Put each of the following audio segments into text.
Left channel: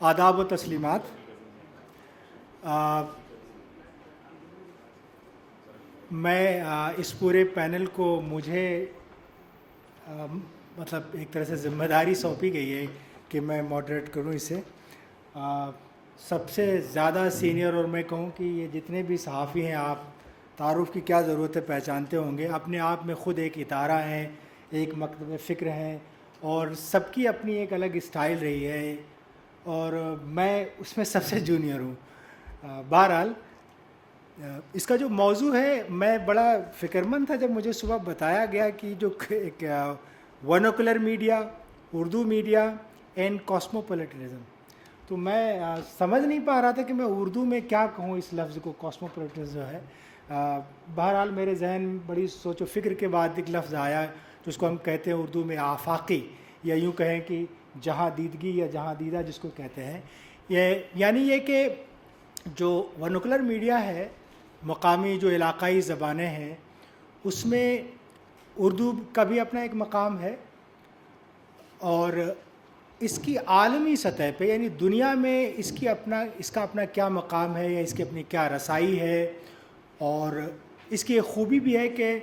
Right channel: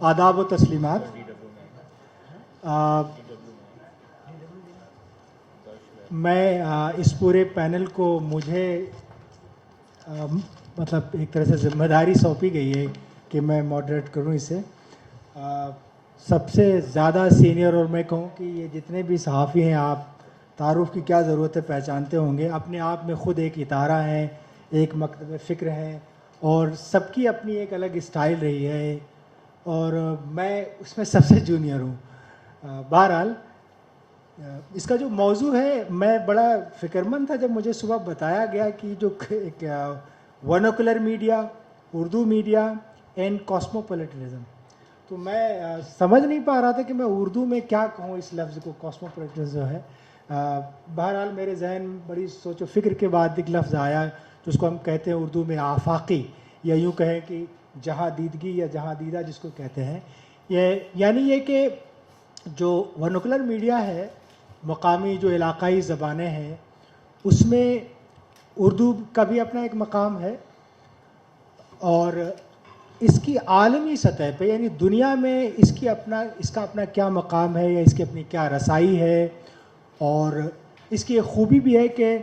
आदाब व तस्लीमात। मैं इस पूरे पैनल को मुझे मतलब एक तरह से जिम्मेदारी सौंपी गई है कि मैं मॉडरेट करूं इसे। सबसे ज़्यादा सीनियर, और मैं कहूं कि ये जितने भी सहाफ़ी हैं, आप तारुफ़ की क्या ज़रूरत है पहचानते होंगे। अपने आप में ख़ुद एक इदारा है, एक मकतब फ़िक्र है, और सबकी अपनी एक अलग स्टाइल रही है, और मैं उसमें सबसे जूनियर हूँ। बहरहाल इसका जो मौजू है, मैं बड़ा फ़िक्रमंद था जब मुझे सुबह बताया गया कि जो एक vernacular media, Urdu media and cosmopolitanism. तो मैं समझ नहीं पा रहा था कि मैं उर्दू में क्या कहूँ इस लफ्ज़ को, कॉस्मोपॉलिटनिज़म है। बहरहाल मेरे जहन में बड़ी सोचो फ़िक्र के बाद एक लफ्ज़ आया जिसको हम कहते हैं उर्दू में आफाकी, या यूँ कहें कि जहाँ दीदगी या जहाँ दीदा जिसको कहते हैं। ये यानी ये कि जो वर्नाकुलर मीडिया है, मकामी जो इलाक़ाई ज़बानें हैं, उसमें उर्दू का भी अपना एक मकाम है, और इसकी आलमी सतह पे यानी दुनिया में इसका अपना क्या मकाम है, या इसकी अपनी क्या रसाई है। और इसकी एक ख़ूबी भी है कि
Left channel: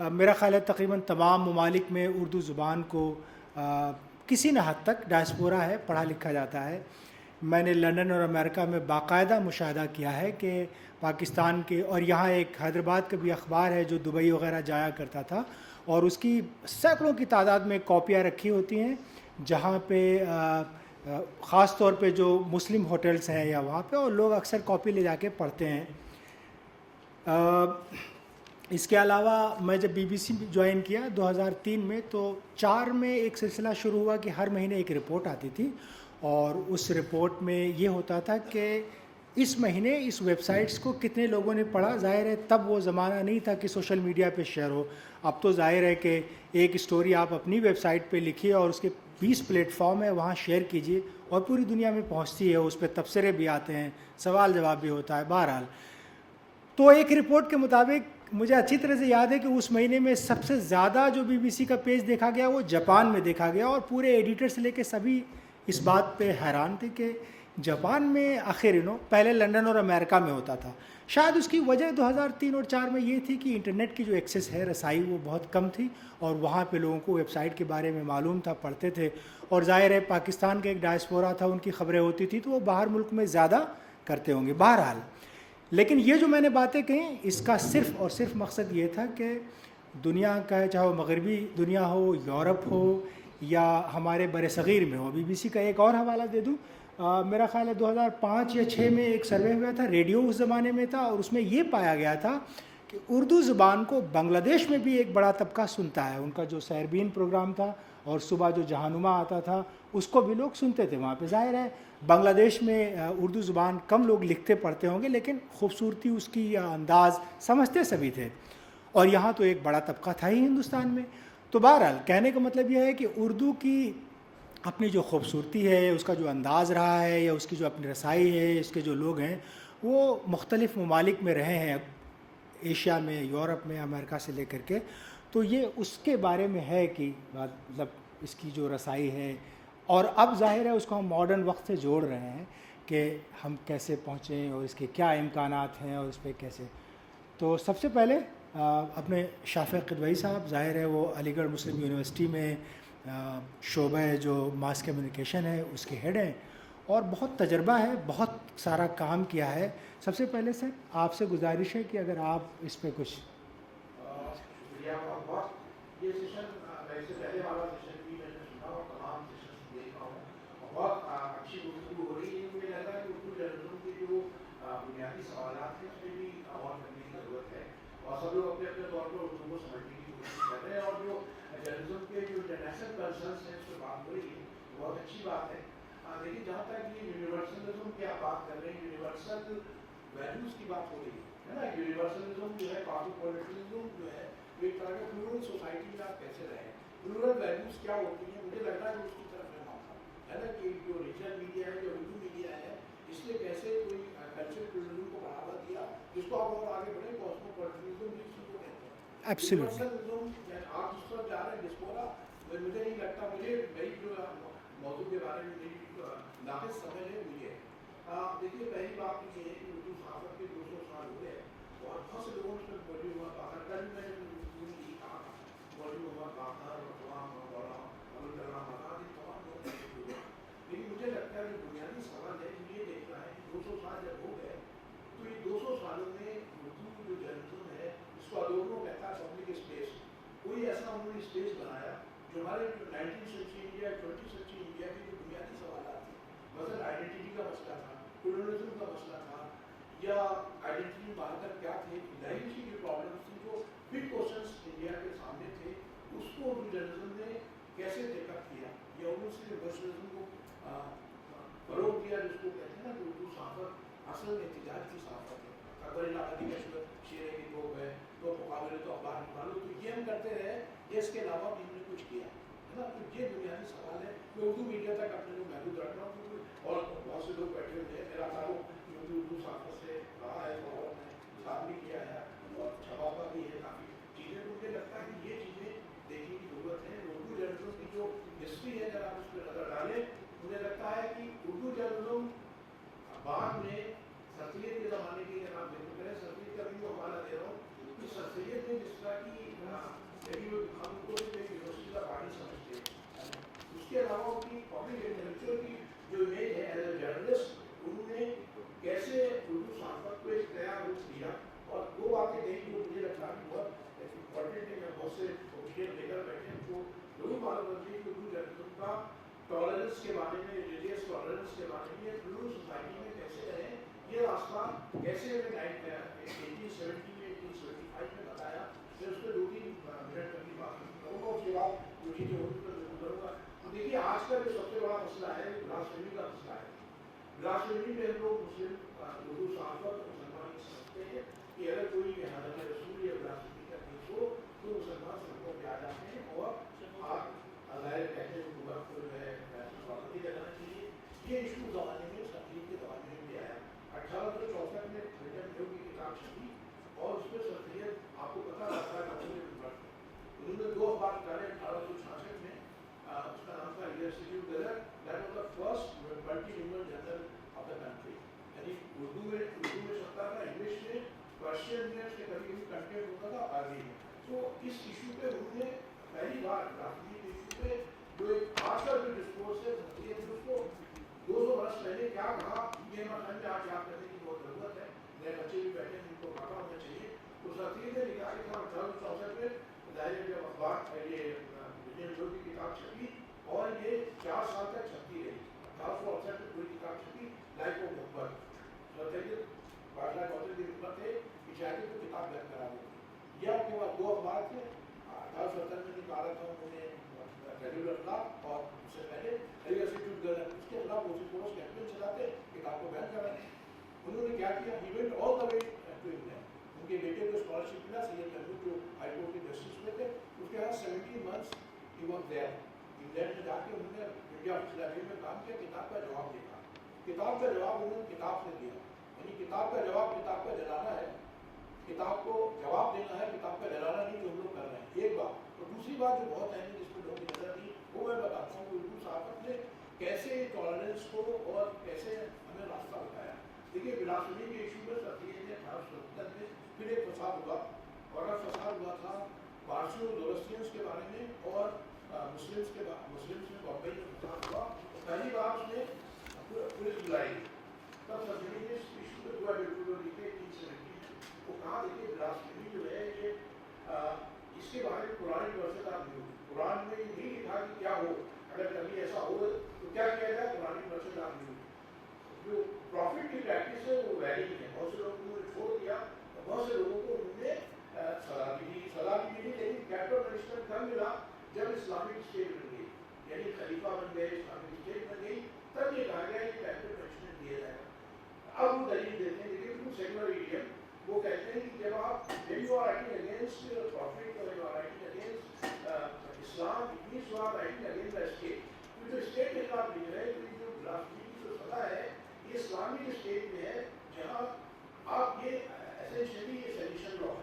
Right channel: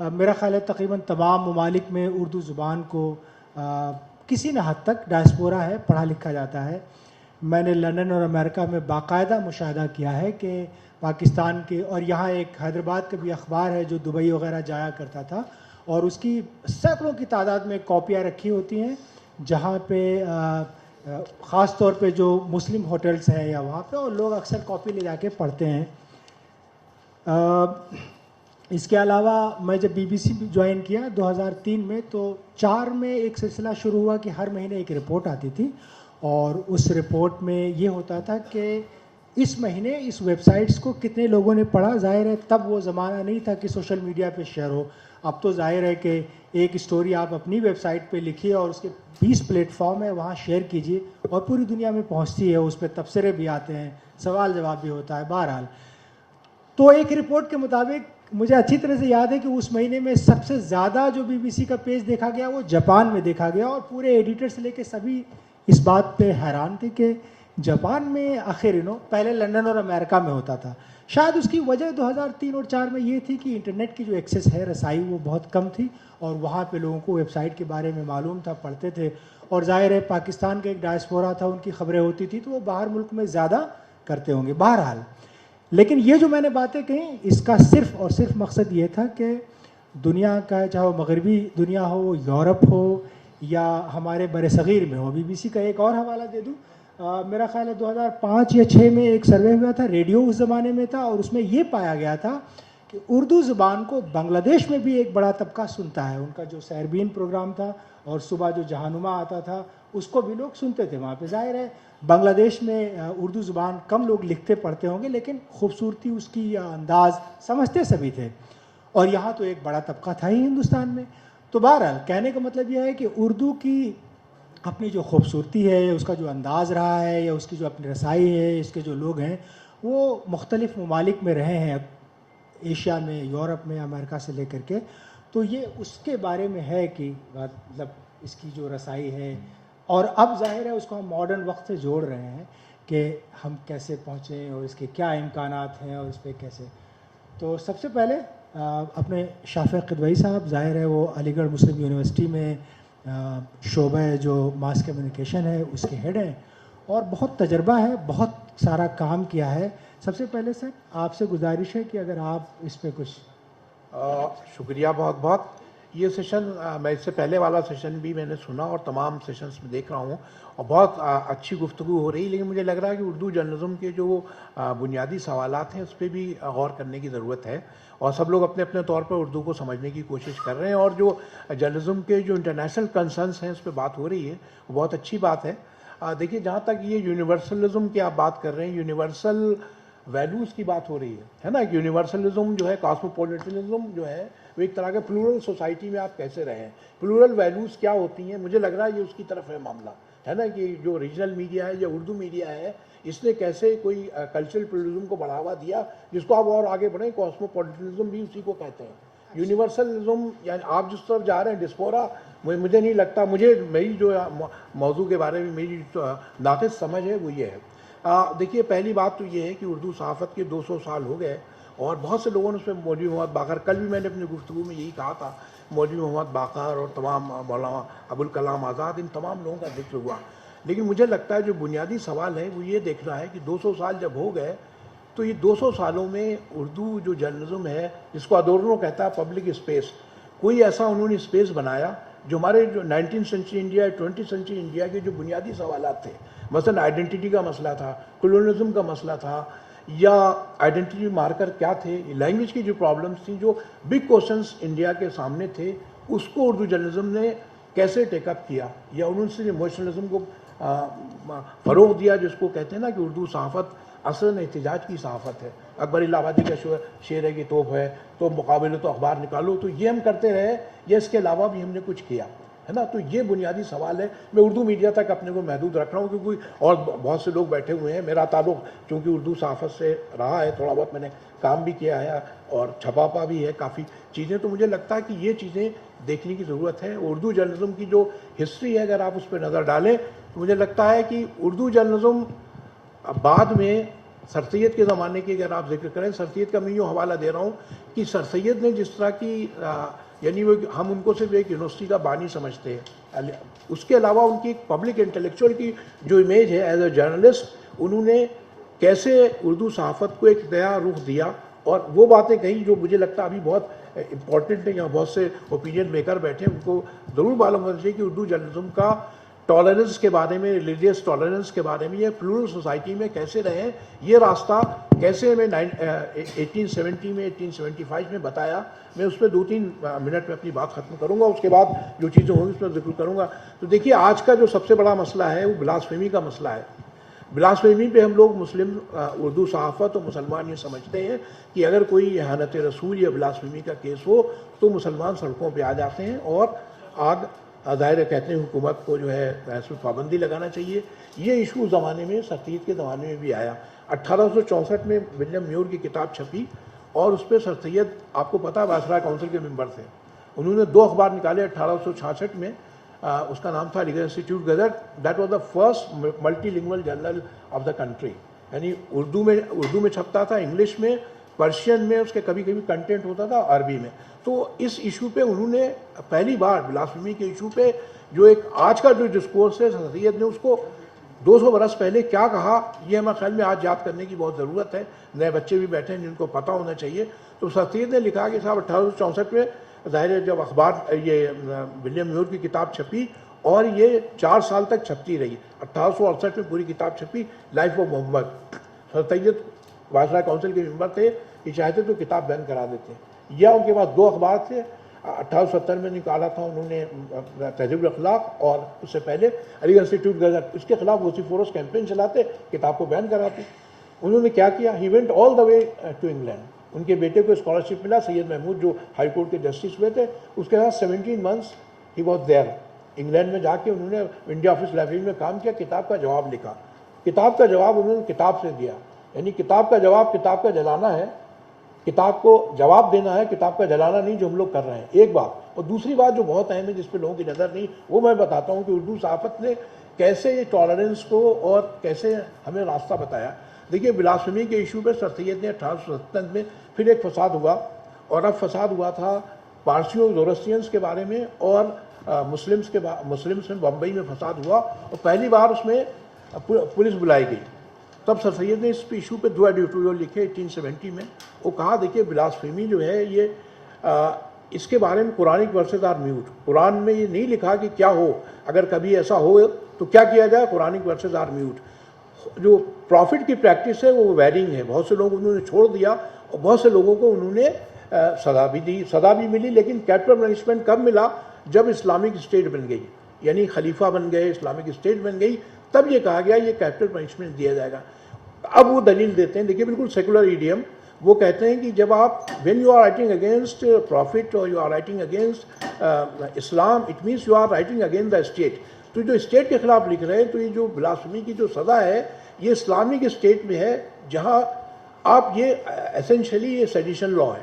मेरा ख़्याल है तकरीबन तमाम ममालिक में उर्दू ज़ुबान को किसी न हद तक डायस्पोरा है, पढ़ा लिखा जाता है। मैंने लंदन और अमेरिका में बाकायदा मुशाहदा किया है कि पाकिस्तान के, और यहाँ एक हैदराबाद का भी अखबार है जो दुबई वगैरह जाया करता था, और उसकी सैकड़ों की तादाद में कॉपियाँ रखी होती हैं, जहाँ पे ख़ास तौर पे जो मुस्लिम होटल्स हैं या वहाँ पे, और लोग अक्सर कॉपी ले जाके पढ़ते हैं। इसके अलावा मैं जब BBC ज्वाइन किया 2003 में, तो 4 में एक सिलसिला शुरू हुआ कि हर महीने एक रिपोर्ट आती थी, और उस रिपोर्ट में ये होता था कि इस महीने इस वेबसाइट्स को कितने लोगों ने पढ़ा। ज़ाहिर है तब वो ज़माना नहीं था कि सोशल मीडिया पे शेयर हो। अब तो ज़ाहिर है कि एक स्टोरी आप अपनी वेबसाइट पे लिखिए और उसके 20 प्लेटफॉर्म है, वहाँ शेयर कीजिए, और पूरी दुनिया में पहुँचती है। उस पर तबसरे भी आते हैं, सवाल जवाब भी होता है। बहरहाल तो एक रिपोर्ट के मुताबिक मुझे अच्छी तरह से याद है कि उस महीने में सबसे ज़्यादा जो BBC का पेज देखा गया वो जापान में देखा गया, और पूरे एडिटर से लेके सभी इस बात पे हैरान थे कि जापान में आखिर पहले लंदन और अमेरिका में होता था। शायद उसकी वजह 2003 और 4 में ये थी कि इंटरनेट की जो एक्सेस है, रसाई, वो बहुत कम थी, और वहाँ पे लोगों को वेबसाइट के बारे में मालूम था, पढ़ते थे। और ज़ाहिर है पाकिस्तान का एक डायस्पोरा था, उनकी खबरें होती थी, तो वो बाहर मुल्क में ज़्यादा करते होंगे। बहरहाल लेकिन ये जो मैंने बातें कही, इसका सिर्फ़ और सिर्फ मकसद ये था कि दुनिया का, चाहे वो मगरबी दुनिया हो, यूरोप हो, या हमारे बरसग़ीर में हो। BBC का एक और हवाला दे दूँ, मेरा ख़्याल है 2005 या 6 में एक सर्वे हुआ था, रेडियो उस ज़माने में था, और उसमें ये पाया गया था कि उर्दू ज़ुबान को बांग्लादेश में भी एक बड़ा तबका सुनता है। उनका जो सैरबीन प्रोग्राम था और सुबह जो जहानुमा आता था, उसको भी लोग सुनते थे वहाँ पे। ज़ाहिर है बांग्लादेश में उर्दू ज़ुबान कम लोग लिखते पढ़ते होंगे, लेकिन खूबसूरती उसकी या अंदाज़ समझते सभी थे, और यहाँ तो एक बड़ा तबका था ही हिंदुस्तान में। तो बहरहाल कहने का मतलब यह है कि उर्दू की अपनी जो खूबसूरती है, उसका जो अंदाज़ रहा है, या उसकी जो अपनी रसाई है, उसके जो लोग हैं, वो मुख्तलिफ़ ममालिक में रहे हैं, एशिया में, यूरोप में, अमेरिका से लेकर के। तो ये उसके बारे में है कि मतलब इसकी जो रसाई है, और अब ज़ाहिर है उसको हम मॉडर्न वक्त से जोड़ रहे हैं कि हम कैसे पहुँचें और इसके क्या इम्कानात हैं और इस पर कैसे। तो सबसे पहले अपने शाफ़िक़ क़िदवई साहब, ज़ाहिर है वो अलीगढ़ मुस्लिम यूनिवर्सिटी में शोबा जो मास कम्युनिकेशन है उसके हेड हैं, और बहुत तजर्बा है, बहुत सारा काम किया है। सबसे पहले सर आपसे गुजारिश है कि अगर आप इस पे कुछ। शुक्रिया बहुत बहुत। ये सेशन मैं इससे पहले वाला सेशन भी मैंने सुना और तमाम सेशंस में देख रहा हूँ, और बहुत अच्छी गुफ्तगू हो रही है। लेकिन मुझे लग रहा है कि उर्दू जर्नलिज्म के जो बुनियादी सवालात हैं उस पर भी गौर करने की ज़रूरत है, और सब लोग अपने अपने तौर पर उर्दू को समझने की कोशिश कर रहे हैं, और जो जर्नलिज्म के जो इंटरनेशनल कंसर्न्स हैं उस पर बात हो रही है, वो बहुत अच्छी बात है। देखिए, जहाँ तक ये यूनिवर्सलिज्म की आप बात कर रहे हैं, यूनिवर्सल वैल्यूज़ की बात हो रही है ना। यूनिवर्सलिज्म जो है, कॉस्मोपॉलिटनिज्म जो है, वो एक तरह के प्लूरल सोसाइटी में आप कैसे रहे हैं, प्लूरल वैल्यूज़ क्या होती हैं, मुझे लग रहा है ये उसकी तरफ है मामला। है ना, कि जो रीजनल मीडिया है या उर्दू मीडिया है, इसने कैसे कोई कल्चरल प्लूरलिज्म को बढ़ावा दिया, जिसको आप और आगे बढ़ें कॉस्मोपॉलिटनिज्म भी उसी को कहते हैं। Absolutely. यूनिवर्सलिज्म, यानी आप जिस तरफ जा रहे हैं डिस्पोरा, मुझे नहीं लगता, मुझे मेरी जो मौजू के बारे में मेरी नाक़िस समझ है वो ये है। देखिए, पहली बात तो ये है कि उर्दू सहाफ़त के 200 साल हो गए और बहुत से लोगों ने उसमें मौलवी मोहम्मद बाक़र, कल भी मैंने अपनी गुफ्तगू में यही कहा था, मौलवी मोहम्मद बाक़र और तमाम मौलाना अबुल कलाम आज़ाद, इन तमाम लोगों का जिक्र हुआ। लेकिन मुझे लगता है जो बुनियादी सवाल है वो ये देखना है कि 200 साल जब हो गए तो ये 200 सालों में उर्दू जो जर्नलिज्म है, जिसको अदोर्नो कहता है पब्लिक स्पेस, कोई ऐसा उन्होंने स्पेस बनाया जो हमारे जो 19th century India, 20th century India के जो बुनियादी सवालात थे, मसलन आइडेंटिटी का मसला था, कॉलोनिज्म का मसला था, या आइडेंटिटी मार्कर क्या थे, लैंग्वेज की जो प्रॉब्लम्स थी, जो बिग क्वेश्चंस इंडिया के सामने थे, उसको उर्दू जर्नलिज्म ने कैसे टेकअप किया, या उन्होंने इमोशनलिज्म को फ़रोग़ दिया, जिसको कहते हैं ना कि उर्दू सहाफ़त असल एहतजाज की सहाफ़त है। अकबर इलाहाबादी का शेर है कि तोप है तो मुकाबले तो अखबार निकालो, तो ये हम करते रहे या इसके अलावा भी हमने कुछ किया, है ना। तो ये बुनियादी सवाल है। मैं उर्दू मीडिया तक अपने को महदूद रख रहा हूँ क्योंकि और बहुत से लोग बैठे हुए हैं। मेरा ताल्लुक़ चूँकि उर्दू सहाफ़त से रहा है, थोड़ा बहुत मैंने काम भी किया है और छपापा भी है काफ़ी चीज़ें, तो मुझे लगता है कि ये चीज़ें देखने की ज़रूरत है। उर्दू जर्नलिज्म की जो हिस्ट्री है, अगर आप उस पर नज़र डालें तो मुझे लगता है कि उर्दू जर्नलिज्म बाद में सर सैयद के ज़माने की अगर आप जिक्र करें, सर सैयद का मैं यूँ हवाला दे रहा हूँ कि सर सैयद ने जिस तरह की यानी वो हम उनको सिर्फ एक यूनिवर्सिटी का बानी समझते हैं, उसके अलावा उनकी पब्लिक इंटेलेक्चुअल की जो इमेज है एज ए जर्नलिस्ट, उन्होंने कैसे उर्दू सहाफ़त को एक नया रुख दिया और वो बातें कहीं जो मुझे लगता है अभी बहुत इंपॉर्टेंट है। यहाँ बहुत से ओपिनियन मेकर बैठे हैं, उनको ज़रूर मालूम होना चाहिए कि उर्दू जर्नलिज्म का टॉलरेंस के बारे में, रिलीजियस टॉलरेंस के बारे में, ये प्लूरल सोसाइटी में कैसे रहें, ये रास्ता कैसे मैं 1870 में 1875 में बताया। मैं उस पर 2-3 मिनट में अपनी बात ख़त्म करूँगा, उसके बाद जो चीज़ें होंगी उस पर जिक्र करूँगा। तो देखिए, आज का जो सबसे बड़ा मसला है वो ब्लास्फेमी का मसला है। ब्लास्फेमी पे हम लोग मुस्लिम उर्दू सहाफ़त और मुसलमान ये समझते हैं कि अगर कोई इहानत रसूल या ब्लास्फेमी का केस हो तो मुसलमान सड़कों पे आ जाते हैं और आग ज़ाहिर कहते हैं हुकूमत को जो है इस पर पाबंदी लगाना चाहिए। ये इशू ज़माने में सर सैयद के ज़माने में भी आया। 1864 में विलियम म्यूर की किताब छपी और उस पर सर सैयद, आपको पता है, वायसराय काउंसिल के मेंबर थे। उन्होंने 2 अखबार निकाले 1866 में। उसका नाम था legal institute gazette, that was the first multilingual journal of the country, यानी उर्दू में छपता था, इंग्लिश में, पर्शियन में, उसके कभी कभी कंटेंट होता था अरबी में। तो इस इशू पे उन्होंने पहली बार ब्लास्फेमी के इशू पे जो एक आज का जो डिस्कोर्स है, सर सैयद ने उसको 200 बरस पहले क्या कहा, ये हमारे ख्याल में आज याद करने की बहुत ज़रूरत है। नए बच्चे भी बैठे हैं जिनको पता होना चाहिए। तो सर सैयद ने लिखा कि साहब 1864 में ज़ाहिर है जब अखबार ये विलियम म्यूर की किताब छपी और ये 4 साल तक छपती रही। 1868 में पूरी किताब छपी, life of Mohammad. Sir Syed viceroy council के मेंबर थे, ये चाहते तो किताब बैन करा देते, या उनके पास 2 अखबार थे। 1870 में निकाला था उन्होंने तहज़ीबुल अखलाक और उससे पहले अलीगढ़ इंस्टीट्यूट गज़ट, इसके खिलाफ वोसिफोरस कैंपेन चलाते, किताब को बैन कराते। उन्होंने क्या किया, he went all the way to England. उनके बेटे को स्कॉलरशिप मिला, सैयद महमूद जो हाई कोर्ट के जस्टिस हुए थे, उसके बाद 17 months he was there. England में जाके उन्होंने इंडिया ऑफिस लाइब्रेरी में काम किया, किताब का जवाब लिखा। किताब का जवाब उन्होंने किताब से दिया, यानी किताब का जवाब किताब का जलाना है, किताब को जवाब देना है, किताब का जलाना नहीं, जो हम लोग कर रहे हैं। एक बात, और दूसरी बात जो बहुत अहम है जिस पे लोगों की नज़र नहीं, वो मैं बताता हूँ कि उर्दू सहाफ़त ने कैसे ये टॉलरेंस को और कैसे हमें रास्ता बताया। देखिए, ब्लास्फेमी के इशू पे सर सैयद ने 1877 में फिर एक फसाद हुआ, और अब फसाद हुआ था पारसियों जोरस्ट्रियंस के बारे में और मुस्लिम्स में बम्बई में फसाद हुआ और पहली बार उसमें पुलिस बुलाई गई। तब सर सैयद ने इस इशू पे 2 एडिटोरियल लिखे 1870 में। वो कहा, देखिए ब्लास्फेमी जो है ये इसके बारे में Quranic verses are mute. Quran में ये नहीं लिखा कि क्या हो, अगर कभी ऐसा हो तो क्या किया जाए, कुरानिक वर्सेस आर म्यूट। जो प्रॉफिट की प्रैक्टिस है वो वेरिंग है, बहुत से लोग उन्होंने छोड़ दिया और बहुत से लोगों को उन्होंने सज़ा भी दी, सज़ा भी मिली। लेकिन कैपिटल पनिशमेंट कब मिला, जब इस्लामिक स्टेट बन गई, यानी खलीफा बन गए, इस्लामिक स्टेट बन गई, तब ये कहा गया ये कैपिटल पनिशमेंट दिया जाएगा। अब वो दलील देते हैं, देखिए बिल्कुल सेकुलर ईडियम, वो कहते हैं कि जब आप when you are writing against prophet और you are writing against Islam, it means you are writing against the state. तो जो स्टेट के खिलाफ लिख रहे हैं, तो ये जो ब्लास्फेमी की जो सज़ा है ये इस्लामिक स्टेट में है, जहाँ आप ये एसेंशियली ये सेडिशन लॉ है,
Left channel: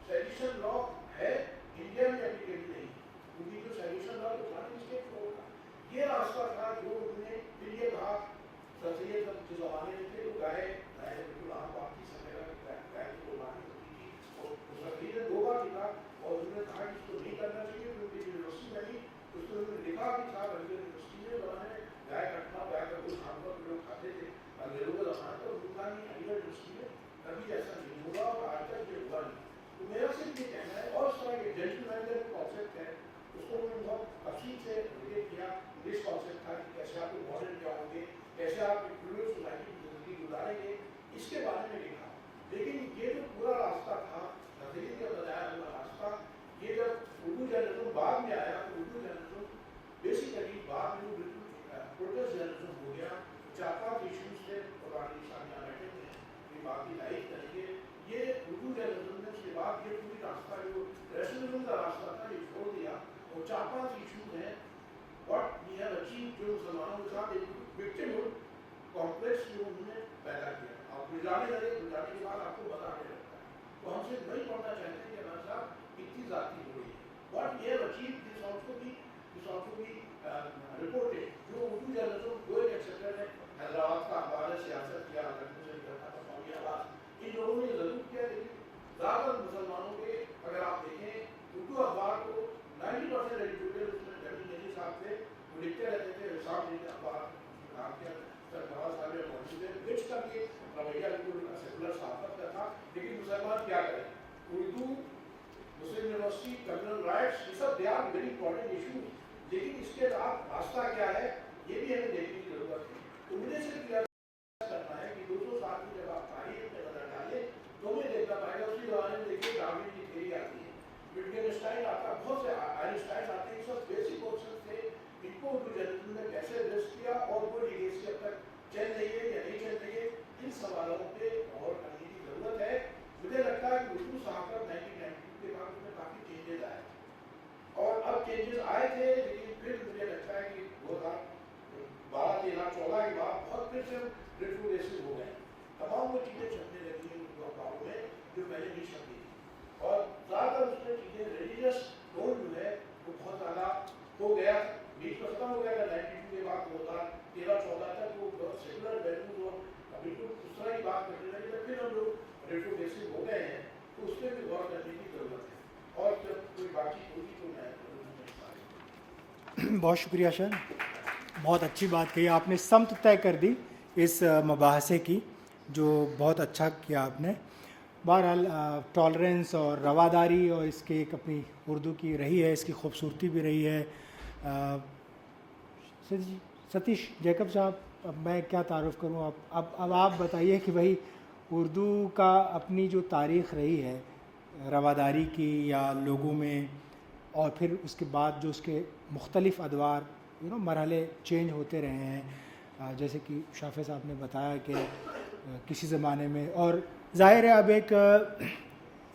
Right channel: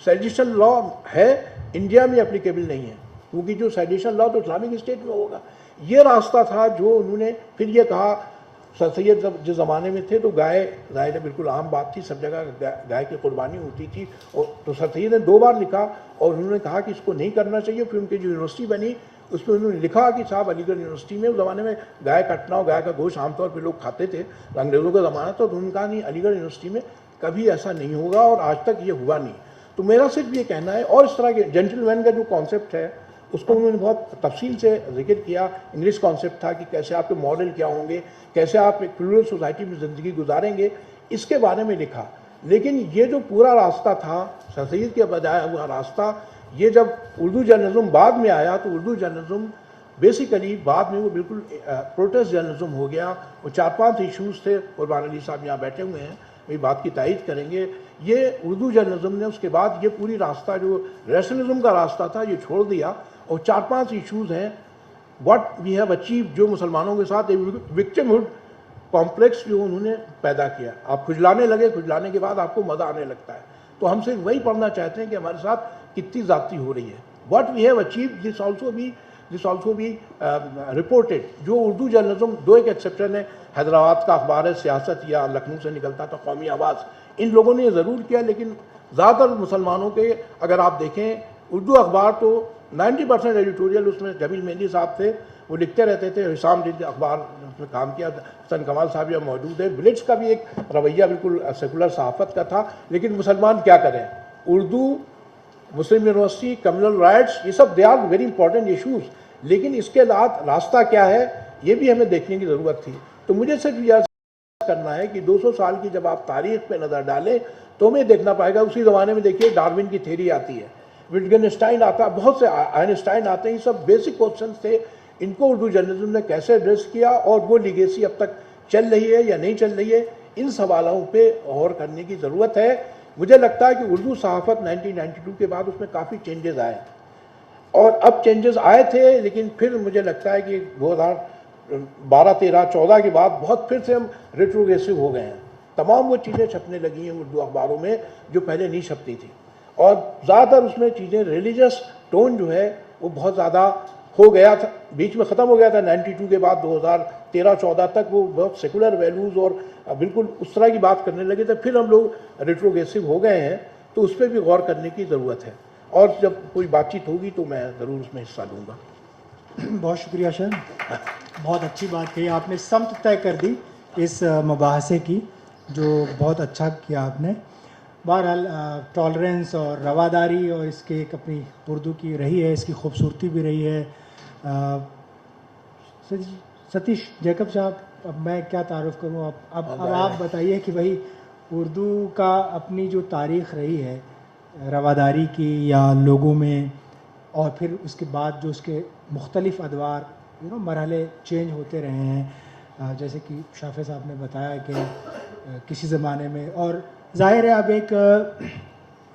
सेडिशन लॉ है, इंडिया में एप्लीकेबल नहीं है, क्योंकि जो सेडिशन लॉ तो इस्लामिक स्टेट में होगा। ये रास्ता था जो उन्होंने फिर ये कहा। सर सैयद जब जिस ज़माने में थे तो गाय ज़ाहिर है बिल्कुल आम बात थी, सब जगह गाय की कुर्बानी होती थी, और तो सर सैयद ने 2 बार लिखा और उन्होंने कहा कि इसको नहीं करना चाहिए। फिर उनकी जो यूनिवर्सिटी बनी उसमें उन्होंने लिखा कि साहब अलीगढ़ यूनिवर्सिटी में उस ज़माने में गाय कटना और गाय का गोश्त आमतौर पर लोग खाते थे, अंग्रेज़ों का ज़माना था, तो उन्होंने कहा नहीं अलीगढ़ यूनिवर्सिटी में कभी ऐसा नहीं होगा और आज तक ये हुआ नहीं। तो मेरा सिर्फ ये कहना है, और इस तरह के जेंटलमैन का जो कॉन्सेप्ट है उसको उन्होंने बहुत तफसील से जिक्र किया। इंग्लिश कॉन्सेप्ट था कि कैसे आपके मॉडल क्या होंगे, कैसे आप एक प्लूरल सोसाइटी में ज़िंदगी गुजारेंगे, इसके बारे में लिखा। लेकिन ये जो पूरा रास्ता था सर सैयद के बजाय हुआ रास्ता, ये जब उर्दू जर्नलिज्म बाद में आया तो उर्दू जर्नलिज्म बेसिकली बाद में वो बिल्कुल प्रोटेस्ट जर्नलिज्म हो गया। वो 4-5 इशूज़ थे, कुरबान अली साहब यहाँ बैठे हुए हैं, ये बात की तायीद करेंगे। ये उर्दू जर्नलिज्म ने उसके बाद ये पूरी रास्ता जो रैशनलिज्म का रास्ता था ये छोड़ दिया, और 4-5 इशूज़ हैं व्हाट वी हैव अचीव, जो मुसलमानों के साथ विक्टिमहुड कॉम्प्लेक्स जो उन्होंने पैदा किया। आप खुजलाने लगे, खुजलाने के बाद आपको मज़ा आने लगता है। तो हम सिर्फ वही पढ़ना चाहते हैं कि हमारे साथ कितनी ज़्यादती हो रही है। What we have achieve this also be reported. जो उर्दू जर्नलिज्म, 2 एक एक्सेप्शन है, हैदराबाद का अखबार है सियासत या लखनऊ से निकलता था कौमी आवाज़, इन लोगों ने ये ज़रूर किया। लेकिन ज़्यादातर मुसलमानों के अगर आप देखें उर्दू अखबार तो 90% एडिटोरियल उसमें जमील मेहंदी साहब थे, वो लिखते रहते थे। हिसाम दिन अखबार उसमें काम किया, हसन कमाल साहब यहाँ मौजूद है। विलेज का भी एक रवैया बिल्कुल सेकुलर सहाफ़त का था। लेकिन मुसलमान क्या करें, Urdu, Muslim university, communal riots, ये सब they are very important issues. लेकिन इसके बाद रास्ता क्या है ये भी हमें देखने की ज़रूरत थी। तो मुझे सिर्फ यह करना है कि 200 साल की जब आप तारीख पे नज़र डालें तो हमें देखना पाएगा उसी ज़माने में देखिए डार्विन की थ्योरी आती है, विटगेनस्टाइन आता, बहुत से आइंस्टाइन आते हैं। ये सब बेसिक क्वेश्चन थे, इनको उर्दू जर्नलिज्म ने कैसे एड्रेस किया और वो लीगेसी अब तक चल रही है या नहीं चल रही है, इन सवालों पे गौर करने की ज़रूरत है। मुझे लगता है कि उर्दू सहाफ़त 1992 के बाद उसमें काफ़ी चेंजेस आए, और अब चेंजेस आए थे लेकिन फिर मुझे लगता है कि 2012, 13, 14 के बाद बहुत फिर से हम रेट्रोग्रेसिव हो गए हैं। तमाम वो चीज़ें छपने लगी हैं उर्दू अखबारों में जो पहले नहीं छपती थी, और ज़्यादातर उसमें चीज़ें रिलीजियस टोन जो है वो बहुत ज़्यादा हो गया था, बीच में ख़त्म हो गया था 92 के बाद 2013-14 तक वो बहुत सेकुलर वैल्यूज़ और बिल्कुल उस तरह की बात करने लगे थे। फिर हम लोग रेट्रोग्रेसिव हो गए हैं, तो उस पर भी गौर करने की ज़रूरत है, और जब कोई बातचीत होगी तो मैं ज़रूर उसमें हिस्सा लूँगा। बहुत शुक्रिया सर, बहुत अच्छी बात कही आपने, समत तय कर दी इस मुबाहसे की, जो बहुत अच्छा किया आपने। बहरहाल टॉलरेंस और रवादारी और इसके एक अपनी उर्दू की रही है, इसकी खूबसूरती भी रही है। सतीश जैकब साहब, अब मैं क्या तारुफ करूँ, अब आप बताइए कि भाई उर्दू का अपनी जो तारीख़ रही है रवादारी की या लोगों में, और फिर उसके बाद जो उसके मुख्तलिफ़ अदवार मरहले चेंज होते रहे हैं, जैसे कि शाफे साहब ने बताया कि किसी ज़माने में, और ज़ाहिर है अब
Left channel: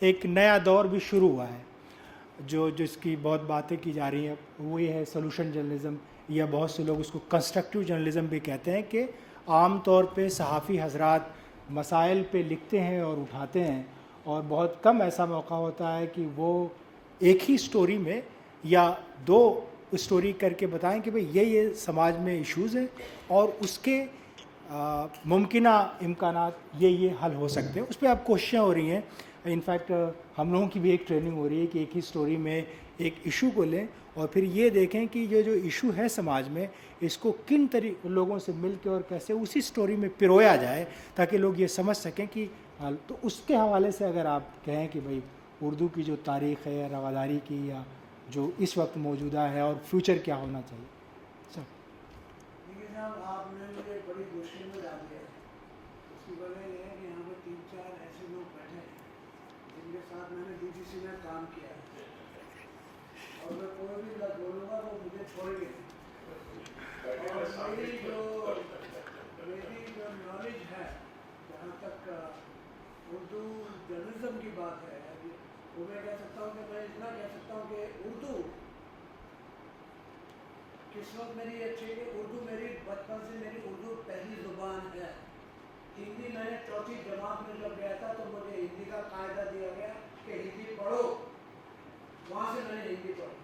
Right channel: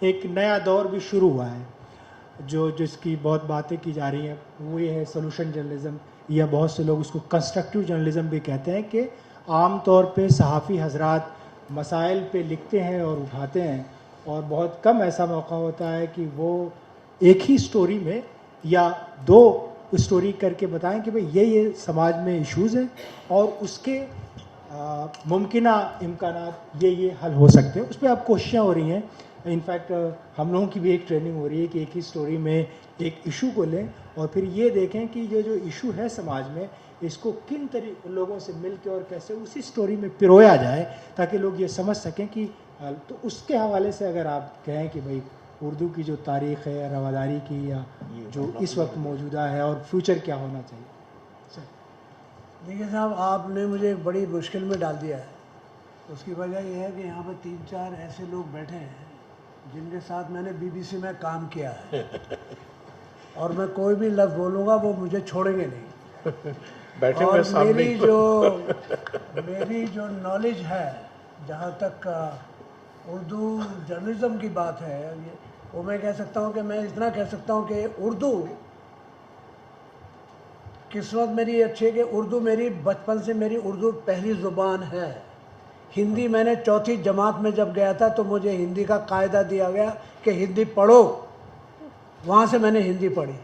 एक नया दौर भी शुरू हुआ है जो जिसकी बहुत बातें की जा रही हैं, वो ये है सोल्यूशन जर्नलिज़म, या बहुत से लोग उसको कंस्ट्रक्टिव जर्नलिज़म भी कहते हैं कि आम तौर पे सहाफ़ी हजरात मसाइल पे लिखते हैं और उठाते हैं, और बहुत कम ऐसा मौका होता है कि वो एक ही स्टोरी में या 2 स्टोरी करके बताएं कि भाई ये समाज में इश्यूज़ हैं और उसके मुमकिना इम्कानात ये हल हो सकते हैं। उस पर अब कोशिशें हो रही हैं। इनफैक्ट हम लोगों की भी एक ट्रेनिंग हो रही है कि एक ही स्टोरी में एक इशू को लें और फिर ये देखें कि ये जो इशू है समाज में, इसको किन लोगों से मिल के और कैसे उसी स्टोरी में पिरोया जाए ताकि लोग ये समझ सकें कि, तो उसके हवाले से अगर आप कहें कि भाई उर्दू की जो तारीख़ है रवादारी की, या जो इस वक्त मौजूदा है और फ्यूचर क्या होना चाहिए। देखिए साहब, आपने मुझे एक बड़ी मुश्किल में डाल दिया है। उसकी वजह यह है कि यहाँ पर 3-4 ऐसे लोग बैठे हैं जिनके साथ मैंने BBC में काम किया है और मैं कोई भी लफ्ज़ बोलूँगा वो मुझे छोड़ेंगे नहीं। बैठे और सामने मेरी जो नॉलेज है, जहाँ तक उर्दू जर्नलिज़म की बात है, वो मैं कह सकता हूँ कि मैं इतना कह सकता हूँ कि उर्दू किस्मत मेरी अच्छी है कि उर्दू मेरी बचपन से मेरी उर्दू पहली ज़ुबान है। हिंदी मैंने चौथी जमात में जब गया था तो मुझे हिंदी का कायदा दिया गया कि हिंदी पढ़ो, वहाँ से मैंने हिंदी पढ़ी।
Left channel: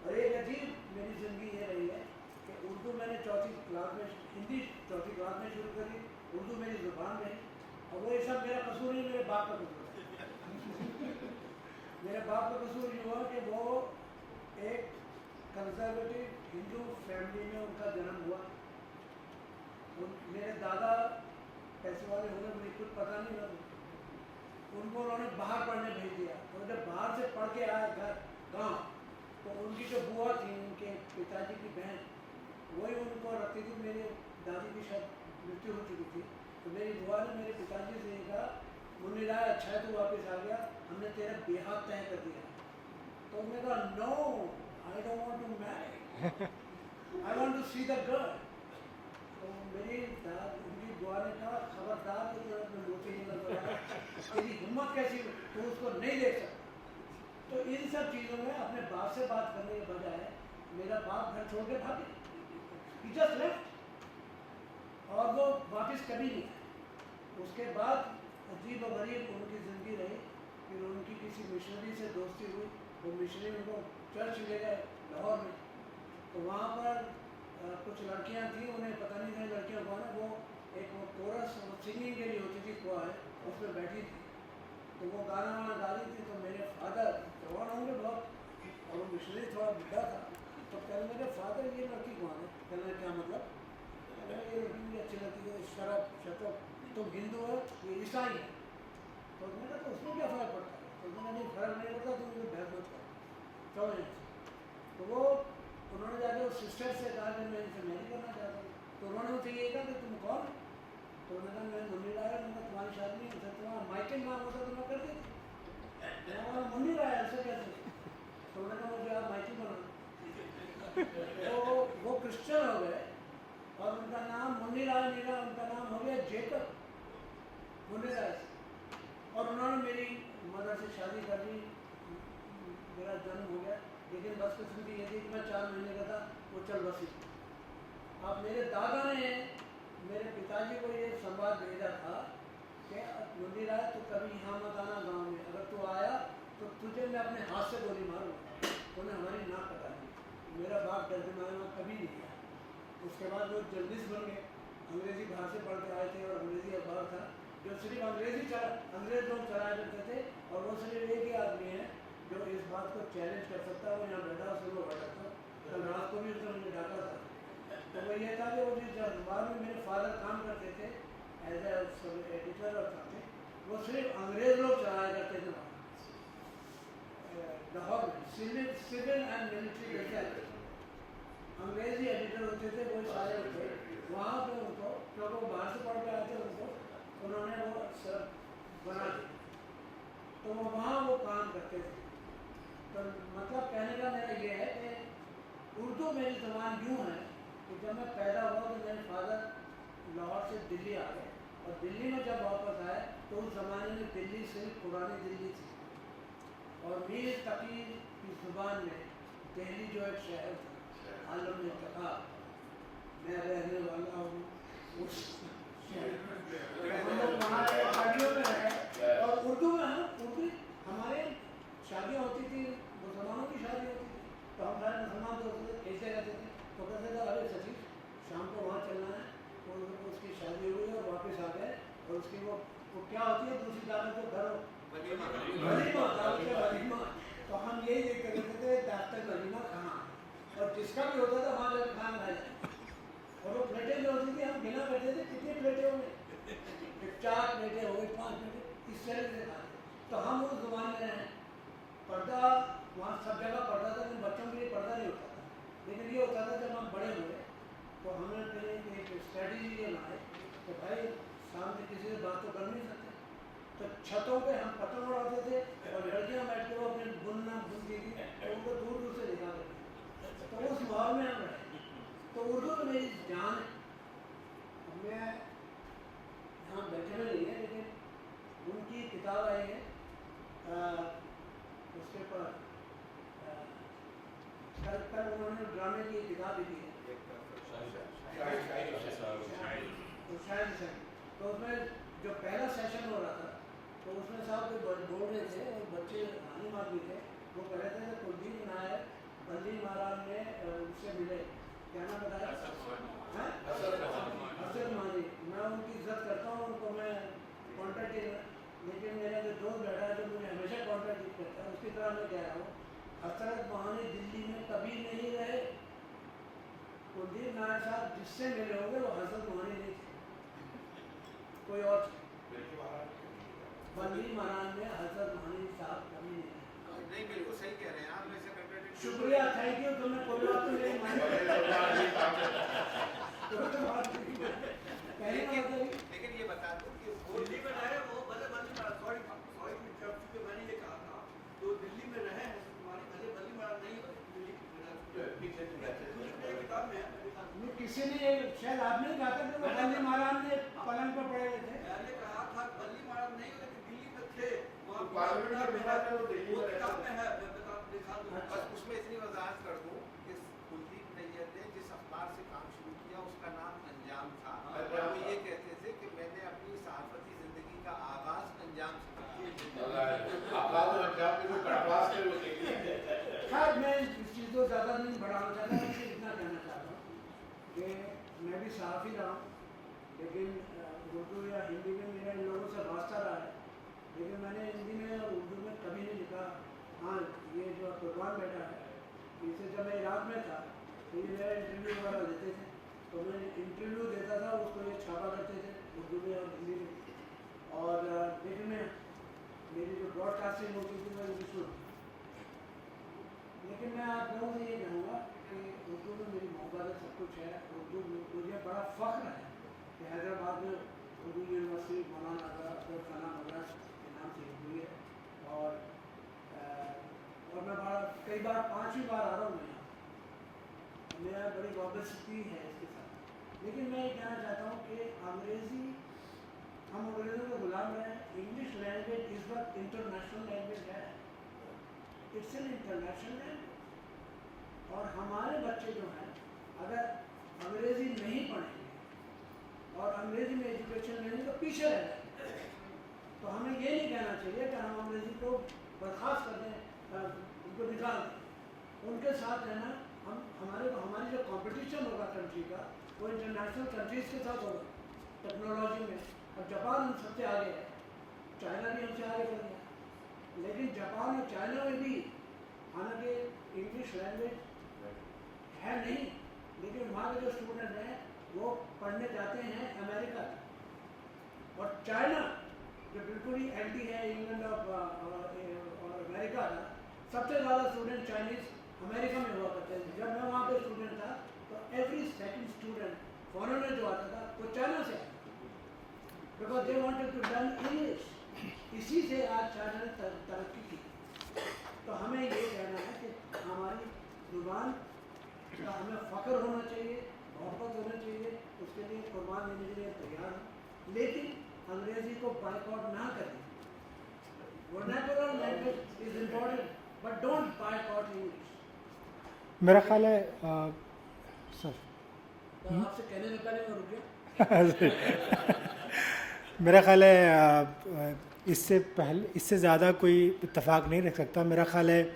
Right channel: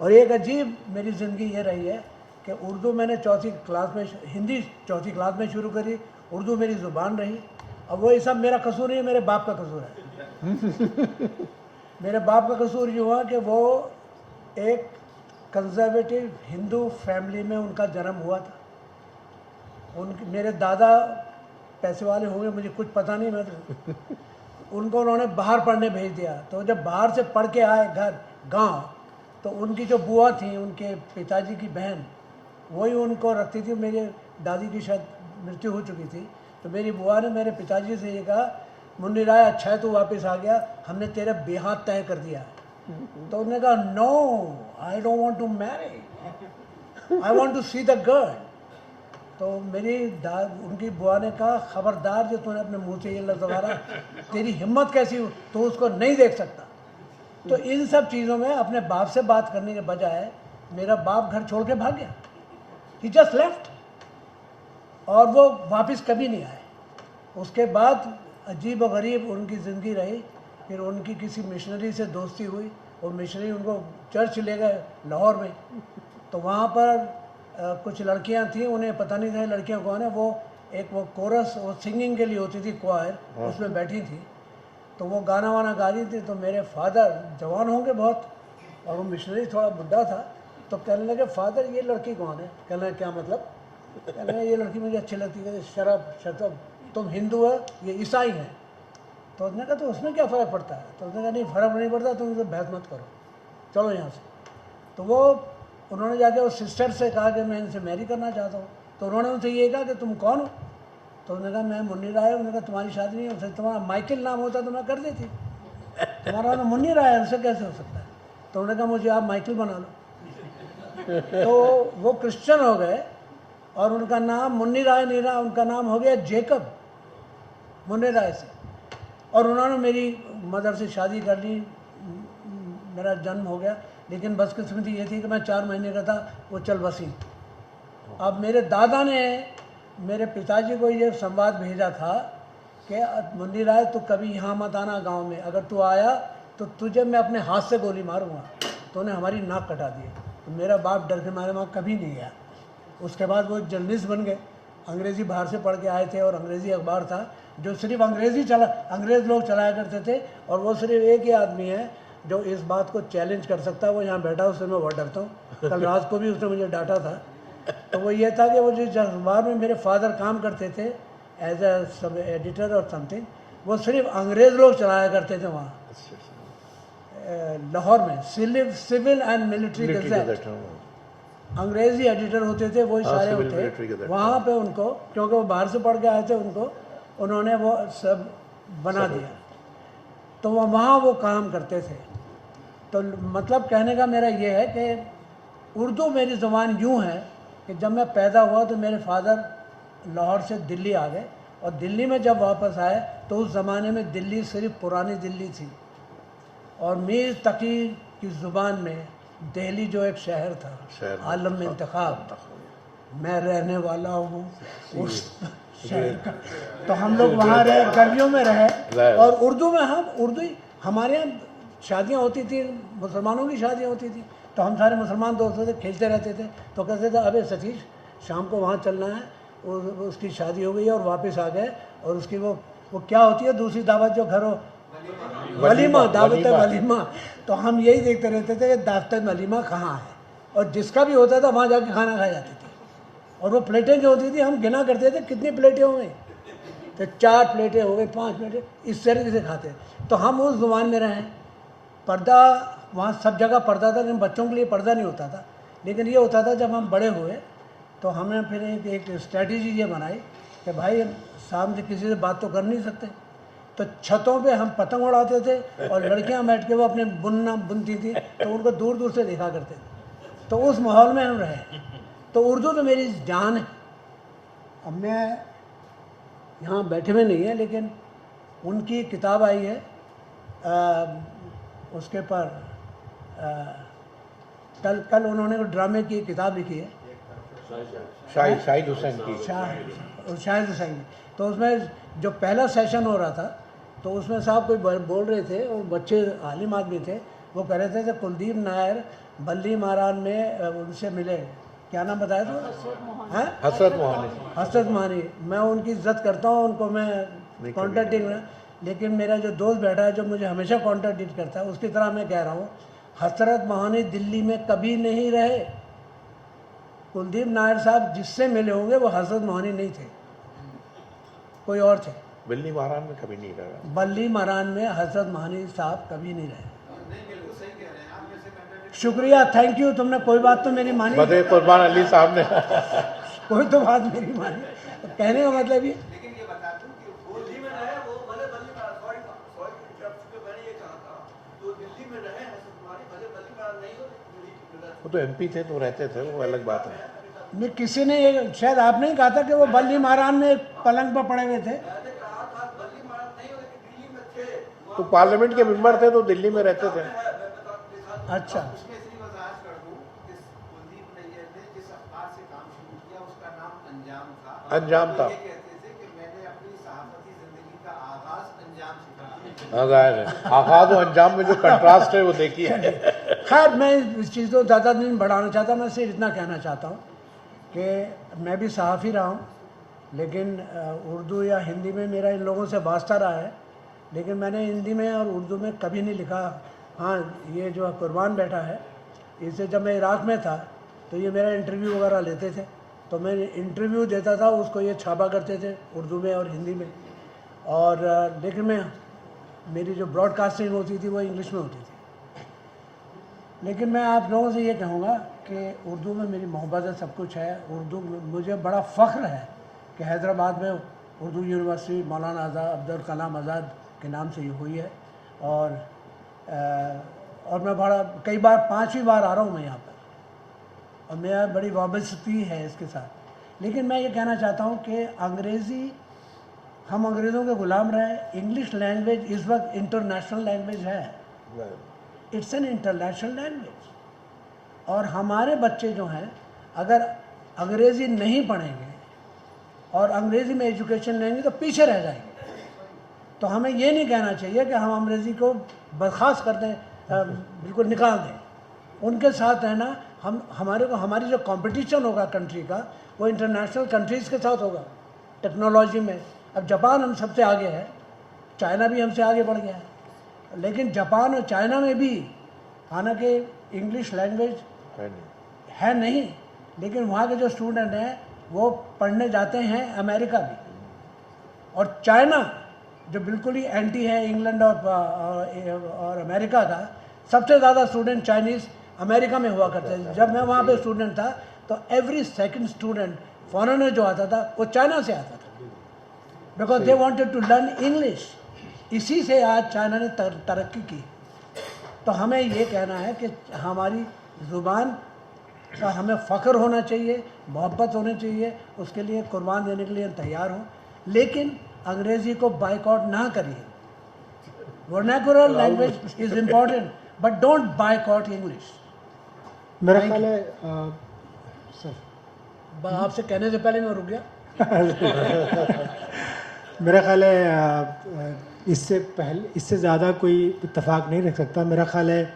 और एक अजीब मेरी ज़िंदगी ये रही है कि उर्दू मैंने चौथी क्लास में, हिंदी चौथी क्लास में शुरू करी, उर्दू मेरी ज़ुबान रही। अब वो ये सब मेरा कसूर नहीं है, मेरे बाप का कसूर है। मेरे बाप का कसूर ये हुआ कि वो एक कंजर्वेटिव हिंदू फैमिली में उनका जन्म हुआ था। मेरे दादा पैसे वाले होंगे, मुझे कुछ पता नहीं, मैं तो उनको उन्होंने बाहर पढ़ने भेज दिया। तो जब बाहर से पढ़ के आए घर गांव, तो उनकी जो बुआ थी, उनके पिताजी की बहन, वही उनको रखती थी। मेरे दादी की शायद मृत्यु हो चुकी थी। तो मेरी बुआ ने मेरे पिताजी से ये कहा, मुन्नी राय अच्छा है तू वापस आ गया, हमने तेरा बेहात तय कर दिया। तो उन्होंने कहा no, I don't want to marry, I want to see the girl. तो मेरी उनकी बुआ ने कहा, खबरदार जो तूने अपने मुंह से ये लफ्ज़ दोबारा, तेरी हिम्मत कैसी हो, तो उसको नहीं देख सकता। तो इन सब चीज़ों में अपने बाप से बात करने के बजाय मेरा बाप घर छोड़ के भाग गया। ही जस्ट लेफ्ट, और वो वापस कभी नहीं आए। उसके बाद अजीब व गरीब उनकी ज़िंदगी रही। फिर उनकी किसी मिशनरी से दोस्ती हुई और मिशनरी उनको चर्च ले गए लाहौर में। तो वहाँ पर कुछ लड़कियाँ थीं, उन्हें पता नहीं था लड़कियाँ कौन है। वो एक वो कोरस, वो सिंगिंग के लिए होती थी क्वायर, उसमें बैठी थी। तो वो गाना वाना गा रही थी। तो मेरे फादर जवान होंगे बहुत, और वो मिशनरी थोड़ा बुढ़ा था। तो कहने लगे, फादर ये लड़की कौन है? कहने लगे क्या मतलब? कहने लगे ये लड़की मुझे अच्छी लगती है। शराब, तुम हिंदू है, ये ईसाई है। तो उसने कहा तो उसमें क्या फ़र्क पड़ता है? तो उसने कहा नहीं फ़र्क नहीं पड़ता, तुम तो बहस मत करो, चलो यहाँ से। तो वो उन्होंने जाके उस सिस्टर से कहा कि मैं इनसे मैरी करना चाहता हूँ। तो उन्होंने उनसे ये कहा कि तुम कौन हो? तो उन्होंने कहा मैं मुन्नी राय हूँ। उन्होंने कहा तुम्हारी शादी नहीं हो, तुम्हारा माइकल नाम होता तो मैं कर देती, तुम्हारा नाम मुन्नी राय है, उनसे कैसे हो सकता है? तो उन्होंने कहा मुझे आप माइकल बना लो। तो वो क्रिश्चियन हो गए और उनका नाम मुन्नी राय नहीं रहा, उनका नाम हो गया जेकब, मुन्नी राय से। और उन्होंने मेरी मदर से शादी कर ली, मेरा जन्म हो गया। लेकिन बदकिस्मती ये थी कि मैं 4 महीने का था, वो चल बसी। अब मेरे दादा ने मेरे पिताजी को ये संवाद भेजा था कि मुन्नी राय तू कभी यहाँ मत आना गांव में, अगर तू आया तो तुझे मैं अपने हाथ से गोली मारूंगा। तो उन्हें हमारी नाक कटा दी। तो मेरा बाप डर के मारे वहाँ कभी नहीं गया। उसके बाद वो जर्नलिस्ट बन गए, अंग्रेज़ी बाहर से पढ़ के आए थे, और अंग्रेज़ी अखबार था जो सिर्फ अंग्रेज़ लोग चलाया करते थे। और वो सिर्फ एक ही आदमी है जो इस बात को चैलेंज कर सकता है, वो यहाँ बैठा, उससे मैं बहुत डरता हूँ। कल रात को भी उसने मुझे डांटा था। तो वो ये था कि वो जिस अखबार में मेरे फादर काम करते थे एज ए सब एडिटर और समथिंग, वो सिर्फ अंग्रेज़ लोग चलाया करते थे वहाँ लाहौर में। सिविल एंड मिलिट्री गज़ेट, अंग्रेज़ी एडिटर होते थे, वही सारे होते वहाँ पे। उनको क्योंकि वो बाहर से पढ़ के आए थे, उन्होंने वो सब बना दिया। तो वहाँ वो काम करते थे। तो मतलब कहने का मेरा ये है कि उर्दू मेरी ज़ुबान यूँ है कि जब मैं पैदा हुआ तो मेरे फादर लाहौर से दिल्ली आ गए, और दिल्ली में जब वापस आए तो उस ज़माने में दिल्ली सिर्फ पुरानी दिल्ली थी, और मीर तकी की ज़ुबान में दिल्ली जो एक शहर था, आलम में इंतखाब, मैं रहने वाला हूँ उस शहर का। तो हम लोग वहाँ रहे, गलियों में रहे, और उर्दू में उर्दू हमारे यहाँ शादियाँ होती थी, मुसलमानों की शादियाँ होती थी। तो हम सारे मुसलमान दोस्त थे, खेलते रहते थे। तो कहते थे अबे सतीश शाम को वहाँ चलना है, उसकी शादी हो गई और वापस आ गए। और उसकी वो क्या होती है दूसरी दावत जो घर हो, वलीमा, दावत वलीमा। तो हम यही देखते रहते थे कि दावत वलीमा कहाँ है, और जिसका भी होता था वहाँ जाके खाना खाया जाती थी। और वो प्लेटें जो होती थी हम गिना करते थे कितनी प्लेटें हो गई, तो 4 प्लेटें हो गई, 5 प्लेटें, इस तरीके से खाते। तो हम उस ज़ुबान में रहें। पर्दा वहाँ सब जगह पर्दा था, लेकिन बच्चों के लिए पर्दा नहीं होता था। लेकिन ये होता था जब हम बड़े हुए तो हमने फिर एक स्ट्रैटेजी ये बनाई कि भाई सामने किसी से बात तो कर नहीं सकते, तो छतों पे हम पतंग उड़ाते थे, और लड़कियां बैठ के वो अपने बुनती थी, तो उनको दूर दूर से देखा करते थे। तो उस माहौल में हम रहे। तो उर्दू तो मेरी जान है। अब मैं यहाँ बैठे हुए नहीं है, लेकिन उनकी किताब आई है उसके पर कल उन्होंने कोई ड्रामे की किताब लिखी है, शाहिद हुसैन की। शाहिद हुसैन। तो उसमें जो पहला सेशन हो रहा था तो उसमें साहब कोई बोल रहे थे, और बच्चे आलिम आदमी थे, वो कह रहे थे कुलदीप नायर बल्ली महाराज में उनसे मिले, क्या नाम बताया था? हसरत मोहानी। हसरत मोहानी। मैं उनकी इज्जत करता हूँ, उनको मैं कॉन्टेक्टिंग में, लेकिन मेरा जो दोस्त बैठा है जो मुझे हमेशा कॉन्टेक्ट करता है, उसकी तरह मैं कह रहा हूँ, हसरत मोहानी दिल्ली में कभी नहीं रहे। कुलदीप नायर साहब जिससे मिले होंगे वो हसरत मोहानी नहीं थे, कोई और थे। बल्ली महाराज में कभी नहीं रहा। बल्ली महाराज में हसरत मोहानी साहब कभी नहीं रहे। शुक्रिया, थैंक यू, तुमने कोई बात तो मेरी मानी, बदे कुर्बान अली साहब ने कोई तो बात मेरी मानी। कहने का मतलब ये, वो तो एमपी थे तो रहते थे, वो अलग बात है। नहीं किसी ने ये, शायद आपने ही कहा था कि वो बल्ली महाराज में पलंग पर पड़े हुए थे। तो पार्लियामेंट के मेंबर थे तो दिल्ली में रहते थे। अच्छा, अंजाम था। आगाज और अंजाम में जो कंट्रास्ट है वो देखिए। खैर मैं इस चीज़ को ज़्यादा नहीं बढ़ाना चाहता, मैं सिर्फ इतना कहना चाहता हूँ कि मैं भी सहाफ़ी रहा हूँ, लेकिन उर्दू या हिंदी में मेरा इन लोगों से वास्ता रहा है, लेकिन मैंने हिंदी में और उर्दू में कभी नहीं लिखा। हाँ, ये जो कुर्बान बैठा है, इससे जब मैं इराक़ में था तो ये मेरा इंटरव्यू वगैरह लेते थे, तो मैं इंटरव्यू देता था, उसको ये छापा करते थे उर्दू में और हिंदी में, और लेकिन मेरी जो ब्रॉडकास्टिंग होती थी वो इंग्लिश में होती थी। लेकिन मैं आप लोगों से ये कहूँगा कि उर्दू में मेरी मोहब्बत है, सब कुछ है। उर्दू मुझे बड़ा फ़ख्र है कि हैदराबाद में उर्दू यूनिवर्सिटी मौलाना आज़ाद अब्दुल कलाम आज़ाद के नाम से ये हुई है, और मैं बड़ा कई बार 5वीं बार आ रहा हूँ मैं यहाँ पर, और मेरा बड़ी वाबस्तगी है इसके साथ। लेकिन मैं ये कहना चाहता हूँ कि अंग्रेज़ी, हम अंग्रेज़ों के ग़ुलाम रहे। इंग्लिश लैंग्वेज इस वक्त इंटरनेशनल लैंग्वेज है, इट्स एन इंटरनेशनल लैंग्वेज, और हमारे बच्चे जो हैं अगर अंग्रेज़ी नहीं पढ़ेंगे और अंग्रेज़ी में एजुकेशन लेंगे तो पीछे रह जाएंगे। तो हमें ये नहीं कहना चाहिए कि हम अंग्रेज़ी को बर्खास्त कर दें, बिल्कुल निकाल दें। उनके साथ रहना, हमारी जो कंपटीशन होगा कंट्री का, वो इंटरनेशनल कंट्रीज़ के साथ होगा टेक्नोलॉजी में। अब जापान हम सबसे आगे है, चाइना भी हमसे आगे बढ़ गया है, लेकिन जापान और चाइना में भी हालांकि इंग्लिश लैंग्वेज है नहीं, लेकिन वहाँ के जो स्टूडेंट हैं वो पढ़ने जाते हैं अमेरिका भी, और चाइना जो बिल्कुल ही एंटी है इंग्लैंड और अमेरिका का, सबसे ज़्यादा स्टूडेंट चाइनीज़ अमेरिका में हुआ करते थे। जब मैं वहाँ पे स्टूडेंट था तो एवरी सेकंड स्टूडेंट फॉरेनर जो आता था वो चाइना से आता था, because they wanted to learn English. इसी से आज चाइना ने तरक्की की। तो हमें ये कहना है कि हमारी ज़ुबान का हमें फ़ख्र होना चाहिए, मोहब्बत होनी चाहिए, उसके लिए कुर्बान देने के लिए तैयार हूँ, लेकिन अंग्रेज़ी को बाइकआउट ना करिए। Vernacular language is important, but don't boycott English. मेरा ख्याल है सर, आपसे कहने से पहले मैं रुक गया। मेरा ख्याल है इससे ज़्यादा कोई इत्तेफाक नहीं रख सकता। मेरा ख्याल है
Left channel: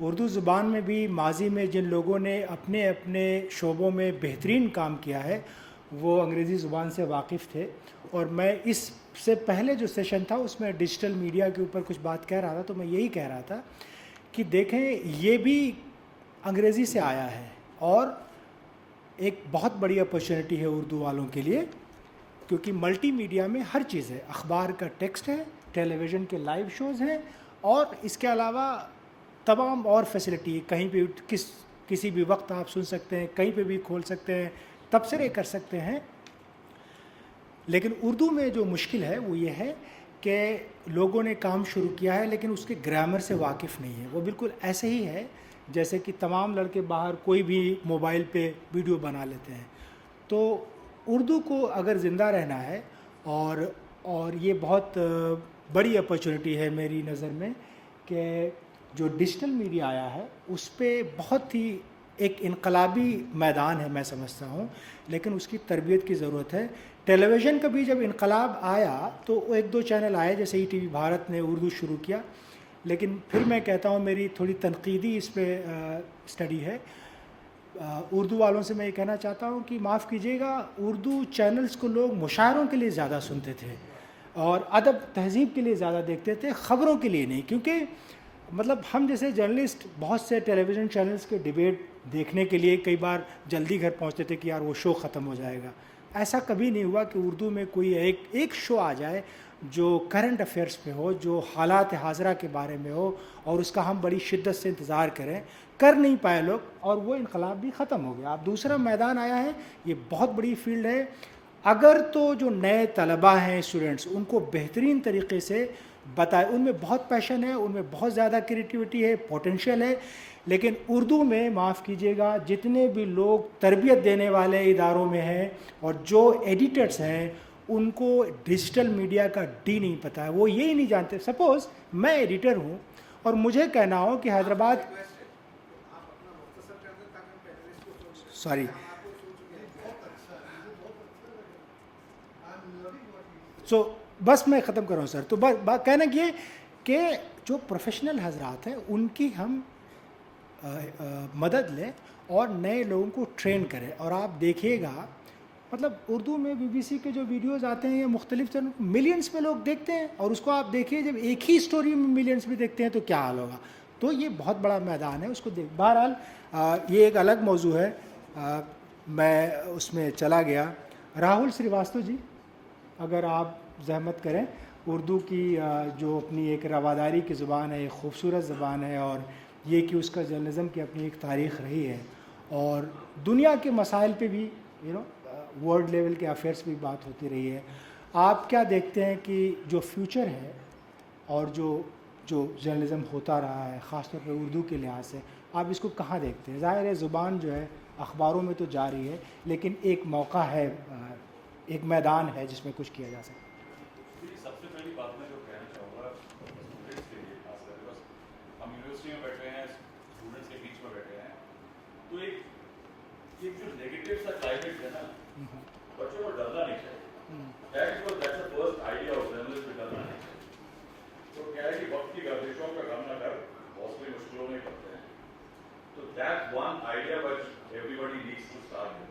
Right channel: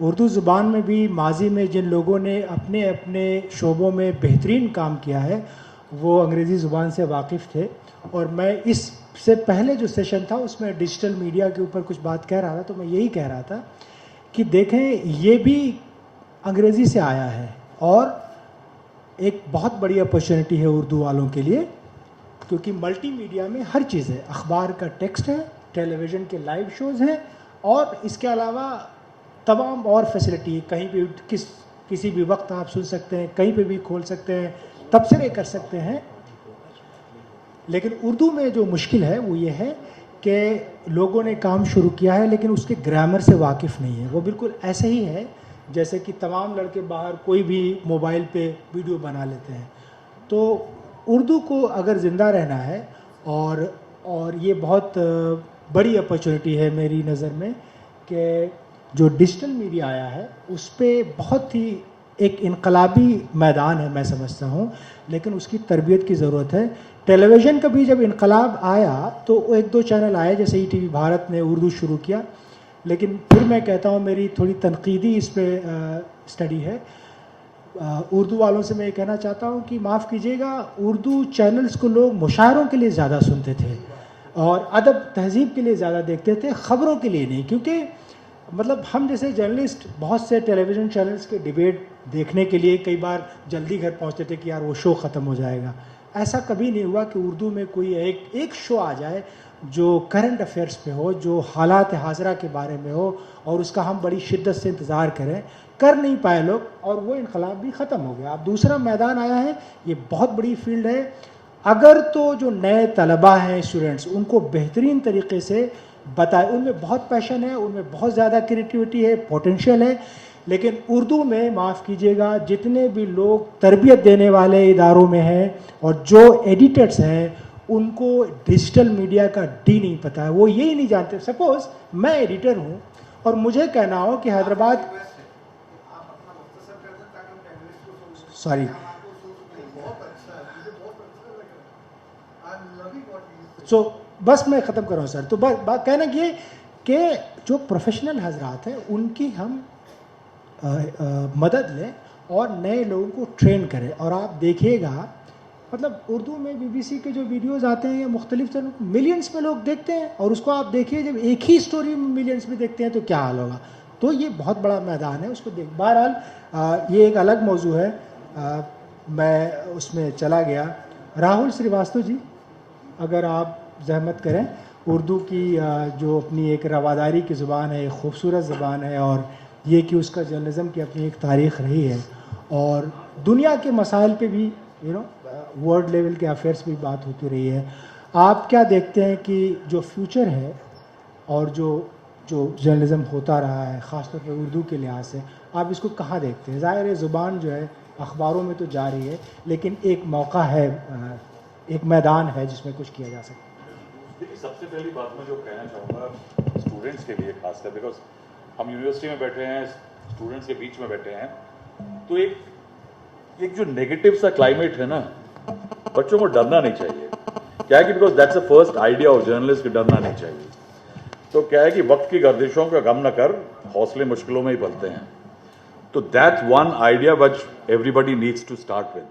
उर्दू ज़ुबान में भी माजी में जिन लोगों ने अपने अपने शोबों में बेहतरीन काम किया है वो अंग्रेज़ी ज़ुबान से वाकिफ़ थे। और मैं इससे पहले जो सेशन था उसमें डिजिटल मीडिया के ऊपर कुछ बात कह रहा था, तो मैं यही कह रहा था कि देखें ये भी अंग्रेज़ी से आया है और एक बहुत बड़ी अपॉर्चुनिटी है उर्दू वालों के लिए, क्योंकि मल्टीमीडिया में हर चीज़ है। अखबार का टेक्स्ट है, टेलीविज़न के लाइव शोज़ हैं, और इसके अलावा तमाम और फैसिलिटी, कहीं भी किसी भी वक्त आप सुन सकते हैं, कहीं पे भी खोल सकते हैं, तबसरे कर सकते हैं। लेकिन उर्दू में जो मुश्किल है वो ये है कि लोगों ने काम शुरू किया है लेकिन उसके ग्रामर से वाकिफ़ नहीं है। वो बिल्कुल ऐसे ही है जैसे कि तमाम लड़के बाहर कोई भी मोबाइल पे वीडियो बना लेते हैं। तो उर्दू को अगर ज़िंदा रहना है, और ये बहुत बड़ी अपॉर्चुनिटी है मेरी नज़र में कि जो डिजिटल मीडिया आया है उस पर बहुत ही एक इनकलाबी मैदान है मैं समझता हूँ, लेकिन उसकी तरबियत की ज़रूरत है। टेलीविज़न का भी जब इनकलाब आया तो एक दो चैनल आए, जैसे ईटीवी भारत ने उर्दू शुरू किया, लेकिन फिर मैं कहता हूँ मेरी थोड़ी तनकीदी इस पर स्टडी है। उर्दू वालों से मैं ये कहना चाहता हूँ कि माफ़ कीजिएगा, उर्दू चैनल्स को लोग मुशायरों के लिए ज़्यादा सुनते थे और अदब तहज़ीब के लिए ज़्यादा देखते थे, ख़बरों के लिए नहीं। क्योंकि मतलब हम जैसे जर्नलिस्ट एक से टेलीविज़न चैनल्स के डिबेट देखने के लिए कई बार जल्दी घर पहुँचते थे कि यार वो शो ख़त्म हो जाएगा। ऐसा कभी नहीं हुआ कि उर्दू में कोई एक शो आ जाए जो करंट अफेयर्स पे हो, जो हालात हाज़रा के बारे में हो और उसका हम बड़ी शिद्दत से इंतज़ार करें। कर नहीं पाए लोग और वो इनकलाब भी ख़त्म हो गया। अब दूसरा मैदान आया है, ये बहुत बड़ी फील्ड है। अगर तो जो नए तलबा हैं, स्टूडेंट्स, उनको बेहतरीन तरीके से बताए, उनमें बहुत पैशन है, उनमें बहुत ज़्यादा क्रिएटिविटी है, पोटेंशियल है, लेकिन उर्दू में माफ़ कीजिएगा जितने भी लोग तरबियत देने वाले इदारों में हैं और जो एडिटर्स हैं उनको डिजिटल मीडिया का डी नहीं पता है, वो यही नहीं जानते। सपोज़ मैं एडिटर हूँ और मुझे कहना हो कि हैदराबाद, सॉरी, बस मैं ख़त्म कर रहा हूँ सर। तो बस बात कहना ये कि जो प्रोफेशनल हजरात हैं उनकी हम मदद लें और नए लोगों को ट्रेन करें। और आप देखिएगा मतलब उर्दू में बीबीसी के जो वीडियोस आते हैं मुख्तलिफ चैनल, मिलियंस में लोग देखते हैं और उसको आप देखिए जब एक ही स्टोरी में मिलियंस में देखते हैं तो क्या हाल होगा। तो ये बहुत बड़ा मैदान है, उसको देख। बहरहाल ये एक अलग मौजू है, मैं उसमें चला गया। राहुल श्रीवास्तव जी, अगर आप जहमत करें, उर्दू की जो अपनी एक रवादारी की ज़ुबान है, एक खूबसूरत ज़ुबान है और ये कि उसका जर्नलिज़म की अपनी एक तारीख़ रही है और दुनिया के मसाइल पे भी वर्ल्ड लेवल के अफेयर्स भी बात होती रही है। आप क्या देखते हैं कि जो फ्यूचर है और जो जर्नलिज़म होता रहा है ख़ासतौर पर उर्दू के लिहाज से, आप इसको कहाँ देखते हैं? ज़ाहिर है ज़ुबान जो है अखबारों में तो जा रही है, लेकिन एक मौका है, एक मैदान है जिसमें कुछ किया जा सकता है। देखिए, सबसे पहली बात मैं जो कहना चाहूँगा स्टूडेंट्स के लिए खासकर, बिकॉज हम यूनिवर्सिटी में बैठे हैं, स्टूडेंट्स के बीच में बैठे हैं, तो एक जो नेगेटिव सा क्लाइमेट है ना, बच्चों को डरना नहीं चाहिए। क्या है कि because that's the first idea of journalist कि डरना नहीं चाहिए। तो क्या है कि वक्त की गर्दिशों का गम न कर, हौसले मुश्किलों में ही पलते हैं। तो that's one idea which everybody needs to start with.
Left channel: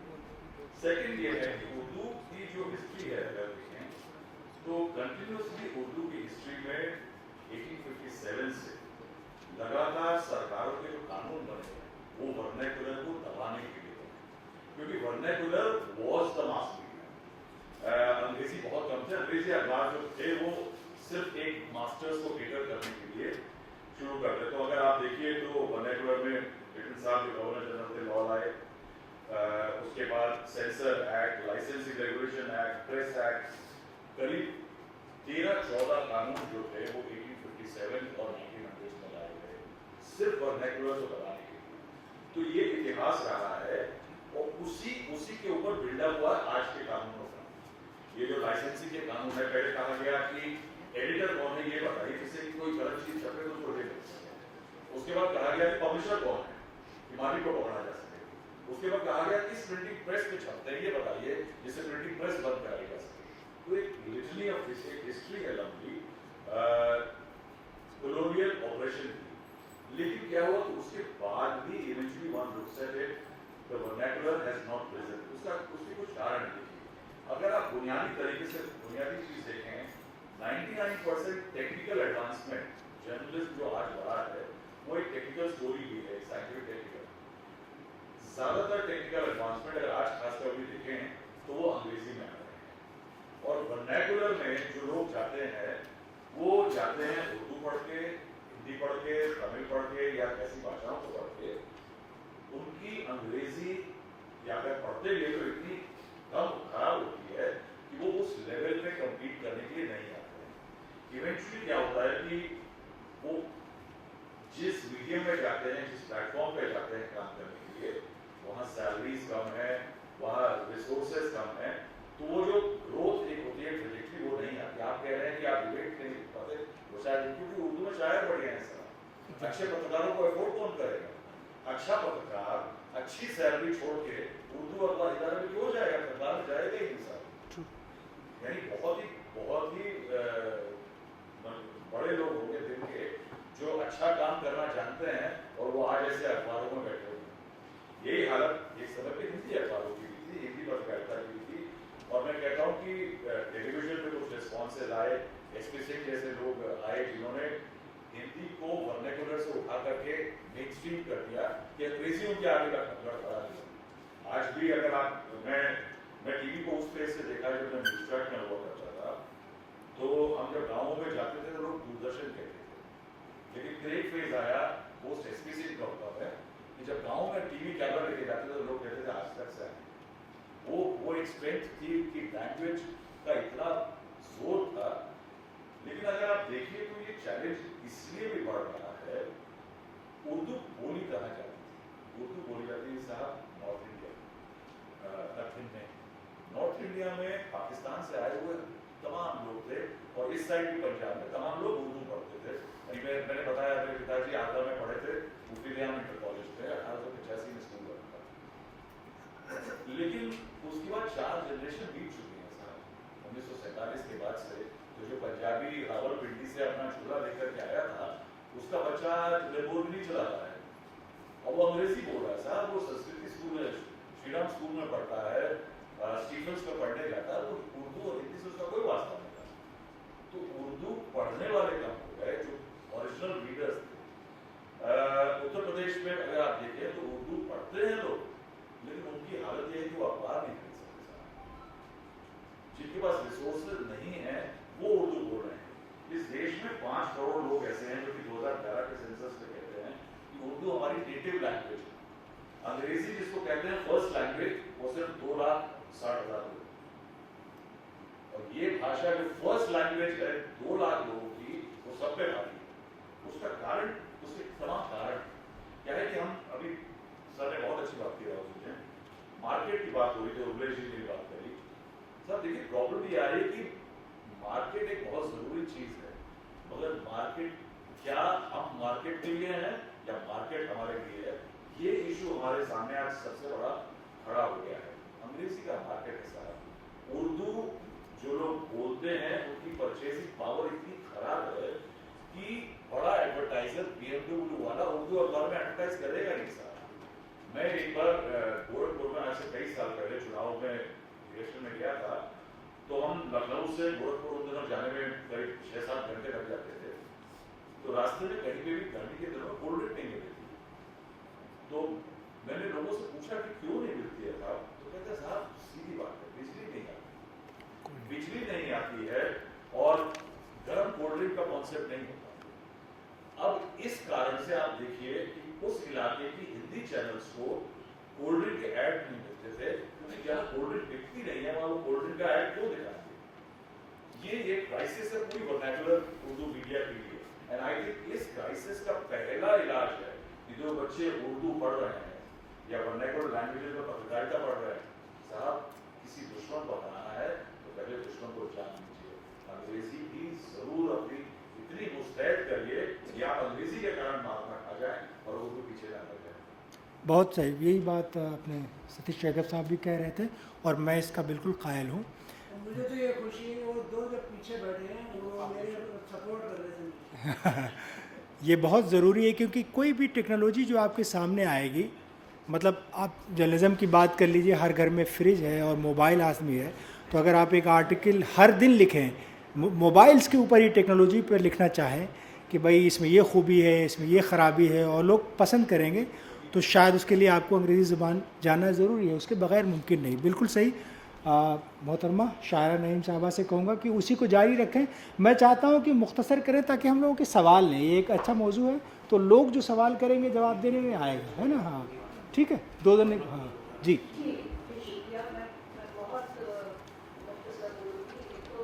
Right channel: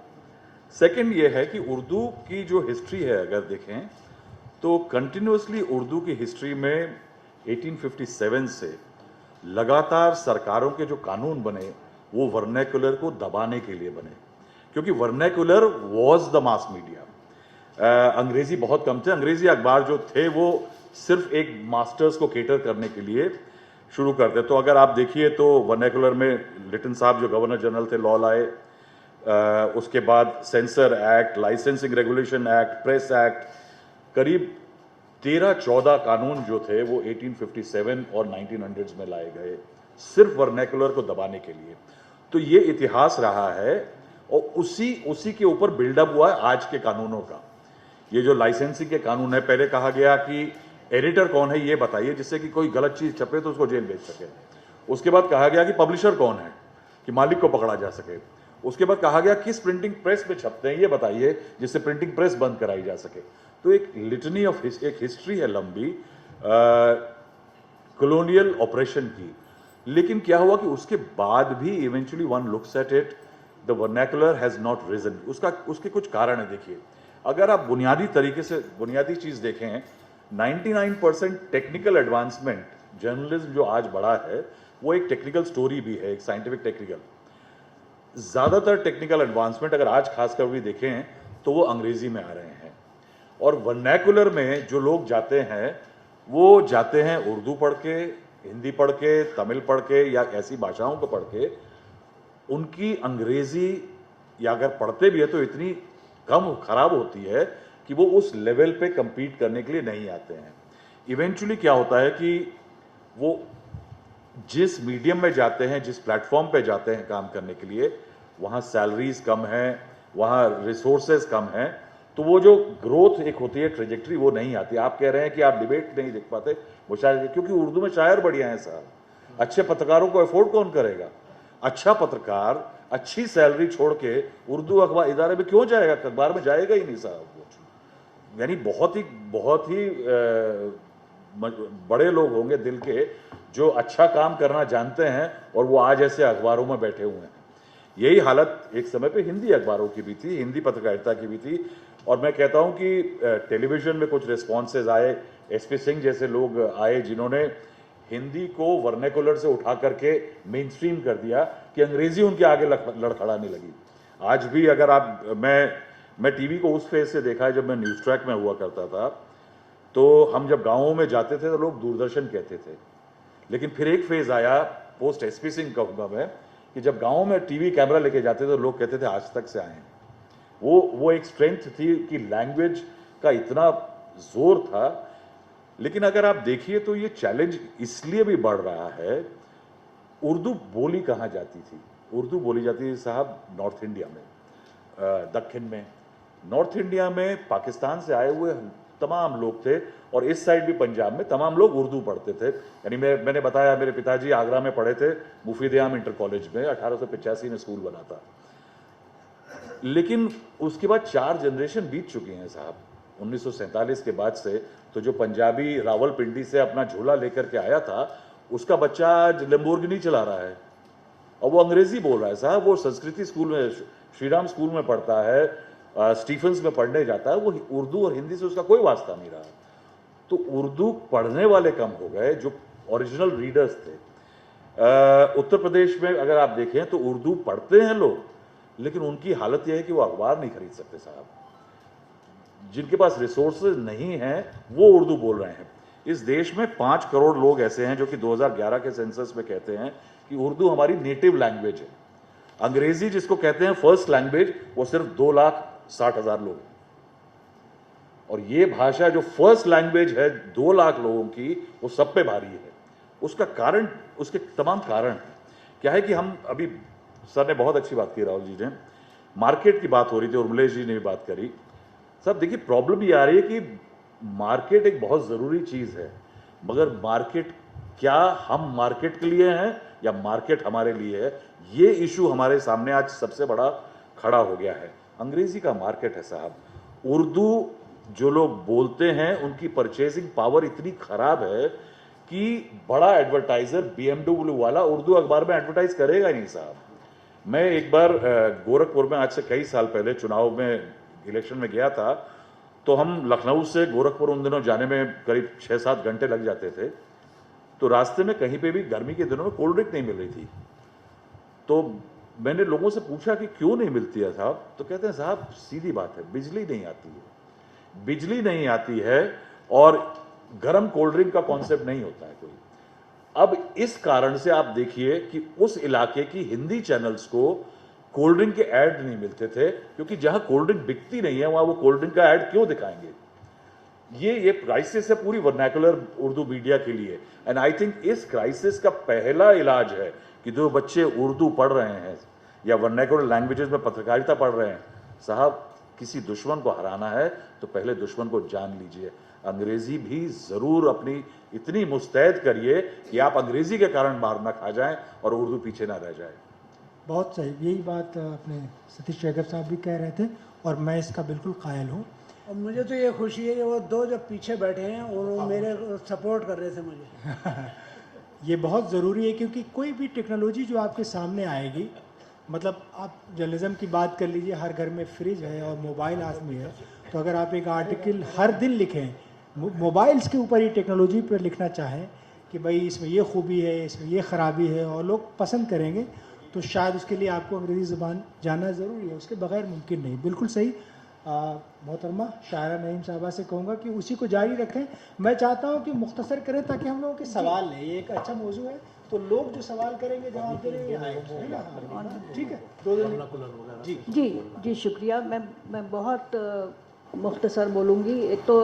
Second ये है कि उर्दू की जो हिस्ट्री है अगर देखें तो कंटिन्यूसली उर्दू की हिस्ट्री में 1857 से लगातार सरकारों के जो कानून बने वो वर्नैकुलर को दबाने के लिए बने, क्योंकि vernacular was the mass media. अंग्रेजी बहुत कम थे, अंग्रेजी अखबार जो थे वो सिर्फ एक मास्टर्स को केटर करने के लिए शुरू करते। तो अगर आप देखिए तो वर्नैकुलर में लिटन साहब जो गवर्नर जनरल थे, लॉ लाए, उसके बाद sensor act, licensing regulation act, press act, करीब 13-14 कानून जो थे वो 1857 और 1900s में लाए गए सिर्फ वर्नैकुलर को दबाने के लिए। तो ये इतिहास रहा है और उसी के ऊपर बिल्डअप हुआ है आज के कानूनों का। ये जो लाइसेंसिंग के कानून है, पहले कहा गया कि एडिटर कौन है ये बताइए जिससे कि कोई गलत चीज छपे तो उसको जेल भेज सके। उसके बाद कहा गया कि पब्लिशर कौन है कि मालिक को पकड़ा जा सके। उसके बाद कहा गया किस प्रिंटिंग प्रेस में छपते हैं ये बताइए जिससे प्रिंटिंग प्रेस बंद कराई जा सके। तो एक लिटनी ऑफ एक हिस्ट्री है लंबी कॉलोनियल ऑपरेशन की। लेकिन क्या हुआ कि उसके बाद भी eventually one looks at it, the vernacular has not reason. उसके कुछ कारण है। देखिए, अगर आप बुनियादी तरीके से बुनियादी चीज देखें, 99% टेक्निकल एडवांसमेंट जर्नलिज्म जो आज बढ़ा है वो एक टेक्निकल स्टोरी भी है, एक साइंटिफिक टेक्निकल। ज्यादातर टेक्निकल एडवांसमेंट अगर आज खासकर भी देखें तो वो अंग्रेजी में आ रहे हैं और वर्नैकुलर में जो लोग जाते हैं वो जाते हैं उर्दू पढ़ के, हिंदी पढ़ के, तमिल पढ़ के या ऐसी भाषाओं को पढ़ के। उनकी अंग्रेजी या अगर पढ़ते भी है तो इतनी कम खराब होती है कि वो उस लेवल पे compete करने के लिए नहीं आते हैं। इवेंचुअली क्या होता है कि वो जिस मीडियम में जाते हैं, जिस प्लेटफॉर्म पे जाते हैं काम करने के लिए, वहाँ सैलरीज कम है, वहाँ रिसोर्सेज कम हैं, तो वो जो ग्रोथ एक होती है, ट्रेजेक्ट्री, वो नहीं आती। आप कह रहे हैं कि आप डिबेट नहीं देख पाते, मुशायरे, क्योंकि उर्दू में शायर बढ़िया हैं साहब, अच्छे पत्रकारों को अफोर्ड कौन करेगा? अच्छा पत्रकार अच्छी सैलरी छोड़ के उर्दू अखबार इदारे में क्यों जाएगा? अखबार में जाएगा ही नहीं साहब। यानी बहुत ही बड़े लोग होंगे दिल के जो अच्छा काम करना जानते हैं और वो आज ऐसे अखबारों में बैठे हुए हैं। यही हालत एक समय पे हिंदी अखबारों की भी थी, हिंदी पत्रकारिता की भी थी। और मैं कहता हूं कि टेलीविजन में कुछ रिस्पॉन्सेज आए, एसपी सिंह जैसे लोग आए जिन्होंने हिंदी को वर्नेकुलर से उठा करके मेन स्ट्रीम कर दिया कि अंग्रेजी उनके आगे लड़खड़ाने लगी। आज भी अगर आप मैं टीवी को उस फेज से देखा है जब मैं न्यूज़ ट्रैक में हुआ करता था, तो हम जब गाँवों में जाते थे तो लोग दूरदर्शन कहते थे। लेकिन फिर एक फेज आया पोस्ट एसपी सिंह कहूँगा मैं कि जब गाँव में टीवी कैमरा लेके जाते थे तो लोग कहते थे आज तक से आए हैं। वो एक स्ट्रेंथ थी कि लैंग्वेज का इतना जोर था। लेकिन अगर आप देखिए तो ये चैलेंज इसलिए भी बढ़ रहा है, उर्दू बोली कहाँ जाती थी? उर्दू बोली जाती थी साहब नॉर्थ इंडिया में, दक्षिण में। नॉर्थ इंडिया में पाकिस्तान से आए हुए तमाम लोग थे और इस साइड भी पंजाब में तमाम लोग उर्दू पढ़ते थे। यानी मैंने बताया मेरे पिताजी आगरा में पढ़े थे, मुफीद-ए-आम इंटर कॉलेज में, 1885 में स्कूल बना था। लेकिन उसके बाद 4 जनरेशन बीत चुकी हैं साहब। 1947 के बाद से तो जो पंजाबी रावलपिंडी से अपना झोला लेकर के आया था, उसका बच्चा आज लैम्बोर्गिनी चला रहा है और वो अंग्रेजी बोल रहा है साहब। वो संस्कृति स्कूल में, श्रीराम स्कूल में पढ़ता है, स्टीफन्स में पढ़ने जाता है। वो उर्दू और हिंदी से उसका कोई वास्ता नहीं रहा। तो उर्दू पढ़ने वाले कम हो गए जो ओरिजिनल रीडर्स थे। उत्तर प्रदेश में अगर आप देखें तो उर्दू पढ़ते हैं लोग, लेकिन उनकी हालत यह है कि वो अखबार नहीं खरीद सकते साहब। जिनके पास रिसोर्सेज नहीं हैं वो उर्दू बोल रहे हैं। इस देश में 5 करोड़ लोग ऐसे हैं जो कि 2011 के सेंसस में कहते हैं कि उर्दू हमारी नेटिव लैंग्वेज है। अंग्रेजी जिसको कहते हैं फर्स्ट लैंग्वेज, वो सिर्फ 2,60,000 लोग। और ये भाषा जो फर्स्ट लैंग्वेज है 2 लाख लोगों की, वो सब पे भारी है। उसका कारण, उसके तमाम कारण हैं। क्या है कि हम अभी, सर ने बहुत अच्छी बात की, राहुल जी ने, मार्केट की बात हो रही थी, उर्मिलेश जी ने भी बात करी। सब देखिए प्रॉब्लम ये आ रही है कि मार्केट एक बहुत ज़रूरी चीज़ है, मगर मार्केट, क्या हम मार्केट के लिए हैं या मार्केट हमारे लिए है? ये इशू हमारे सामने आज सबसे बड़ा खड़ा हो गया है। अंग्रेजी का मार्केट है साहब। उर्दू जो लोग बोलते हैं उनकी परचेजिंग पावर इतनी खराब है कि बड़ा एडवर्टाइजर BMW वाला उर्दू अखबार में एडवर्टाइज करेगा ही नहीं साहब। मैं एक बार गोरखपुर में आज से कई साल पहले चुनाव में, इलेक्शन में गया था, तो हम लखनऊ से गोरखपुर उन दिनों जाने में करीब 6-7 घंटे लग जाते थे। तो रास्ते में कहीं पे भी गर्मी के दिनों में कोल्ड ड्रिंक नहीं मिल रही थी। तो मैंने लोगों से पूछा कि क्यों नहीं मिलती है साहब? तो कहते हैं साहब सीधी बात है, बिजली नहीं आती है। बिजली नहीं आती है और गर्म कोल्ड ड्रिंक का कॉन्सेप्ट नहीं होता है कोई। अब इस कारण से आप देखिए कि उस इलाके की हिंदी चैनल्स को कोल्ड ड्रिंक के ऐड नहीं मिलते थे, क्योंकि जहां कोल्ड ड्रिंक बिकती नहीं है वहां वो कोल्ड ड्रिंक का ऐड क्यों दिखाएंगे? ये क्राइसिस है पूरी वर्नाकुलर उर्दू मीडिया के लिए। एंड आई थिंक इस क्राइसिस का पहला इलाज है कि जो बच्चे उर्दू पढ़ रहे हैं या वर्नाकुलर लैंग्वेजेस में पत्रकारिता पढ़ रहे हैं, साहब किसी दुश्मन को हराना है तो पहले दुश्मन को जान लीजिए। अंग्रेजी भी जरूर अपनी इतनी मुस्तैद करिए कि आप अंग्रेजी के कारण मार ना खा जाएं और उर्दू पीछे ना रह जाए। बहुत सही, यही बात अपने सतीश शेखर साहब भी कह रहे थे और मैं इसका बिल्कुल कायल हूँ। और मुझे तो ये खुशी है कि वो 2 जो पीछे बैठे हैं वो मेरे सपोर्ट कर रहे थे मुझे। ये बहुत ज़रूरी है क्योंकि कोई भी टेक्नोलॉजी जो आपके सामने आएगी, मतलब आप जर्नलिज्म की बात कर लीजिए, हर घर में फ्रिज है और मोबाइल आदमी है, तो अगर आप एक आर्टिकल हर दिन लिखें मोबाइल्स के ऊपर ही टेक्नोलॉजी पर लिखना चाहें कि भाई इसमें ये खूबी है, इसमें ये ख़राबी है और लोग पसंद करेंगे, तो शायद उसके लिए आपको अंग्रेज़ी ज़ुबान जानना ज़रूरी है, उसके बगैर मुमकिन नहीं। बिल्कुल सही। मोहतरमा शायरा नईम साहबा से कहूँगा कि उसी को जारी रखें। मैं चाहता हूँ कि मुख्तसर करें ताकि हम लोगों के सवाल नहीं, ये एक अच्छा मौजू है तो लोग जो सवाल करेंगे जवाब देने में आए, है ना? हाँ ठीक है, 2 दिन जी जी जी शुक्रिया। मैं बहुत मुख्तसर बोलूँगी। एक तो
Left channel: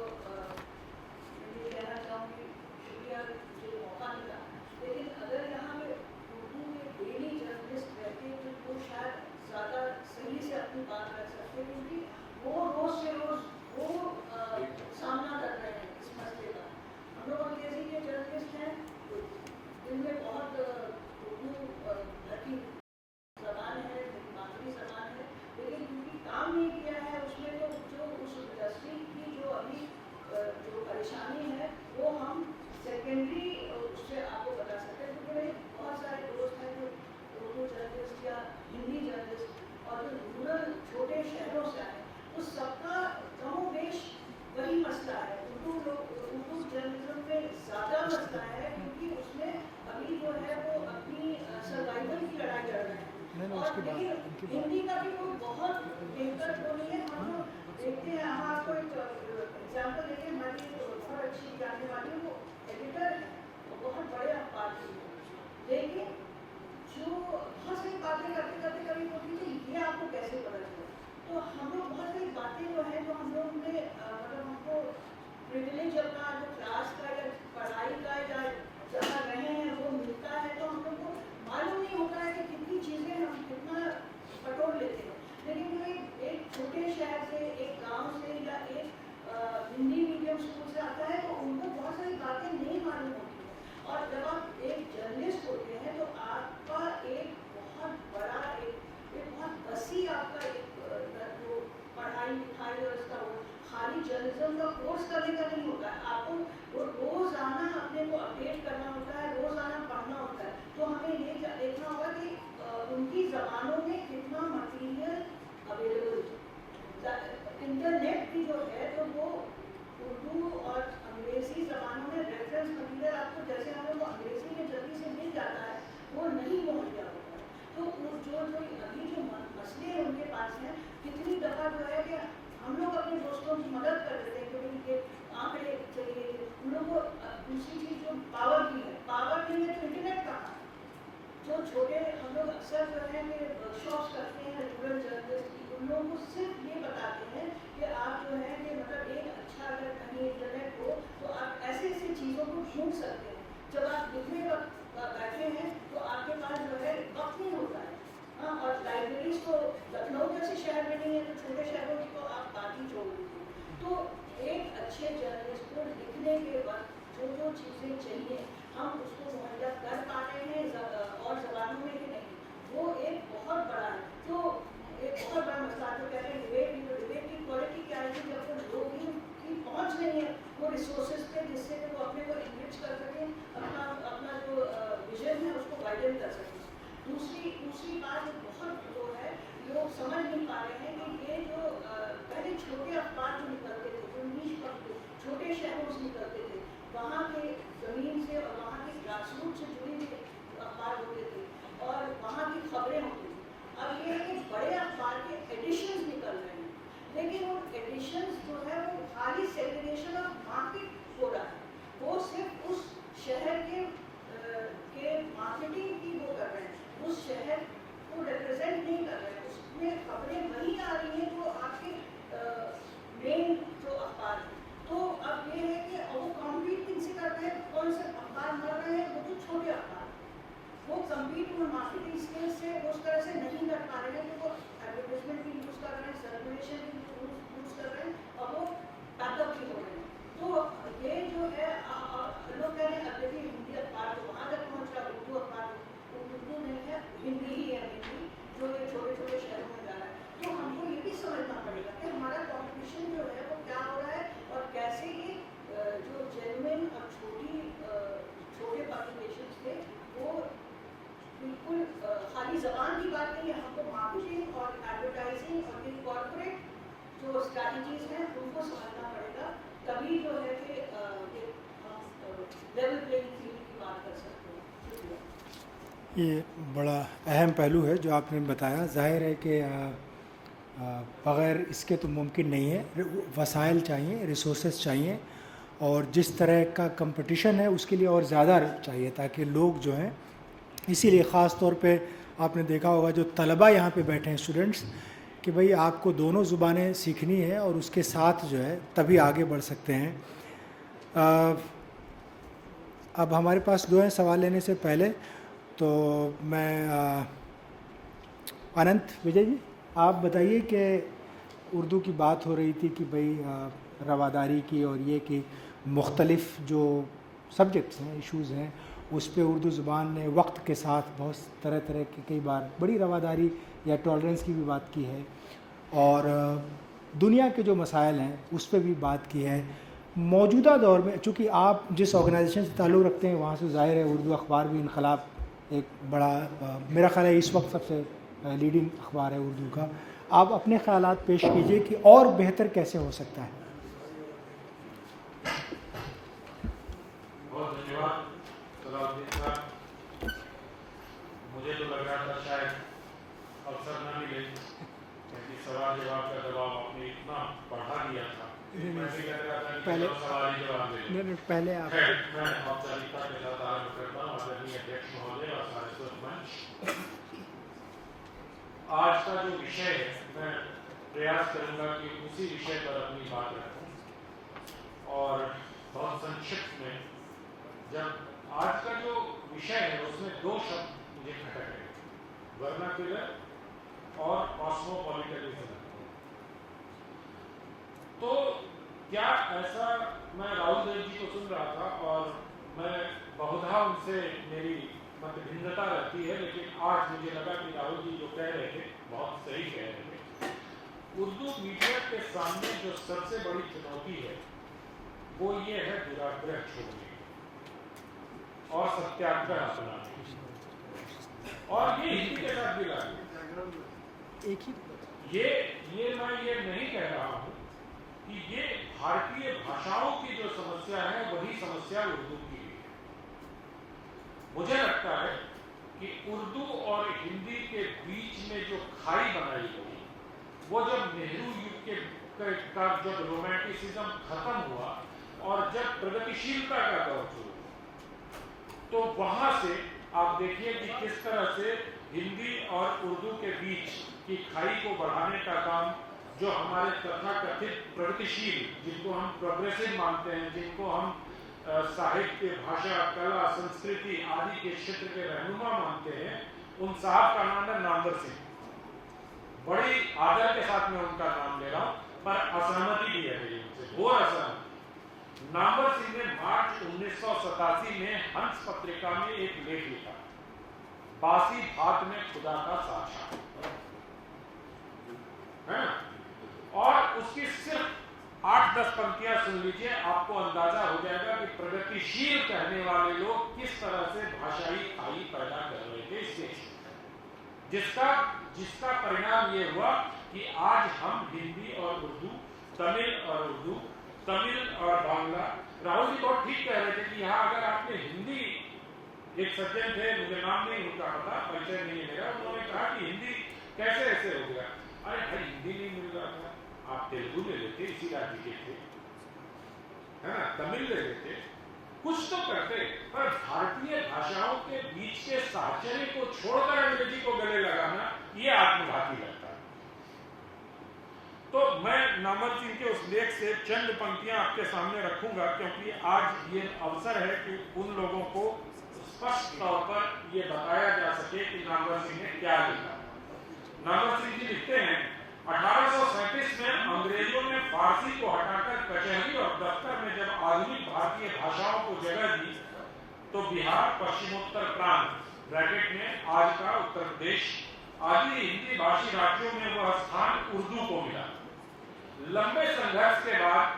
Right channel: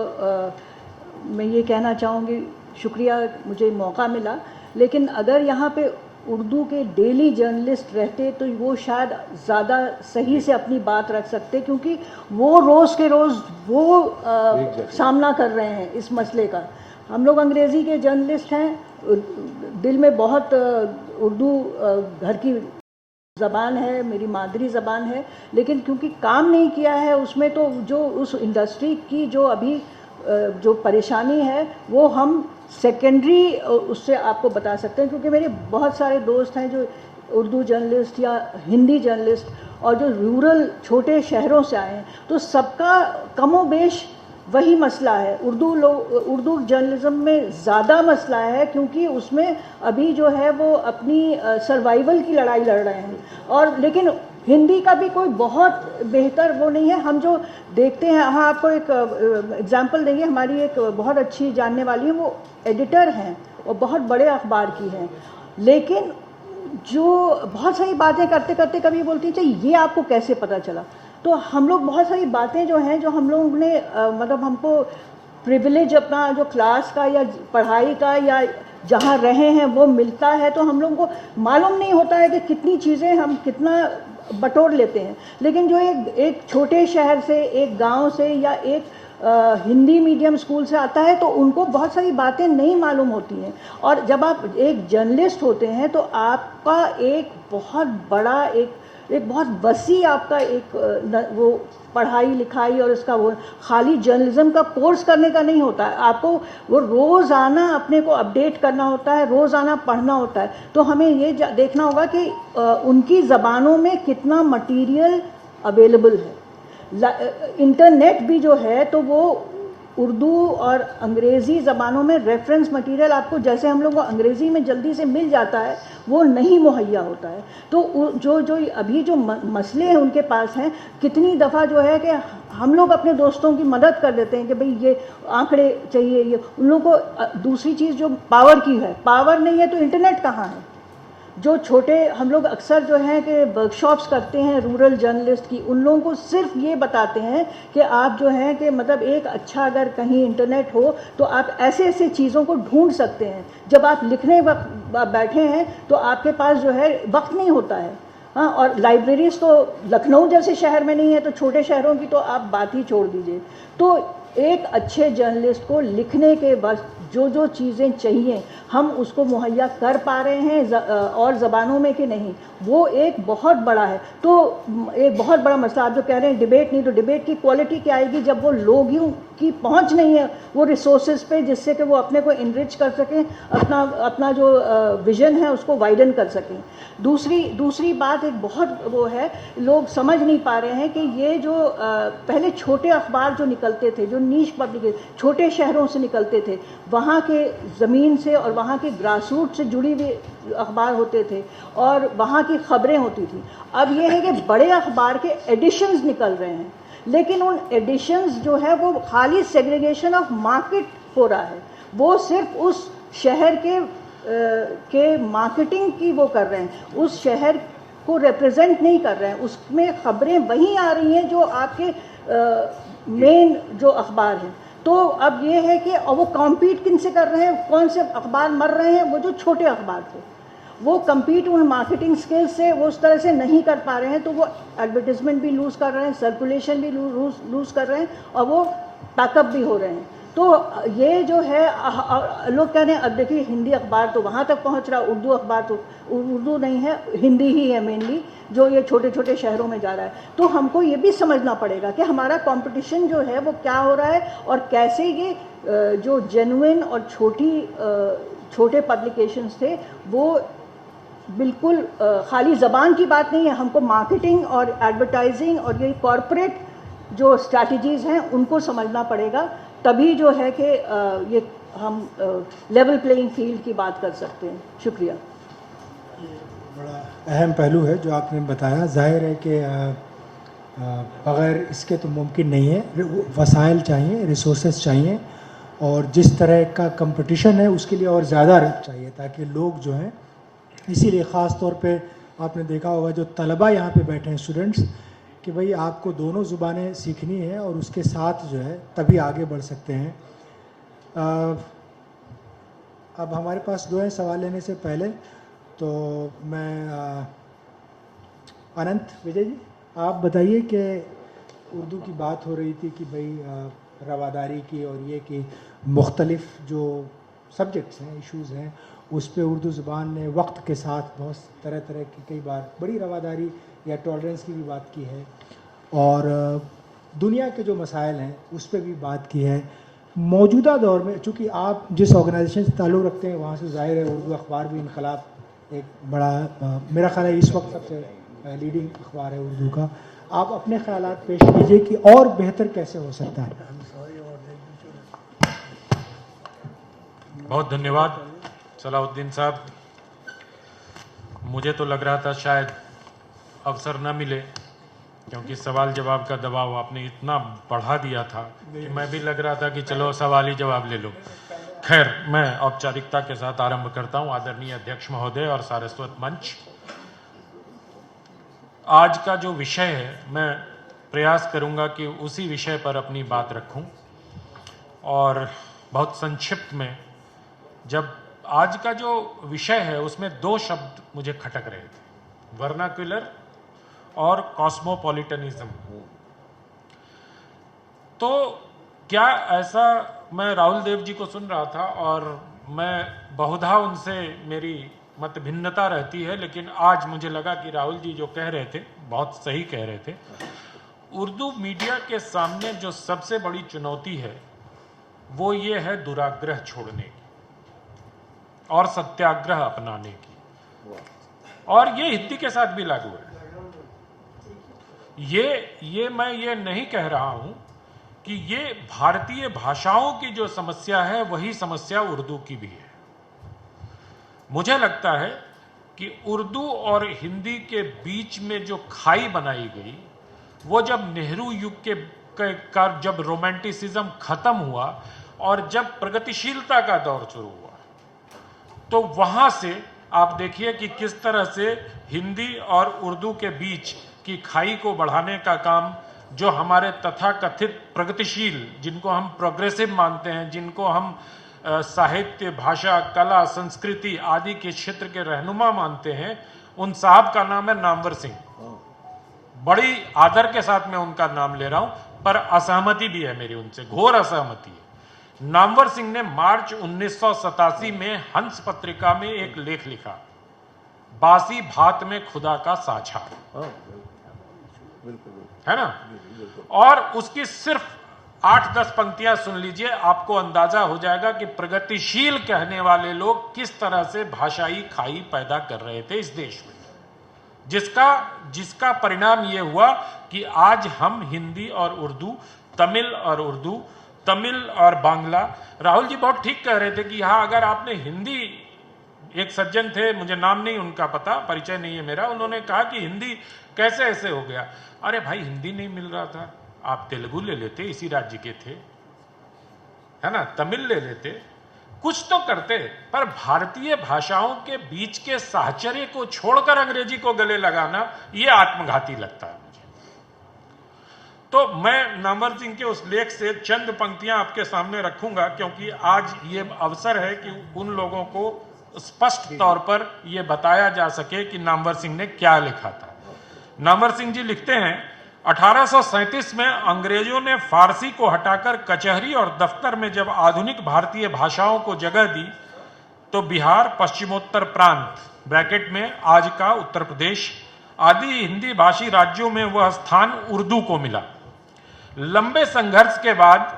मैं ये कहना चाहूँगी शुक्रिया मुझे मौका मिला, लेकिन अगर यहाँ पे उर्दू के डेली जर्नलिस्ट रहते तो वो शायद ज़्यादा सही से अपनी बात रख सकते, क्योंकि वो रोज़ के रोज़ वो सामना कर रहे हैं इस मसले का। हम लोग अंग्रेज़ी के जर्नलिस्ट हैं, दिल में बहुत उर्दू घर की ज़बान है, मेरी मादरी ज़बान है, लेकिन क्योंकि काम नहीं किया है उसमें, तो जो उस इंडस्ट्री की जो अभी जो परेशानी है वो हम सेकेंडरी उससे आपको बता सकते हैं, क्योंकि मेरे बहुत सारे दोस्त हैं जो उर्दू जर्नलिस्ट या हिंदी जर्नलिस्ट और जो रूरल छोटे शहरों से आए हैं, तो सबका कमोबेश वही मसला है। उर्दू जर्नलिज्म में ज़्यादा मसला है, क्योंकि उसमें अभी जो है वो अपनी सर्वाइवल की लड़ाई लड़ रहे हैं, और लेकिन हिंदी का भी कोई बहुत बेहतर वो नहीं है। हम जो देखते हैं, हाँ आपको एक एग्जांपल देंगे, हमारी एक बहुत अच्छी जानने वाली है, वो एडिटर हैं और बहुत बड़े अखबार की हैं, लेकिन जो बहुत सारी बातें करते करते कभी बोलती है चाहिए ये आपको कैसे पता चला। तो हम लोग बहुत सारी बातें जो हैं, जो हम लोग ने मतलब हमको प्रिविलेज अपना जो क्लास का या पढ़ाई का या जहाँ रहे हैं वो मिलता है, तो हम लोगों को मालूम नहीं होता है कि कितनी चीज़ें हम कितना बटोर लेते हैं। लेकिन जो एक छोटे शहर से, एक गांव से या एक हिंदी मीडियम स्कूल से आता है, तो उनको बहुत सारी बातें नहीं मालूम होती हैं। और जब आप एक जर्नलिस्ट होते हैं तो आपका एक बहुत बड़ा एक बहुत वसी आपका एक वो पढ़ाई लिखाई और इसका वो खाली जर्नलिज्म का कोर्स करने का नहीं होता है, आपको वो रोज़ाना अपने को अपडेट करना होता है, रोज़ाना पढ़ना होता है। तो हमें ये देखना होगा कि उनकी ज़बानों में कितना मटेरियल अवेलेबल है। इंटरनेट भी जो है तो वो उर्दू और अंग्रेज़ी ज़बानों में रेफरेंस मटेरियल आपको, जैसे हम लोग को अंग्रेज़ी में जल्दी से मिल जाता है, वो नहीं मुहैया होता है। तो जो अभी जो मसले हैं उनके पास हैं, कितनी दफ़ा जो है कि हम लोग अपने दोस्तों की मदद कर देते हैं कि भाई ये आंकड़े चाहिए, ये उन लोगों को। दूसरी चीज़ जो पावर की है, पावर नहीं है तो इंटरनेट कहाँ है। जो छोटे हम लोग अक्सर जो हैं कि वर्कशॉप्स करते हैं रूरल जर्नलिस्ट की, उन लोगों को सिर्फ ये बताते हैं कि आप जो हैं कि मतलब एक अच्छा अगर कहीं इंटरनेट हो तो आप ऐसे ऐसे चीज़ों को ढूंढ सकते हैं। जब आप लिखने वक्त बैठे हैं तो आपके पास जो है वक्त नहीं होता है। हाँ, और लाइब्रेरीज़ तो लखनऊ जैसे शहर में नहीं है, तो छोटे शहरों की तो आप बात ही छोड़ दीजिए। तो एक अच्छे जर्नलिस्ट को लिखने के वक्त जो चीज़ें चाहिए हम उसको मुहैया कर पा रहे हैं और ज़बानों में कि नहीं, वो एक बहुत बड़ा है। तो एक बहुत बड़ा मसला आप जो कह रहे हैं डिबेट नहीं, तो डिबेट की क्वालिटी क्या आएगी जब वो लोगों की पहुंच नहीं है वो रिसोर्सेज पे, जिससे कि वो अपने को इनरिच कर सकें, अपना जो विज़न है उसको वाइडन कर सकें। दूसरी बात एक बहुत वो है, लोग समझ नहीं पा रहे हैं कि ये जो पहले छोटे अखबार जो निकलते थे, जो नीश पब्लिक छोटे शहरों से निकलते थे, वहाँ के ज़मीन से और वहाँ के ग्रासरूट से जुड़ी हुई अखबार होते थे और वहाँ की ख़बरें होती थी। अब ये है कि बड़े अखबार के एडिशंस निकल रहे हैं, लेकिन उन एडिशंस जो है वो खाली सेग्रीगेशन ऑफ मार्केट हो रहा है। वो सिर्फ उस शहर के मार्केटिंग की वो कर रहे हैं, उस शहर को रिप्रेजेंट नहीं कर रहे हैं। उसमें ख़बरें वहीं आ रही हैं जो आपके मेन जो अखबार हैं। तो अब ये है कि वो कॉम्पीट किन से कर रहे हैं, कौन से अखबार मर रहे हैं, वो जो छोटे अखबार थे वो कम्पीट उन मार्केटिंग स्किल्स से वो उस तरह से नहीं कर पा रहे हैं, तो वो एडवर्टिजमेंट भी लूज़ कर रहे हैं, सर्कुलेशन भी लूज़ कर रहे हैं और वो पैकअप भी हो रहे हैं। तो ये जो है लोग कह रहे हैं अब देखिए हिंदी अखबार तो वहाँ तक पहुँच रहा, उर्दू अखबार तो उर्दू नहीं है, हिंदी ही है मेनली, जो ये छोटे छोटे शहरों में जा रहा है। तो हमको ये भी समझना पड़ेगा कि हमारा कंपटीशन जो है वो क्या हो रहा है और कैसे ये जो जेन्युइन और छोटे पब्लिकेशंस थे वो बिल्कुल खाली ज़बान की बात नहीं है। हमको मार्केटिंग और एडवर्टाइजिंग और ये कॉरपोरेट जो स्ट्रैटेजीज़ हैं उनको समझना पड़ेगा, तभी जो है कि ये हम लेवल प्लेइंग फील्ड की बात कर सकते हैं। शुक्रिया। ये बड़ा अहम पहलू है जो आपने बताया। जाहिर है कि बग़ैर इसके तो मुमकिन नहीं है। वसाइल चाहिए, रिसोर्सेज चाहिए और जिस तरह का कंपटीशन है उसके लिए और ज़्यादा चाहिए, ताकि लोग जो हैं, इसीलिए ख़ास तौर पे आपने देखा होगा जो तलबा यहाँ पे बैठे हैं स्टूडेंट्स, कि भाई आपको दोनों ज़ुबानें सीखनी है और उसके साथ जो है तभी आगे बढ़ सकते हैं। अब हमारे पास दो हैं सवाल लेने से पहले, तो मैं अनंत विजय जी आप बताइए कि उर्दू की बात हो रही थी कि भाई रवादारी की और ये कि मुख्तलिफ़ जो सब्जेक्ट्स हैं, इश्यूज़ हैं, उस पे उर्दू ज़ुबान ने वक्त के साथ बहुत तरह तरह की कई बार बड़ी रवादारी या टॉलरेंस की भी बात की है, और दुनिया के जो मसाइल हैं उस पर भी बात की है। मौजूदा दौर में चूँकि आप जिस ऑर्गेनाइजेशन से ताल्लुक़ रखते हैं वहाँ से ज़ाहिर है उर्दू अखबार भी इनकलाब एक बड़ा मेरा ख्याल है इस वक्त सबसे लीडिंग अखबार है उर्दू का। आप अपने ख्यालात पेश कीजिए कि और बेहतर कैसे हो सकता है। बहुत धन्यवाद सलाउद्दीन साहब। मुझे तो लग रहा था शायद अवसर न मिले, क्योंकि सवाल जवाब का दबाव आपने इतना बढ़ा दिया था कि मैं भी लग रहा था कि चलो सवाल ही जवाब ले लो। खैर, मैं औपचारिकता के साथ आरंभ करता हूं। आदरणीय अध्यक्ष महोदय और सारस्वत मंच, आज का जो विषय है मैं प्रयास करूंगा कि उसी विषय पर अपनी बात रखूं, और बहुत संक्षिप्त में, जब आज का जो विषय है उसमें दो शब्द मुझे खटक रहे, वर्नाक्युलर और कॉस्मोपॉलिटनिज्म। तो क्या ऐसा, मैं राहुल देव जी को सुन रहा था और मैं बहुधा उनसे मेरी मत भिन्नता रहती है, लेकिन आज मुझे लगा कि राहुल जी जो कह रहे थे बहुत सही कह रहे थे। उर्दू मीडिया के सामने जो सबसे बड़ी चुनौती है वो ये है दुराग्रह छोड़ने की और सत्याग्रह अपनाने की, और ये हिंदी के साथ भी लागू है। ये मैं ये नहीं कह रहा हूं कि ये भारतीय भाषाओं की जो समस्या है वही समस्या उर्दू की भी है। मुझे लगता है कि उर्दू और हिंदी के बीच में जो खाई बनाई गई, वो जब नेहरू युग का जब रोमांटिसिज्म खत्म हुआ और जब प्रगतिशीलता का दौर शुरू हुआ, तो वहां से आप देखिए कि किस तरह से हिंदी और उर्दू के बीच की खाई को बढ़ाने का काम जो हमारे तथाकथित प्रगतिशील, जिनको हम प्रोग्रेसिव मानते हैं, जिनको हम साहित्य, भाषा, कला, संस्कृति आदि के क्षेत्र के रहनुमा मानते हैं, उन साहब का नाम है नामवर सिंह। बड़ी आदर के साथ मैं उनका नाम ले रहा हूं, पर असहमति भी है मेरी उनसे, घोर असहमति है। नामवर सिंह ने मार्च 1987 में हंस पत्रिका में एक लेख लिखा, बासी भात में खुदा का साझा, है ना, और उसकी सिर्फ 8-10 पंक्तियां सुन लीजिए, आपको अंदाजा हो जाएगा कि प्रगतिशील कहने वाले लोग किस तरह से भाषाई खाई पैदा कर रहे थे इस देश में, जिसका परिणाम ये हुआ कि आज हम हिंदी और उर्दू, तमिल और बांग्ला, राहुल जी बहुत ठीक कह रहे थे कि यहाँ अगर आपने हिंदी, एक सज्जन थे, मुझे नाम नहीं उनका पता, परिचय नहीं है मेरा, उन्होंने कहा कि हिंदी कैसे ऐसे हो गया। अरे भाई, हिंदी नहीं मिल रहा था, आप तेलुगु ले लेते, इसी राज्य के थे, है ना, तमिल ले लेते, कुछ तो करते, पर भारतीय भाषाओं के बीच के साहचर्य को छोड़कर अंग्रेजी को गले लगाना, ये आत्मघाती लगता है। तो मैं नामवर सिंह के उस लेख से चंद पंक्तियां आपके सामने रखूंगा, क्योंकि आज ये अवसर है कि उन लोगों को स्पष्ट तौर पर यह बताया जा सके कि नामवर सिंह ने क्या लिखा था। नामवर सिंह जी लिखते हैं, 1837 में अंग्रेजों ने फारसी को हटाकर कचहरी और दफ्तर में जब आधुनिक भारतीय भाषाओं को जगह दी, तो बिहार, पश्चिमोत्तर प्रांत ब्रैकेट में आज का उत्तर प्रदेश आदि हिंदी भाषी राज्यों में वह स्थान उर्दू को मिला। लंबे संघर्ष के बाद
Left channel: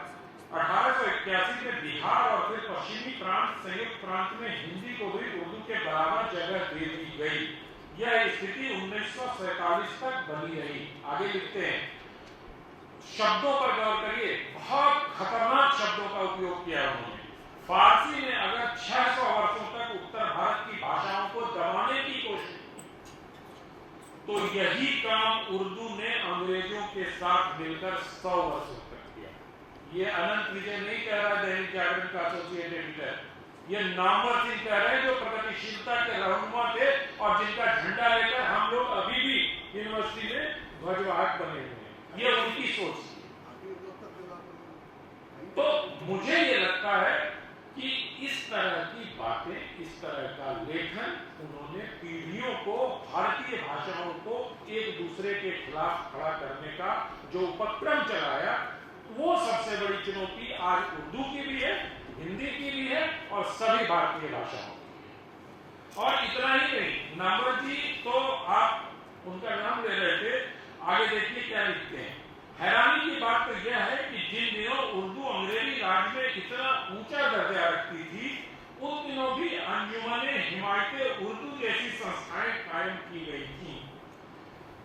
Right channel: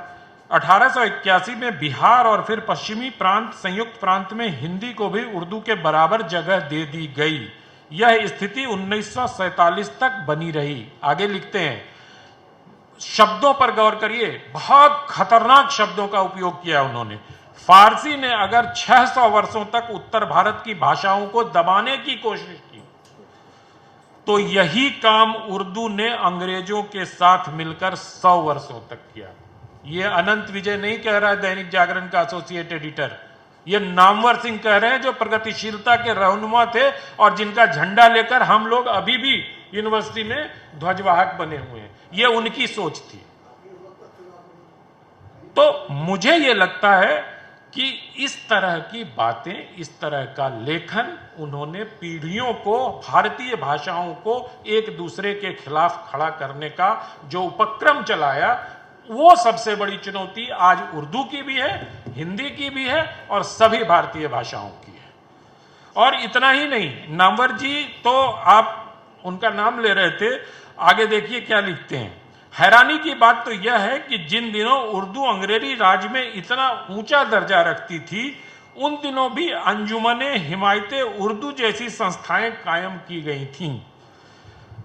1881 में बिहार और फिर पश्चिमी प्रांत, संयुक्त प्रांत में हिंदी को भी उर्दू के बराबर जगह दे दी गई। यह स्थिति 1947 तक बनी रही। आगे लिखते हैं, शब्दों पर गौर करिए, बहुत खतरनाक शब्दों का उपयोग किया उन्होंने। फारसी ने अगर 600 वर्षों तक उत्तर भारत की भाषाओं को दबाने की कोशिश की, तो यही काम उर्दू ने अंग्रेजों के साथ मिलकर 100 वर्षों तक किया। यह अनंत विजय नहीं कह रहा है, दैनिक जागरण का एसोसिएट एडिटर, ये नामवर सिंह कह रहे हैं, जो प्रगतिशीलता के रहनुमा थे और जिनका झंडा लेकर हम लोग अभी भी यूनिवर्सिटी में ध्वजवाहक बने हुए हैं। ये उनकी सोच थी। तो मुझे ये लगता है कि इस तरह की बातें, इस तरह का लेखन उन्होंने पीढ़ियों को, भारतीय भाषाओं को एक दूसरे के खिलाफ खड़ा करने का जो उपक्रम चलाया, वो सबसे बड़ी चुनौती आज उर्दू की भी है, हिंदी की भी है और सभी भारतीय भाषाओं की है। और इतना ही नहीं, नामवर जी तो आप उनका नाम ले रहे थे, आगे देखिए क्या लिखते हैं। हैरानी की बात तो यह है कि जिन दिनों उर्दू अंग्रेजी राज में इतना ऊंचा दर्जा रखती थी, उन दिनों भी अंजुमने हिमायत उर्दू जैसी संस्थाएं कायम की गई थीं।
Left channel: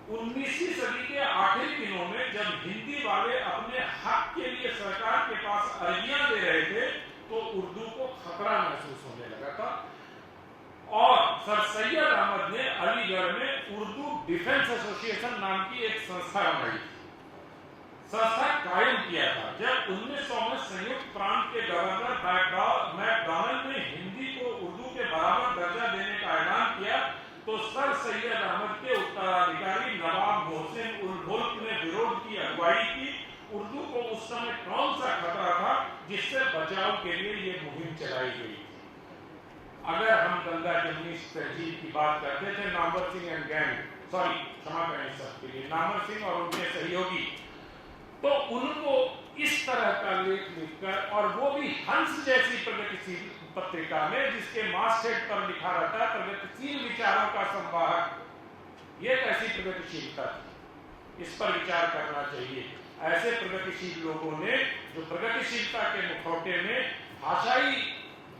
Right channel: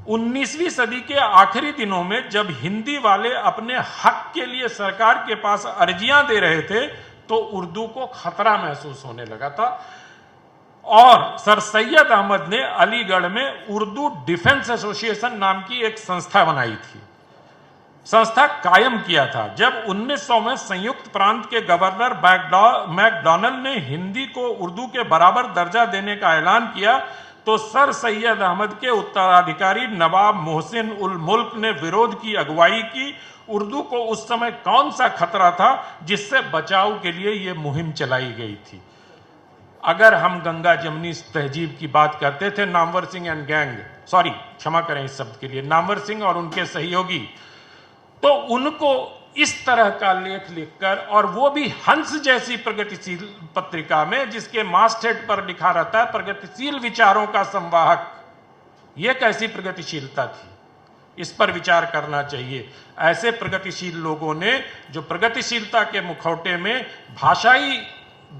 19वीं सदी के आखिरी दिनों में जब हिंदी वाले अपने हक के लिए सरकार के पास अर्जियां दे रहे थे, तो उर्दू को खतरा महसूस होने लगा था और सर सैयद अहमद ने अलीगढ़ में उर्दू डिफेंस एसोसिएशन नाम की एक संस्था बनाई थी, संस्था कायम किया था। जब 1900 में संयुक्त प्रांत के गवर्नर मैकडॉनल्ड ने हिंदी को उर्दू के बराबर दर्जा देने का ऐलान किया, तो सर सैयद अहमद के उत्तराधिकारी नवाब मोहसिन उल मुल्क ने विरोध की अगुवाई की। उर्दू को उस समय कौन सा खतरा था जिससे बचाव के लिए यह मुहिम चलाई गई थी? अगर हम गंगा जमनी तहजीब की बात करते थे, Namvar Singh and gang, sorry क्षमा करें इस शब्द के लिए, नामवर सिंह और उनके सहयोगी, तो उनको इस तरह का लेख लिखकर, और वो भी हंस जैसी प्रगतिशील पत्रिका में जिसके मास्टहेड पर लिखा रहता है प्रगतिशील विचारों का संवाहक, ये कैसी प्रगतिशीलता थी? इस पर विचार करना चाहिए। ऐसे प्रगतिशील लोगों ने जो प्रगतिशीलता के मुखौटे में भाषाई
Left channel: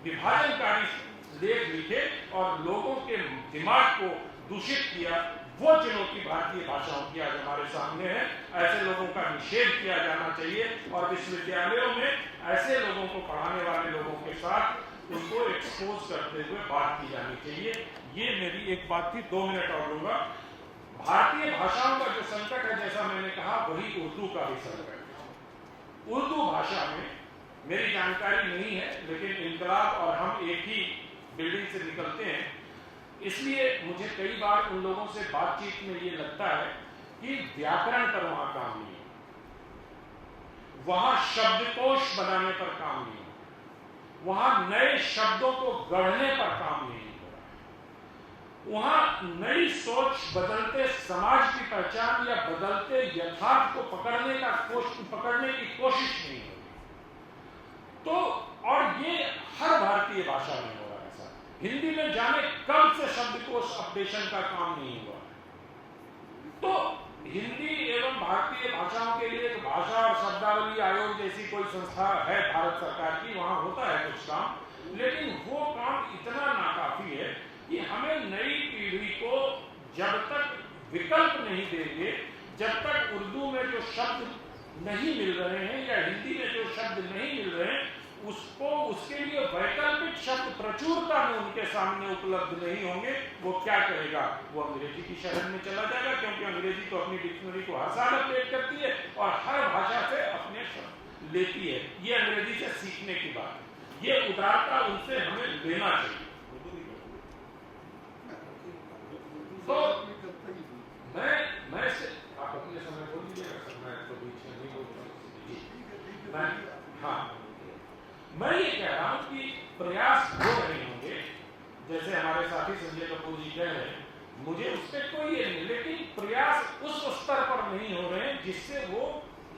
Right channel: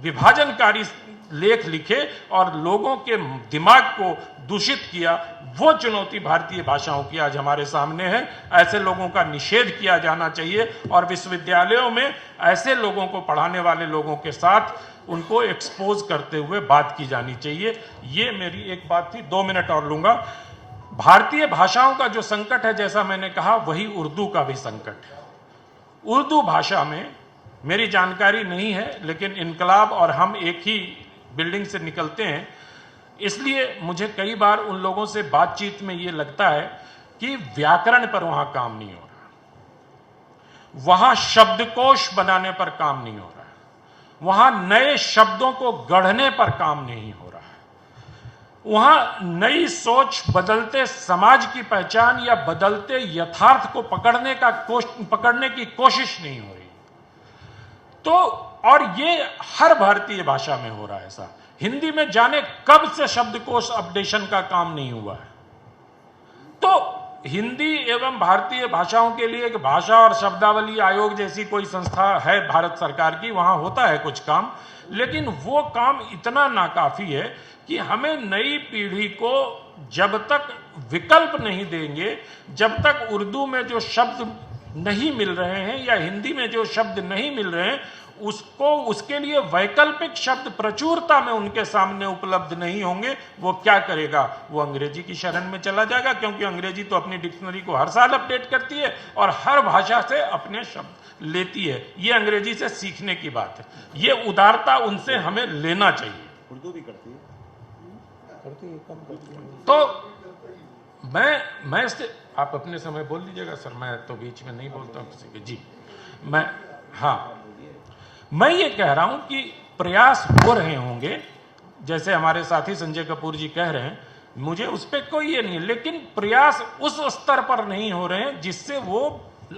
विभाजनकारी लेख लिखे और लोगों के दिमाग को दूषित किया, वो चुनौती भारतीय भाषाओं की आज हमारे सामने है। ऐसे लोगों का निषेध किया जाना चाहिए और विश्वविद्यालयों में ऐसे लोगों को पढ़ाने वाले लोगों के साथ उनको एक्सपोज करते हुए बात की जानी चाहिए। ये मेरी एक बात थी, 2 मिनट और लूंगा। भारतीय भाषाओं का जो संकट है, जैसा मैंने कहा, वही उर्दू का भी संकट है। उर्दू भाषा में मेरी जानकारी नहीं है, लेकिन इनकलाब और हम एक ही बिल्डिंग से निकलते हैं, इसलिए मुझे कई बार उन लोगों से बातचीत में ये लगता है कि व्याकरण पर वहां काम नहीं हो रहा, वहां शब्दकोश बनाने पर काम नहीं हो रहा है, वहां नए शब्दों को गढ़ने पर काम नहीं हो रहा है, वहां नई सोच, बदलते समाज की पहचान या बदलते यथार्थ को पकड़ने की कोशिश नहीं हो रही। तो और ये हर भारतीय भाषा में हो रहा है ऐसा। हिंदी में जाने कब से शब्दकोश अपडेशन का काम नहीं हुआ है। तो हिंदी एवं भारतीय भाषाओं के लिए एक भाषा और शब्दावली आयोग जैसी कोई संस्था है भारत सरकार की, वहां होता है कुछ काम, लेकिन वो काम इतना नाकाफी है कि हमें नई पीढ़ी को जब तक विकल्प नहीं देंगे, जब तक उर्दू में जो शब्द नहीं मिल रहे हैं या हिंदी में जो शब्द नहीं मिल रहे हैं, उसके लिए वैकल्पिक शब्द प्रचुरता में उनके सामने उपलब्ध नहीं होंगे, वो क्या करेगा? वो अंग्रेजी की शरण में चला जाएगा, क्योंकि अंग्रेजी तो अपनी डिक्शनरी को हर साल अपडेट करती है और हर भाषा से अपने शब्द लेती है। ये अंग्रेजी से सीखने की बात है। ये उदारता उनसे हमें लेना चाहिए। उर्दू भी करती है। तो मैं इससे, आप अपने समय बोल लीजिएगा सर, मैं तो बीच में नहीं बोलता किसी के। जी, मैं ये कह रहा हूं कि प्रयास हो रहे होंगे, जैसे हमारे साथी संजय कपूर जी कह रहे हैं, मुझे उस पर कोई ये नहीं है, लेकिन प्रयास उस स्तर पर नहीं हो रहे हैं जिससे वो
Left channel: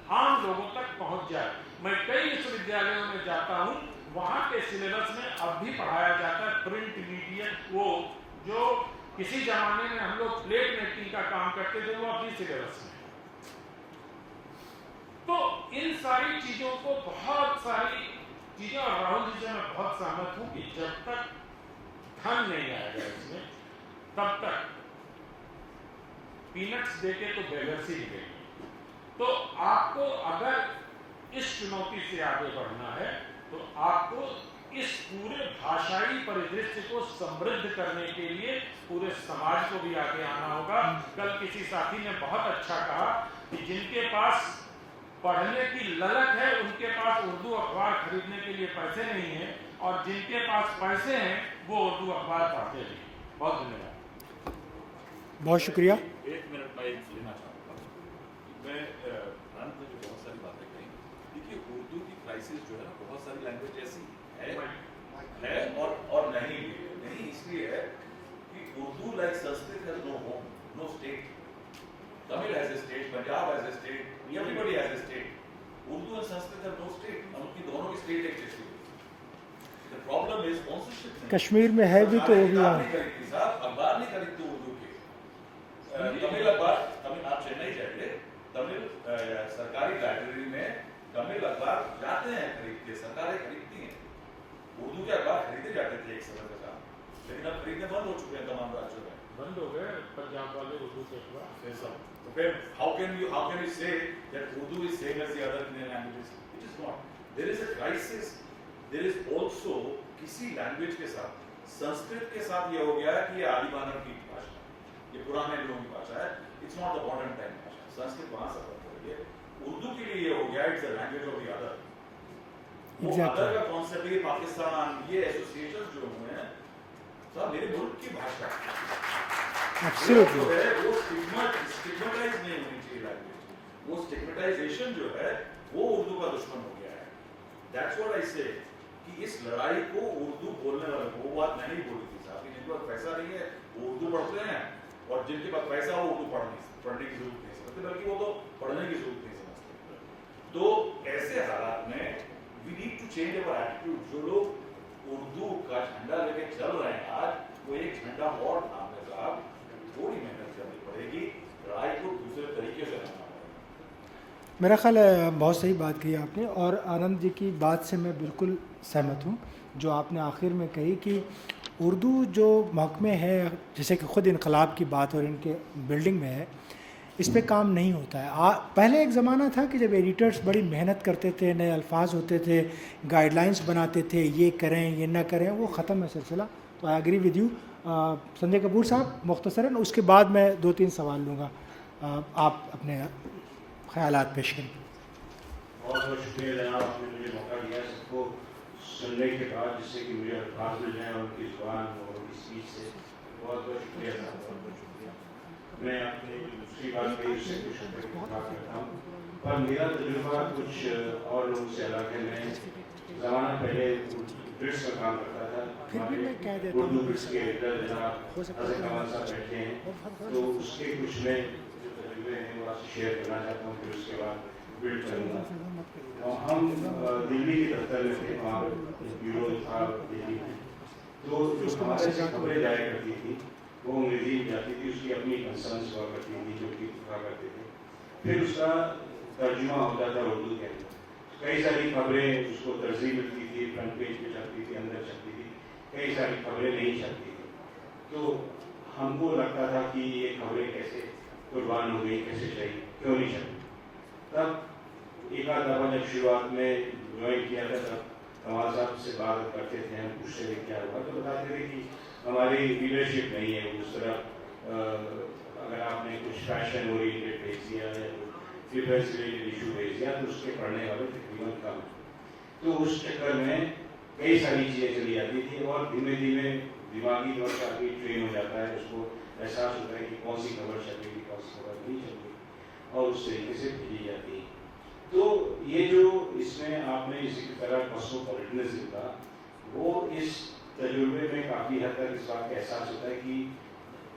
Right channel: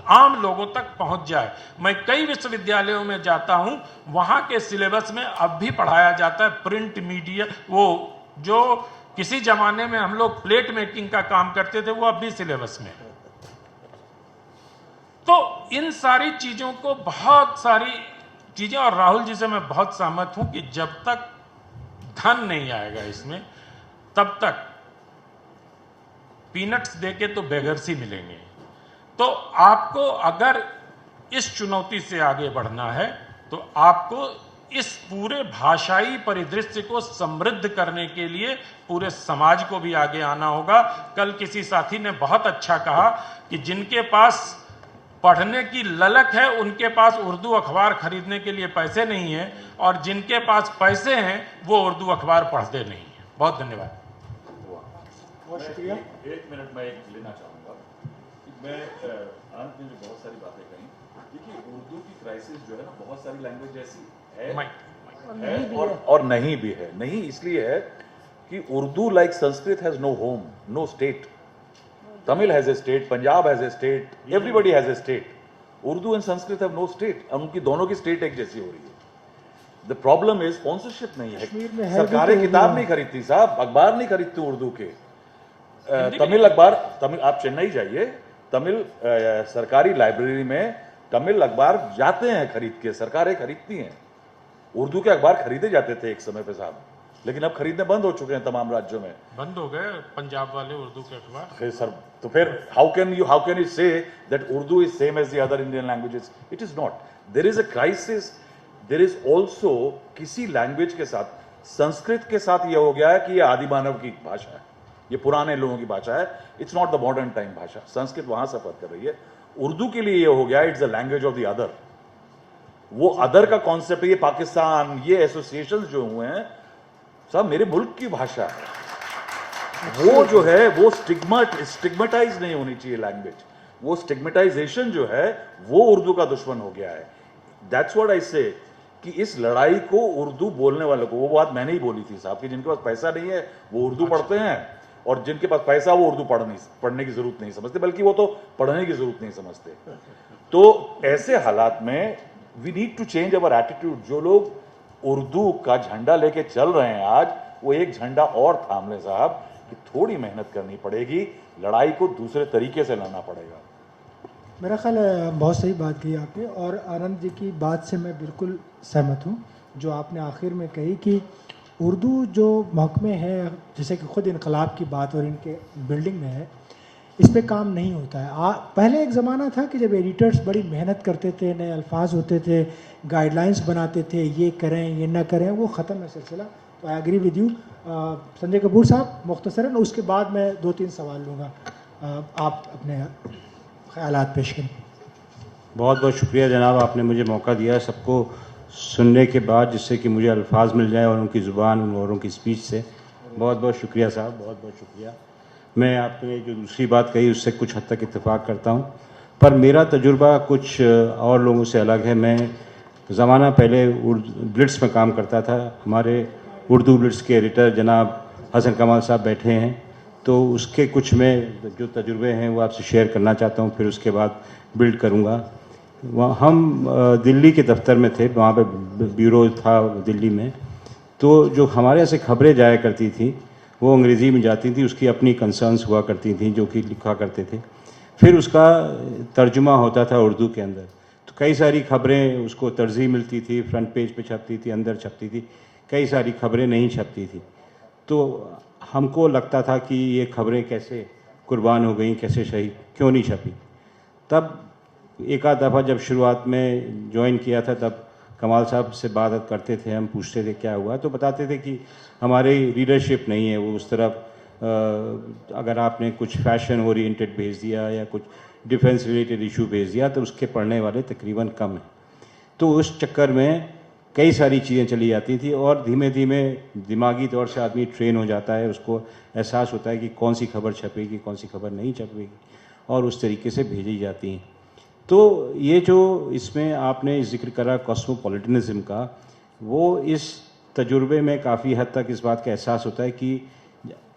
आम लोगों तक पहुंच जाए। मैं कई विश्वविद्यालयों में जाता हूं, वहां के सिलेबस में अब भी पढ़ाया जाता है प्रिंट मीडिया, वो जो किसी जमाने में हम लोग प्लेट मेकिंग का काम करते थे, वो अब भी सिलेबस में है। तो इन सारी चीजों को, बहुत सारी चीजें, और राहुल जी से मैं बहुत सहमत हूं कि जब तक धन नहीं आएगा इसमें, तब तक पीनट्स देके तो बेगर्स ही मिलेंगे। तो आपको अगर इस चुनौती से आगे बढ़ना है, तो आपको इस पूरे भाषाई परिदृश्य को समृद्ध करने के लिए पूरे समाज को भी आगे आना होगा। कल किसी साथी ने बहुत अच्छा कहा कि जिनके पास पढ़ने की ललक है, उनके पास उर्दू अखबार खरीदने के लिए पैसे नहीं है, और जिनके पास पैसे हैं वो उर्दू अखबार पढ़ते नहीं है। बहुत धन्यवाद। बहुत शुक्रिया। एक मिनट मैं एक लेना चाहूँगा। मैं आनंद ने बहुत सारी बातें कही। देखिए, उर्दू की क्राइसिस जो है ना, बहुत सारी लैंग्वेज ऐसी है और नहीं भी है। नहीं इसलिए है कि Urdu like Sanskrit has no home, no state. Tamil has a state, Punjab has a state, everybody has a state. Urdu and Sanskrit have no state. उनकी दोनों की स्टेट एक जैसी हो रही है। द प्रॉब्लम इज स्पॉन्सरशिप नहीं कश्मीर में है, है भी सरकारें तो किताब उर्दू नहीं खरीदती साहब, अखबार नहीं खरीदती उर्दू के। तमिल अखबार, तमिल आप चेन्नई जाइए, तमिल सरकारी लाइब्रेरी में तमिल अखबार जाते हैं खरीद के, सरकारें खरीदती हैं। उर्दू के अखबार खरीदे जाते थे एक समय पे साहब, लेकिन अब खरीदने बंद हो चुके हैं तमाम राज्यों में। बंद हो गए पंजाब वाले उर्दू के अखबार। फिर सर, तो फिर how can you say that Urdu is same as the other Indian languages? It is not. There is a crisis, there is also किसी लैंग्वेज के साथ, संस्कृत के साथ ये हो गया है कि ये आदि मानव की भाषा है, ये पुराने लोगों की भाषा है, it's not the modern time भाषा। संस्कृत वहां सफर कर रही है, उर्दू के लिए ये हो गया it's the language of the other. वो अदर का कॉन्सेप्ट, ये पाकिस्तान, ये एसोसिएशंस जो हुए हैं सब मेरे मुल्क की भाषा है, वो जो है वो स्टिग्मेटाइज नहीं होनी चाहिए लैंग्वेज। वो स्टिग्मेटाइजेशन जो है वो उर्दू का दुश्मन हो गया है। दैट्स व्हाट आई से कि इस लड़ाई को उर्दू बोलने वाले को, वो बात मैंने ही बोली थी साहब कि जिनके पास पैसा नहीं है वो उर्दू पढ़ते हैं, और जिनके पास पैसा वो उर्दू पढ़ने की जरूरत नहीं समझते, बल्कि वो तो पढ़ने की जरूरत नहीं समझते। तो ऐसे हालात में we need to change our attitude. जो लोग उर्दू का झंडा लेके चल रहे हैं आज, वो एक झंडा और थाम ले साहब, कि थोड़ी मेहनत करनी पड़ेगी, लड़ाई को दूसरे तरीके से लाना पड़ेगा। मेरा ख्याल है बहुत सही बात कही आपने, और आनंद जी की बात से मैं बिल्कुल सहमत हूँ जो आपने आखिर में कही कि उर्दू जो महकमे है, जैसे कि ख़ुद इनकलाब की बात और इनके बिल्डिंग में है, इस पे काम नहीं होता है। पहले एक ज़माना था कि जब एडिटर्स बड़ी मेहनत करते थे, नए अल्फाज होते थे, गाइडलाइंस बनाते थे, ये करें ये ना करें, वो ख़त्म है सिलसिला। तो I agree with you. Sanjay Kapoor साहब मुख्तसरन, उसके बाद मैं 2-3 सवाल लूँगा, आप अपने ख्यालात पेश करें। बहुत बहुत शुक्रिया जनाब, आपने मुझे मौका दिया सबको सुनने के बाद, जिससे कि मुझे अल्फाज मिल जाए और उनकी ज़ुबान और उनकी स्पीच से। बहुत बहुत शुक्रिया साहब, बहुत बहुत शुक्रिया। मैं आपने जो दूसरी बात कही उससे कुछ हद तक इत्तेफाक करता हूँ, पर मेरा तजुर्बा कुछ और लोगों से अलग है। मैं ज़माना पहले ब्लिट्स में काम करता था। हमारे उर्दू ब्लिट्स के एडिटर जनाब हसन कमाल साहब बैठे हैं, तो उसके कुछ में जो तजुर्बे हैं वो आपसे शेयर करना चाहता हूँ, फिर उसके बाद बिल्ड करूँगा। वहाँ हम दिल्ली के दफ्तर में थे, वहाँ पे ब्यूरो था दिल्ली में, तो जो हमारे यहाँ से खबरें जाया करती थी वो अंग्रेज़ी में जाती थी, उसकी अपनी कंसर्न्स हुआ करती थी जो कि लिखा करते थे, फिर उसका तर्जुमा होता था उर्दू के अंदर। तो कई सारी खबरें उसको तरजीह मिलती थी, फ्रंट पेज पे छपती थी, अंदर छपती थी, कई सारी खबरें नहीं छपती थी। तो हमको लगता था कि ये खबरें कैसे कुर्बान हो गई, कैसे शहीद, क्यों नहीं छपी। तब एक आध दफ़ा जब शुरुआत में ज्वाइन किया था, तब कमाल साहब से बात करते थे, हम पूछते थे क्या हुआ, तो बताते थे कि हमारी रीडरशिप नहीं है वो उस तरफ। अगर आपने कुछ फैशन ओरिएंटेड भेज दिया या कुछ डिफेंस रिलेटेड इशू भेज दिया तो उसके पढ़ने वाले तकरीबन कम हैं। तो उस चक्कर में कई सारी चीज़ें चली जाती थी, और धीमे धीमे दिमागी तौर से आदमी ट्रेन हो जाता है, उसको एहसास होता है कि कौन सी खबर छपेगी, कौन सी खबर नहीं छपेगी, और उस तरीके से भेजी जाती हैं। तो ये जो इसमें आपने जिक्र करा कॉस्मोपॉलिटनिज्म का, वो इस तजुर्बे में काफ़ी हद तक इस बात का एहसास होता है कि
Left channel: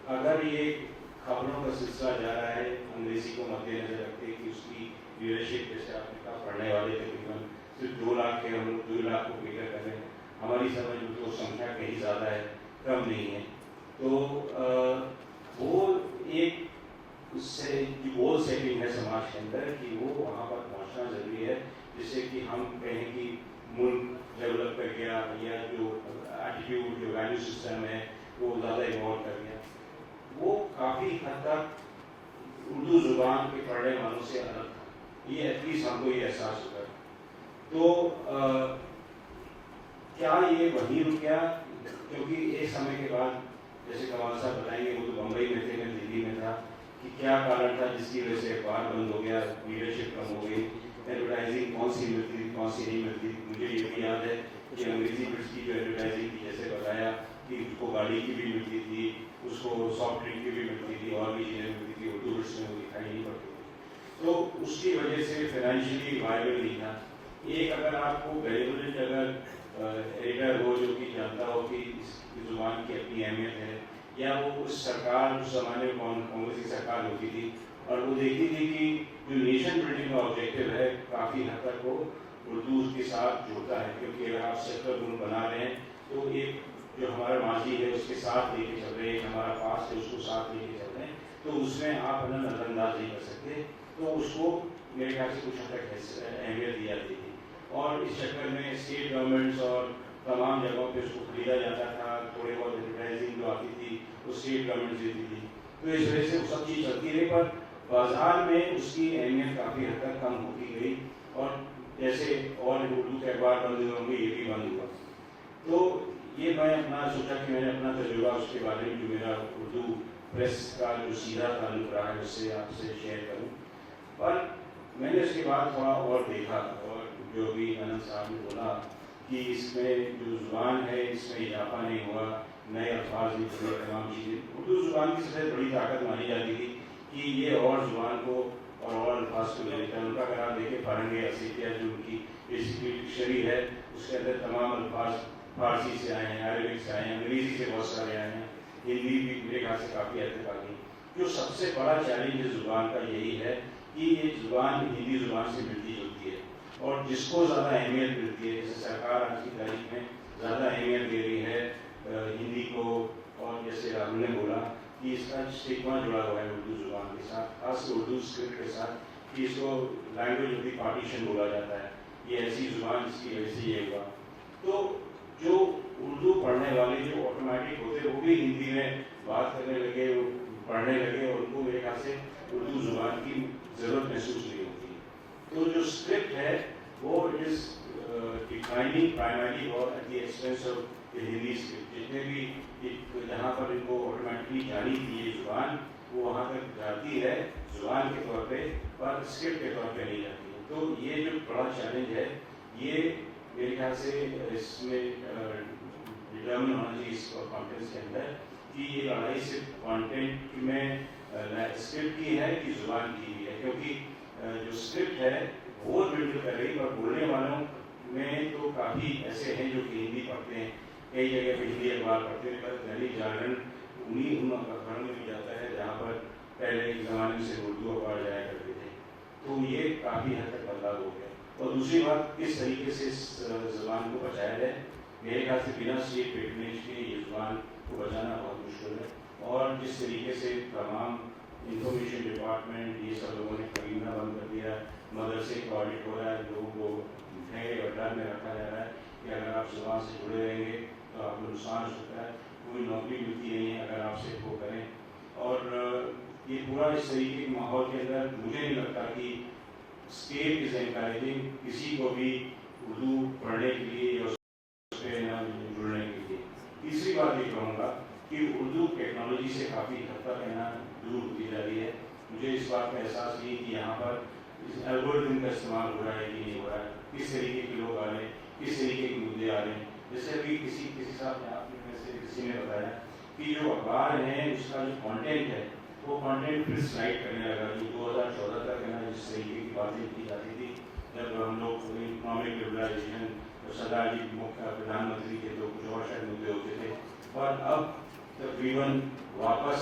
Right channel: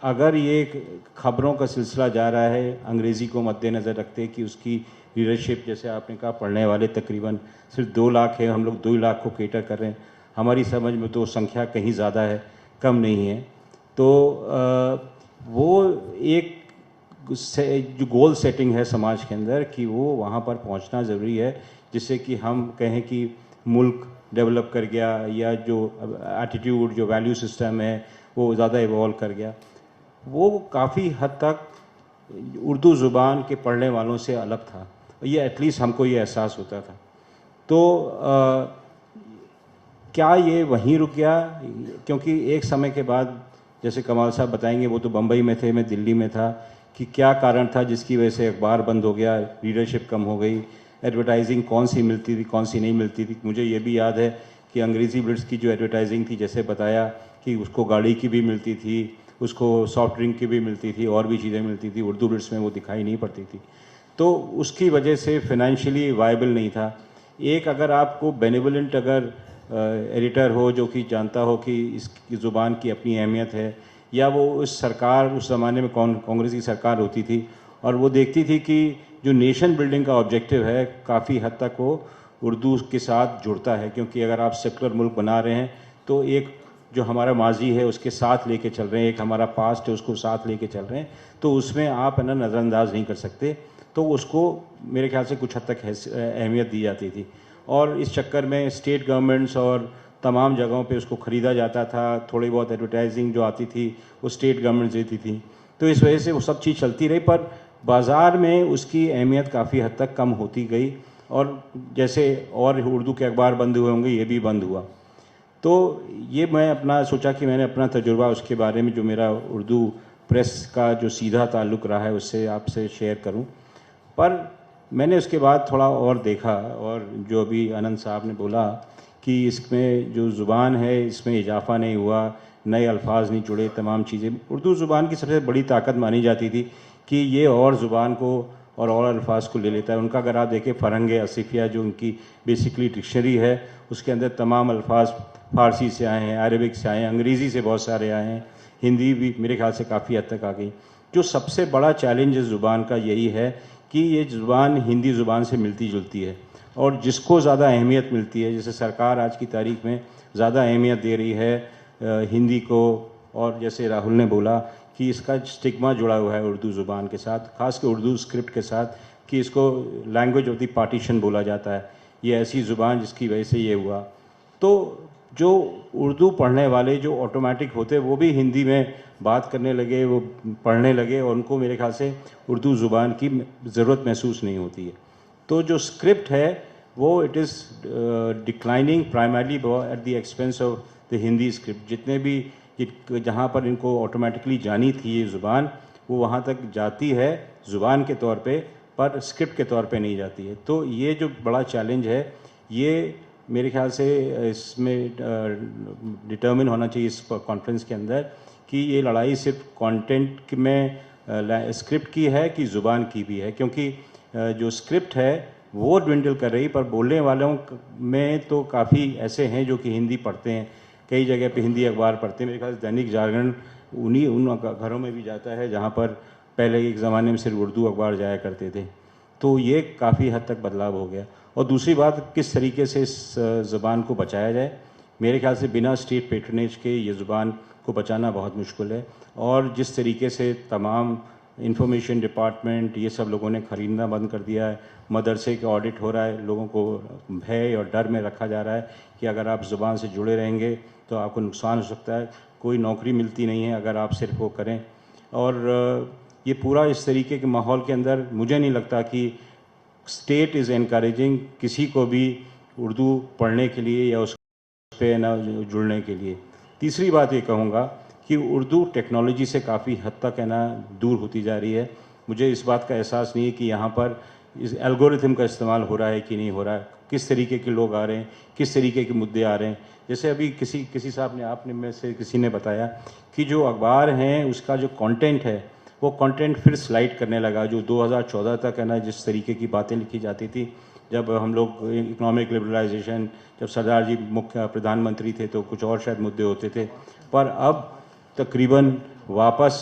अगर ये ख़बरों का सिलसिला जा रहा है अंग्रेज़ी को मद्देनज़र रखते कि उसकी लीडरशिप, जैसे आपने कहा पढ़ने वाले तकरीबन सिर्फ 2 लाख है, हम लोग 2 लाख को केटर कर रहे हैं, हमारी समझ में तो संख्या कहीं ज़्यादा है, कम नहीं है। तो वो एक जो गोल सेटिंग है समाज के अंदर कि वो वहाँ पर पहुँचना ज़रूरी है, जिससे कि हम कहें कि मुल्क डेवलप कर गया, या जो एटीट्यूड, जो वैल्यू सिस्टम है वो ज़्यादा इवॉल्व कर गया। वो काफ़ी हद तक उर्दू ज़ुबान के पढ़ने वालों से अलग था, ये एटलीस्ट हमको ये एहसास होता था। तो क्या ये वहीं रुक गया? क्योंकि एक समय के बाद, जैसे कमाल साहब बताएंगे, वो तो बम्बई में थे, मैं दिल्ली में था, कि क्या कारण था जिसकी वजह से अखबार बंद हो गया, रीडरशिप कम हो गई, एडवर्टाइजिंग कौन सी मिलती थी, कौन सी नहीं मिलती थी। मुझे ये भी याद है कि अंग्रेज़ी ब्लिट्स की जो एडवर्टाइजिंग थी, जैसे बताया कि उसको गाड़ी की भी मिलती थी, उसको सॉफ्ट ड्रिंक की भी मिलती थी, और भी चीज़ें मिलती थी, उर्दू ब्लिट्स में वो दिखाई नहीं पड़ती थी। तो उसकी वजह से फिनेंशियली वायबल नहीं था। एक अगर आपको बेनिवोलेंट अगर एडिटर हो जो कि जानता हो कि इस ज़ुबान की अपनी अहमियत है, या वो उस सरकार, उस ज़माने में कांग्रेस की सरकार होती थी और वो देखती थी कि जो नेशन बिल्डिंग का ऑब्जेक्टिव है काफ़ी हद तक वो उर्दू के साथ जुड़ता है, क्योंकि अगर आप सेकुलर मुल्क बना रहे हैं तो एक जो हमारा माजी है उसके साथ लेके चल रहे हैं, एक हमारा पास्ट है उसको साथ लेके चल रहे हैं, तो उसमें आप है ना नज़रअंदाज नहीं कर सकते। तो उसको मेरे ख्याल से कुछ हद तक अहमियत दी जाती थी, और इस चक्कर में स्टेट गवर्नमेंट्स और तमाम जगहों पे उसको ख़रीदा जाता था। थोड़ी बहुत एडवर्टाइजिंग जो आती थी वो स्टेट गवर्नमेंट देती थी, तो इस वजह से वो सब चीज़ चलती रही, पर बाज़ार में उसकी अहमियत काफ़ी हद तक कम होती गई। और जैसे और उर्दू के अखबार बंद हुए होंगे, ये भी बंद हुआ। तो ये मैं अपना सोचा कि मैंने अपना तजुर्बा उसके बारे में, जो मेरा उर्दू प्रेस का जो सीधा ताल्लुक़ रहा है, उससे आपसे शेयर करूं। पर मैंने उसके बाद थोड़ा और देखा, और जो अभी आनंद साहब ने बोला कि इसमें जो ज़ुबान है इसमें इजाफा नहीं हुआ, नए अल्फाज नहीं जुड़े, तमाम चीज़ें। उर्दू ज़ुबान की सबसे बड़ी ताकत मानी जाती थी कि ये और ज़ुबान को और अल्फाज को ले लेता है। उनका अगर आप देखें फ़रहंग असिफिया जो उनकी बेसिकली डिक्शनरी है, उसके अंदर तमाम अल्फाज फ़ारसी से आए हैं, अरबिक से आए हैं, अंग्रेज़ी से बहुत सारे आए हैं, हिंदी भी मेरे ख्याल से काफ़ी हद तक आ गई। जो सबसे बड़ा चैलेंज इस ज़ुबान का यही है कि ये ज़ुबान हिंदी ज़ुबान से मिलती जुलती है, और जिसको ज़्यादा अहमियत मिलती है, जैसे सरकार आज की तारीख में ज़्यादा अहमियत दे रही है हिंदी को, और जैसे राहुल ने बोला कि इसका स्टिग्मा जुड़ा हुआ है उर्दू ज़ुबान के साथ, ख़ासकर उर्दू स्क्रिप्ट के साथ, कि इसको लैंग्वेज ऑफ द पार्टीशन बोला जाता है, ये ऐसी ज़ुबान जिसकी वजह से ये हुआ। तो जो उर्दू पढ़ने वाले जो ऑटोमेटिक होते वो भी हिंदी में बात करने लगे, वो पढ़ने लगे, और उनको मेरे ख्याल से उर्दू ज़ुबान की ज़रूरत महसूस नहीं होती है। तो जो स्क्रिप्ट है वो it is declining primarily at the expense of the Hindi script. जितने भी जहाँ पर इनको ऑटोमेटिकली जानी थी ये ज़ुबान, वो वहाँ तक जाती है ज़ुबान के तौर पे, पर स्क्रिप्ट के तौर पे नहीं जाती है। तो ये जो बड़ा चैलेंज है, ये मेरे ख्याल से इसमें डिटर्मिन होना चाहिए इस कॉन्फ्रेंस के अंदर कि ये लड़ाई सिर्फ कंटेंट में स्क्रिप्ट की है कि ज़ुबान की भी है, क्योंकि जो स्क्रिप्ट है वो ड्विंडल कर रही, पर बोलने वालों में तो काफ़ी ऐसे हैं जो कि हिंदी पढ़ते हैं, कई जगह पे हिंदी अखबार पढ़ते हैं। मेरे ख्याल से दैनिक जागरण उन घरों में भी जाता है जहाँ पर पहले एक ज़माने में सिर्फ उर्दू अखबार जाया करते थे। तो ये काफ़ी हद तक बदलाव हो गया। और दूसरी बात, किस तरीके से इस ज़ुबान को बचाया जाए। मेरे ख्याल से बिना स्टेट पेट्रनेज के ये ज़ुबान को बचाना बहुत मुश्किल है, और जिस तरीके से तमाम इंफॉर्मेशन डिपार्टमेंट ये सब लोगों ने ख़रीदना बंद कर दिया है, मदरसे का ऑडिट हो रहा है, लोगों को भय और डर में रखा जा रहा है कि अगर आप ज़ुबान से जुड़े रहेंगे तो आपको नुकसान हो सकता है, कोई नौकरी मिलती नहीं है अगर आप सिर्फ वो करें। और ये पूरा इस तरीके के माहौल के अंदर मुझे नहीं लगता कि स्टेट इज़ एनकरेजिंग किसी को भी उर्दू पढ़ने के लिए या उस पे ना जुड़ने के लिए। तीसरी बात ये कहूँगा कि उर्दू टेक्नोलॉजी से काफ़ी हद तक है ना दूर होती जा रही है। मुझे इस बात का एहसास नहीं है कि यहाँ पर इस एल्गोरिथम का इस्तेमाल हो रहा है कि नहीं हो रहा है, किस तरीके के लोग आ रहे हैं, किस तरीके के मुद्दे आ रहे हैं। जैसे अभी किसी साहब ने, आपने में से किसी ने बताया कि जो अखबार हैं उसका जो कंटेंट है वो कंटेंट फिर स्लाइड करने लगा, जो 2014 तक है ना जिस तरीके की बातें लिखी जाती थी, जब हम लोग इकोनॉमिक लिबरलाइजेशन, जब सरदार जी मुख्य प्रधानमंत्री थे तो कुछ और शायद मुद्दे होते थे, पर अब तकरीबन वापस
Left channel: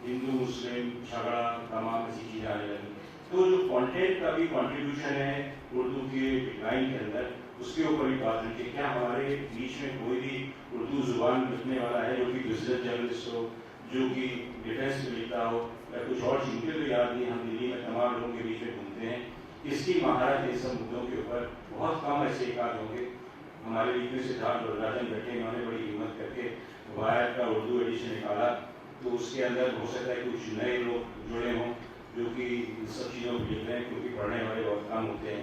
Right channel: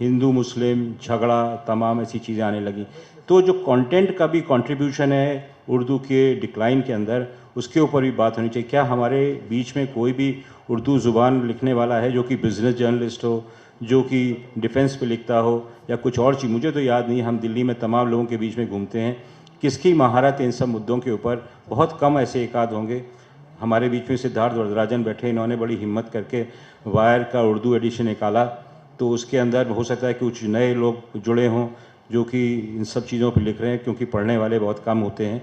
हिंदू मुस्लिम झगड़ा तमाम ऐसी चीज़ें आने लगी। तो जो कंटेंट का भी कंट्रीब्यूशन है उर्दू के डिक्लाइन के अंदर, उसके ऊपर भी बात होनी चाहिए। क्या हमारे बीच में कोई भी उर्दू ज़ुबान लिखने वाला है जो कि बिज़नेस जर्नलिस्ट हो, जो कि डिफेंस पे लिखता हो या कुछ और चीज़? मुझे तो याद नहीं। हम दिल्ली में तमाम लोगों के बीच में घूमते हैं, किसकी महारत इन सब मुद्दों के ऊपर? बहुत कम ऐसे एकाध होंगे। हमारे बीच में सिद्धार्थ वरदराजन बैठे, इन्होंने बड़ी हिम्मत करके वायर का उर्दू एडिशन निकाला, तो उसके अंदर हो सकता है कि कुछ नए लोग जुड़े हों जो कि इन सब चीज़ों पर लिख रहे हैं, क्योंकि पढ़ने वाले बहुत कम होते हैं।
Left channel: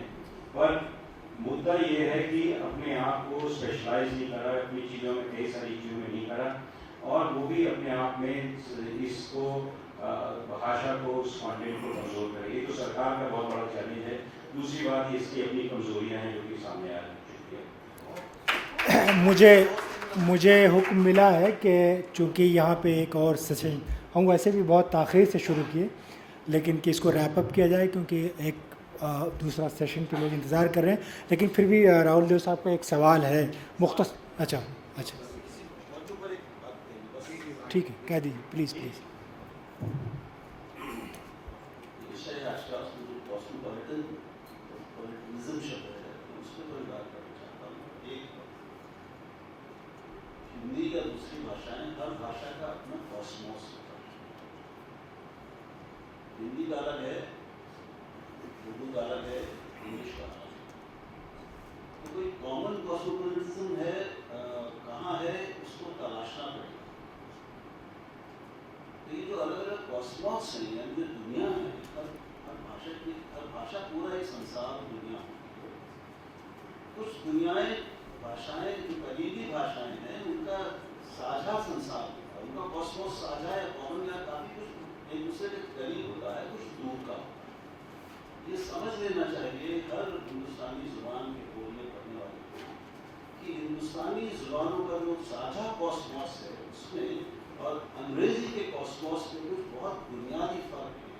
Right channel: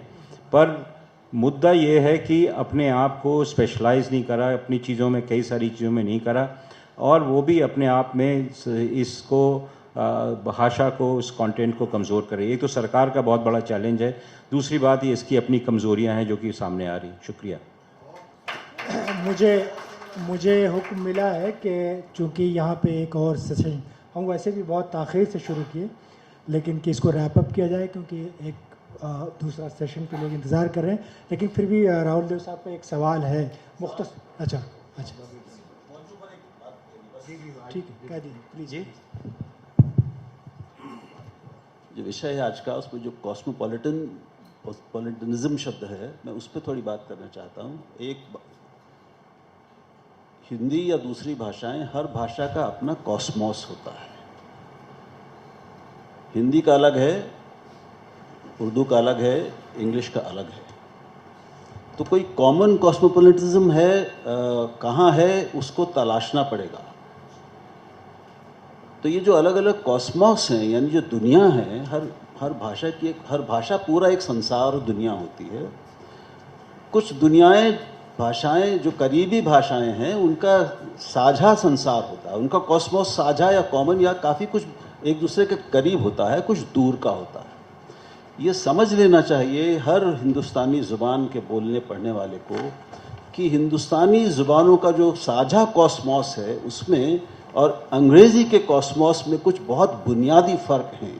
पर मुद्दा ये है कि अपने आप को स्पेशलाइज नहीं करा, अपनी चीज़ों में, कई सारी चीज़ों में नहीं करा, और वो भी अपने आप में इसको भाषा को, उस कंटेंट को कमज़ोर करे। ये तो सरकार का बहुत बड़ा चैलेंज है। दूसरी बात ये इसकी अपनी कमज़ोरियां हैं जो कि सामने आ रही। शुक्रिया। मुझे हुक्म मिला है कि चूँकि यहाँ पे एक और सेशन हम वैसे भी बहुत ताख़ीर से शुरू किए, लेकिन कि इसको रैप अप किया जाए क्योंकि एक दूसरा सेशन के लोग इंतज़ार कर रहे हैं। लेकिन फिर भी राहुल देव साहब का एक सवाल है मुख्तसर। अच्छा, ठीक है, कह दीजिए प्लीज़। जो विषय है आज का, उसमें जो कॉस्मोपॉलिटन कॉस्मोपॉलिटनिज्म शब्द है, मैं उस पर थोड़ी बात करना चाहता हूँ। हिंदी या दूसरी भाषाएं, हर भाषा का अपना कॉस्मोस होता है। हिंदी का अलग है, उर्दू का अलग है, इंग्लिश का अलग है। तो कोई कॉमन कॉस्मोपॉलिटिज्म है, कहाँ है, उसको तलाशना पड़ेगा। तो ये जो अलग अलग कॉस्मोस हैं, यानी जो दुनिया है, हर भाषा पूरा एक संसार और दुनिया होती है। कुछ भाषाएं जो करीबी भाषाएं हैं, उनका साझा संसार होता है, उनका कॉस्मोस साझा या कॉमन या काफ़ी कुछ एक दूसरे के करीब होता है, कुछ दूर का होता है। ये समझ लेना चाहिए हर हिंदुस्तानी ज़ुबान के बोलने पढ़ने वाले को कि हिंदुस्तानी ज़ुबानों का जो साझा कॉस्मोस है उसमें और अंग्रेज़ी के कॉस्मोस में कुछ बहुत बुनियादी फ़र्क हैं।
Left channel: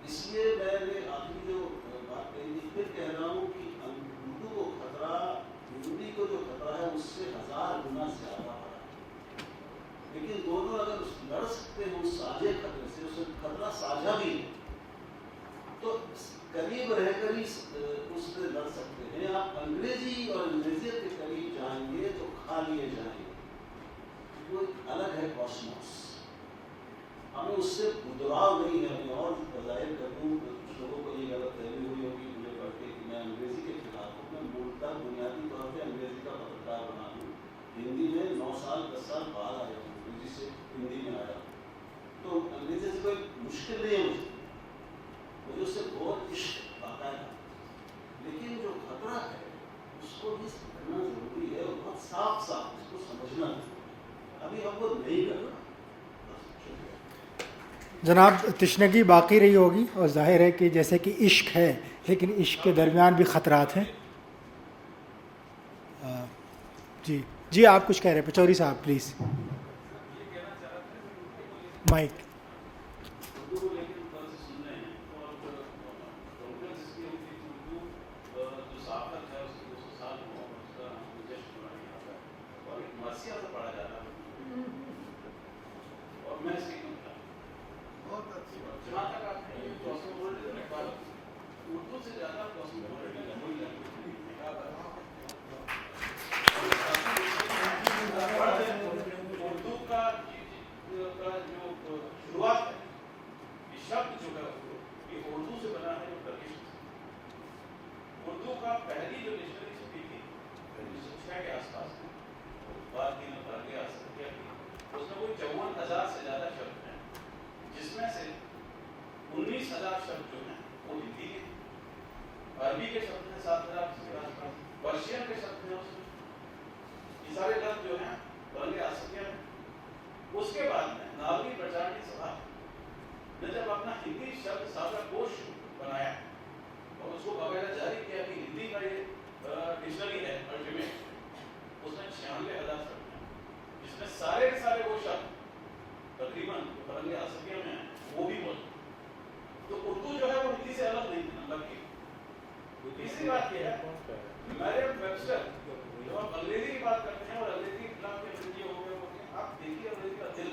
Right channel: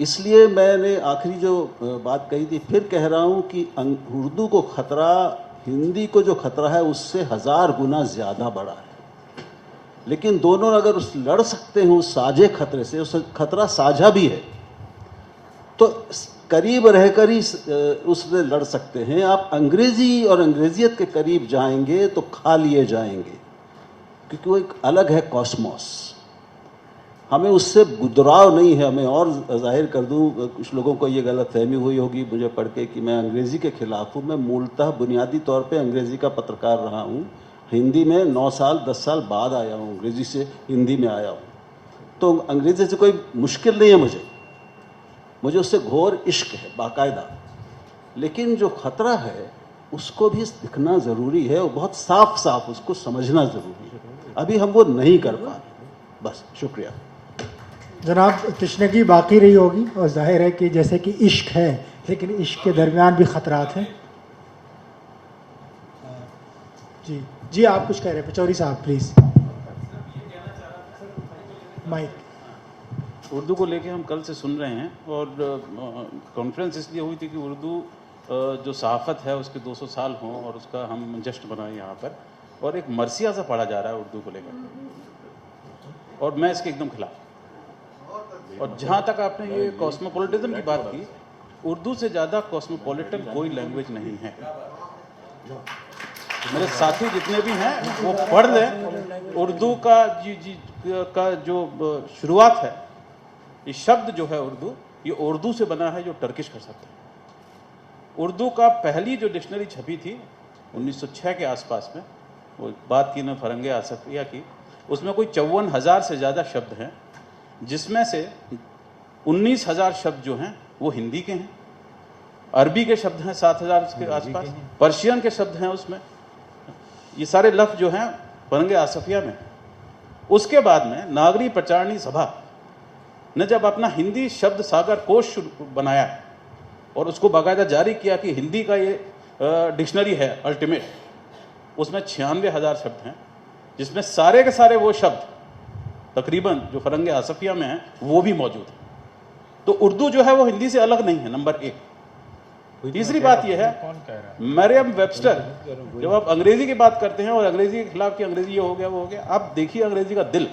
इसलिए मैंने आखिरी जो बात कही थी फिर कह रहा हूँ कि उर्दू को ख़तरा, हिंदी को जो ख़तरा है उससे 1000 गुना ज़्यादा बड़ा है। लेकिन दोनों अगर लड़ सकते हैं उस साझे खतरे से, उस खतरा साझा भी है, तो करीब रहकर ही उससे लड़ सकते हैं। आप अंग्रेज़ी और अंग्रेज़ियत के करीब जाएंगे तो खा लिए जाएंगे, क्योंकि वो एक अलग है कॉस्मोस। हमें उससे बुदराव नहीं है। मैं और जाहिर कर दूं, कुछ लोगों को ये गलतफहमी हुई होगी मुझे पढ़ के कि मैं अंग्रेज़ी के ख़िलाफ़ हूँ। मैं मूलतः बुनियादी तौर पे अंग्रेज़ी का पत्रकार रहा हूँ। हिंदी में 9 साल 10 साल बाद आया हूँ, अंग्रेज़ी से हिंदी में आया हूँ। तो अंग्रेज़ी से कोई मुश्किल नहीं है मुझे उससे घोर इश्क है बाकायदा। लेकिन जो ख़तरा है उसको भी दिखना ज़रूरी है और बहुत साफ साफ उसको समझना ज़रूरी है। अभी हम वो नहीं कर पा रहे। बस, शुक्रिया जनाब। तशनगी बाकी रही होगी और जाहिर है कि जैसे कि इश्क है, लेकिन इश्क के दरमियान भी ख़तरात हैं। जी आप कुछ कह रहे हैं पचौरी साहब, प्लीज़ माइक। उर्दू को लेके हम कल से सुन रहे हैं और कॉन्फ्रेंस इसलिए हुई थी कि उर्दू जो सहाफ़त है उसके 200 साल हों और उसका हम जश्न बनाएं यहाँ पर। और एक मरसिया सा पढ़ा जा रहा है उर्दू को लेकर और मैं इसके एकदम खिलाफ। और जहाँ तक आपने ये कॉस्मोपॉलिटिज्म की बात की, उर्दू से ज़्यादा कॉस्मोपॉलिटन कोई लैंग्वेज नहीं है। मेरे साथी जितने भी हैं वो पढ़ लें। उर्दू का जो शुरुआत है, ये शब्द जो है उर्दू, ये उर्दू से बना है जो टर्किश का शब्द है। उर्दू का पहली जो डिक्शनरी छपी थी 1906 के आसपास में, वो बात की ना फरंगे आसफिया की, उसमें कोई 54,000 से ज़्यादा शब्द हैं, जिसमें से 19,000 शब्द जो हैं वो हिंदी के हैं, अरबी के शब्द हैं 7,000 के आसपास, पर्शियन के शब्द हैं उसमें। ये सारे लफ्ज़ जो हैं फरंगे आसफिया में। उसके बाद में नागरी प्रचारणी सभा ने जब अपना हिंदी शब्द सागर कोश बनाया और उसको बाकायदा जारी किया कि हिंदी का ये डिक्शनरी है अल्टीमेट, उसमें 96,000 शब्द हैं, जिसमें सारे के सारे वो शब्द तकरीबन जो फरंगे आसफिया में हैं वो भी मौजूद हैं। तो उर्दू जो है वो हिंदी से अलग नहीं है, नंबर 1। तीसरी बात यह है, मरियम वेबस्टर, जब आप अंग्रेजी की बात करते हैं और अंग्रेजी के खिलाफ कि अंग्रेजी ये हो गया वो हो गया, आप देखिए अंग्रेजी का दिल।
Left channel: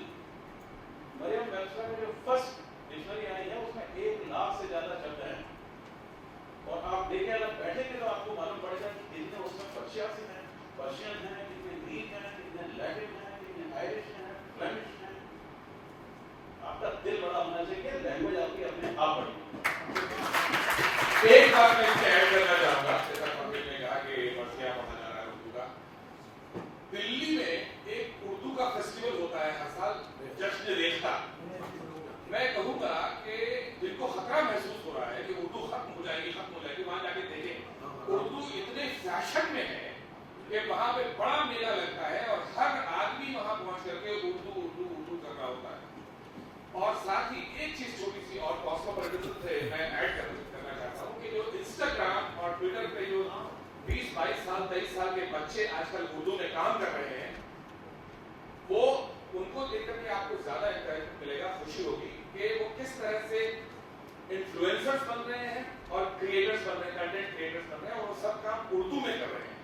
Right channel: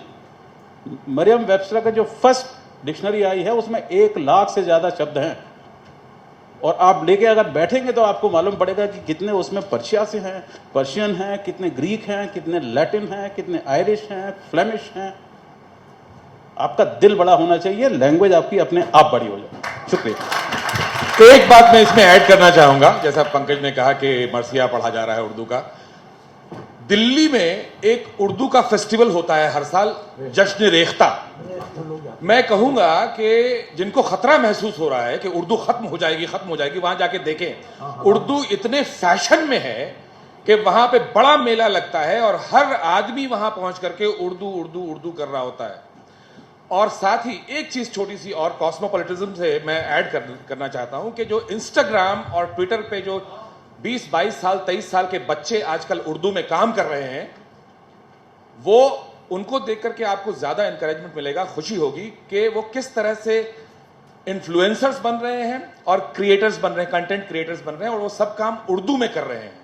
मरियम वेबस्टर का जो फर्स्ट डिक्शनरी आई है उसमें 1 लाख से ज़्यादा शब्द हैं और आप लेके अगर बैठेंगे तो आपको मालूम पड़ेगा कि कितने उसमें पर्शिया से हैं, पर्शियन हैं, कितने ग्रीक हैं, कितने लैटिन हैं, कितने आयरिश हैं, फ्लेमिश हैं। आपका दिल बड़ा होना चाहिए, लैंग्वेज आपकी अपने आप बड़ी हो जाए। शुक्रिया। तो एक बात मैं इसमें ऐड करना चाहूंगा, जैसा पंकज ने कहा कि मरसिया पढ़ा जा रहा है उर्दू का। दिल्ली में एक उर्दू का फेस्टिवल होता है हर साल, जश्न रेख्ता। मैं कहूंगा कि जिनको खतरा महसूस हो रहा है कि उर्दू खत्म हो जाएगी, वहां जाके देखें। उर्दू इतने फैशन में है कि वहां पे बड़ा मेला लगता है और हर आदमी वहां पहुंच करके उर्दू उर्दू उर्दू कर रहा होता है। और साथ ही एक चीज छोटी सी और कॉस्मोपॉलिटिज्म से मैं ऐड करना चाहता हूं कि जो इंस्टाग्राम और ट्विटर पे जो 20-22 साल 23 साल के बच्चे आजकल उर्दू में काम कर रहे हैं, वो उनको देख करके आपको ज्यादा इंकरेजमेंट मिलेगा, खुशी होगी कि वो किस तरह से इन्फ्लुएंसर्स बन रहे हैं और क्रिएटर्स बन रहे हैं, कंटेंट क्रिएटर्स बन रहे हैं और वो सब काम उर्दू में कर रहे हैं।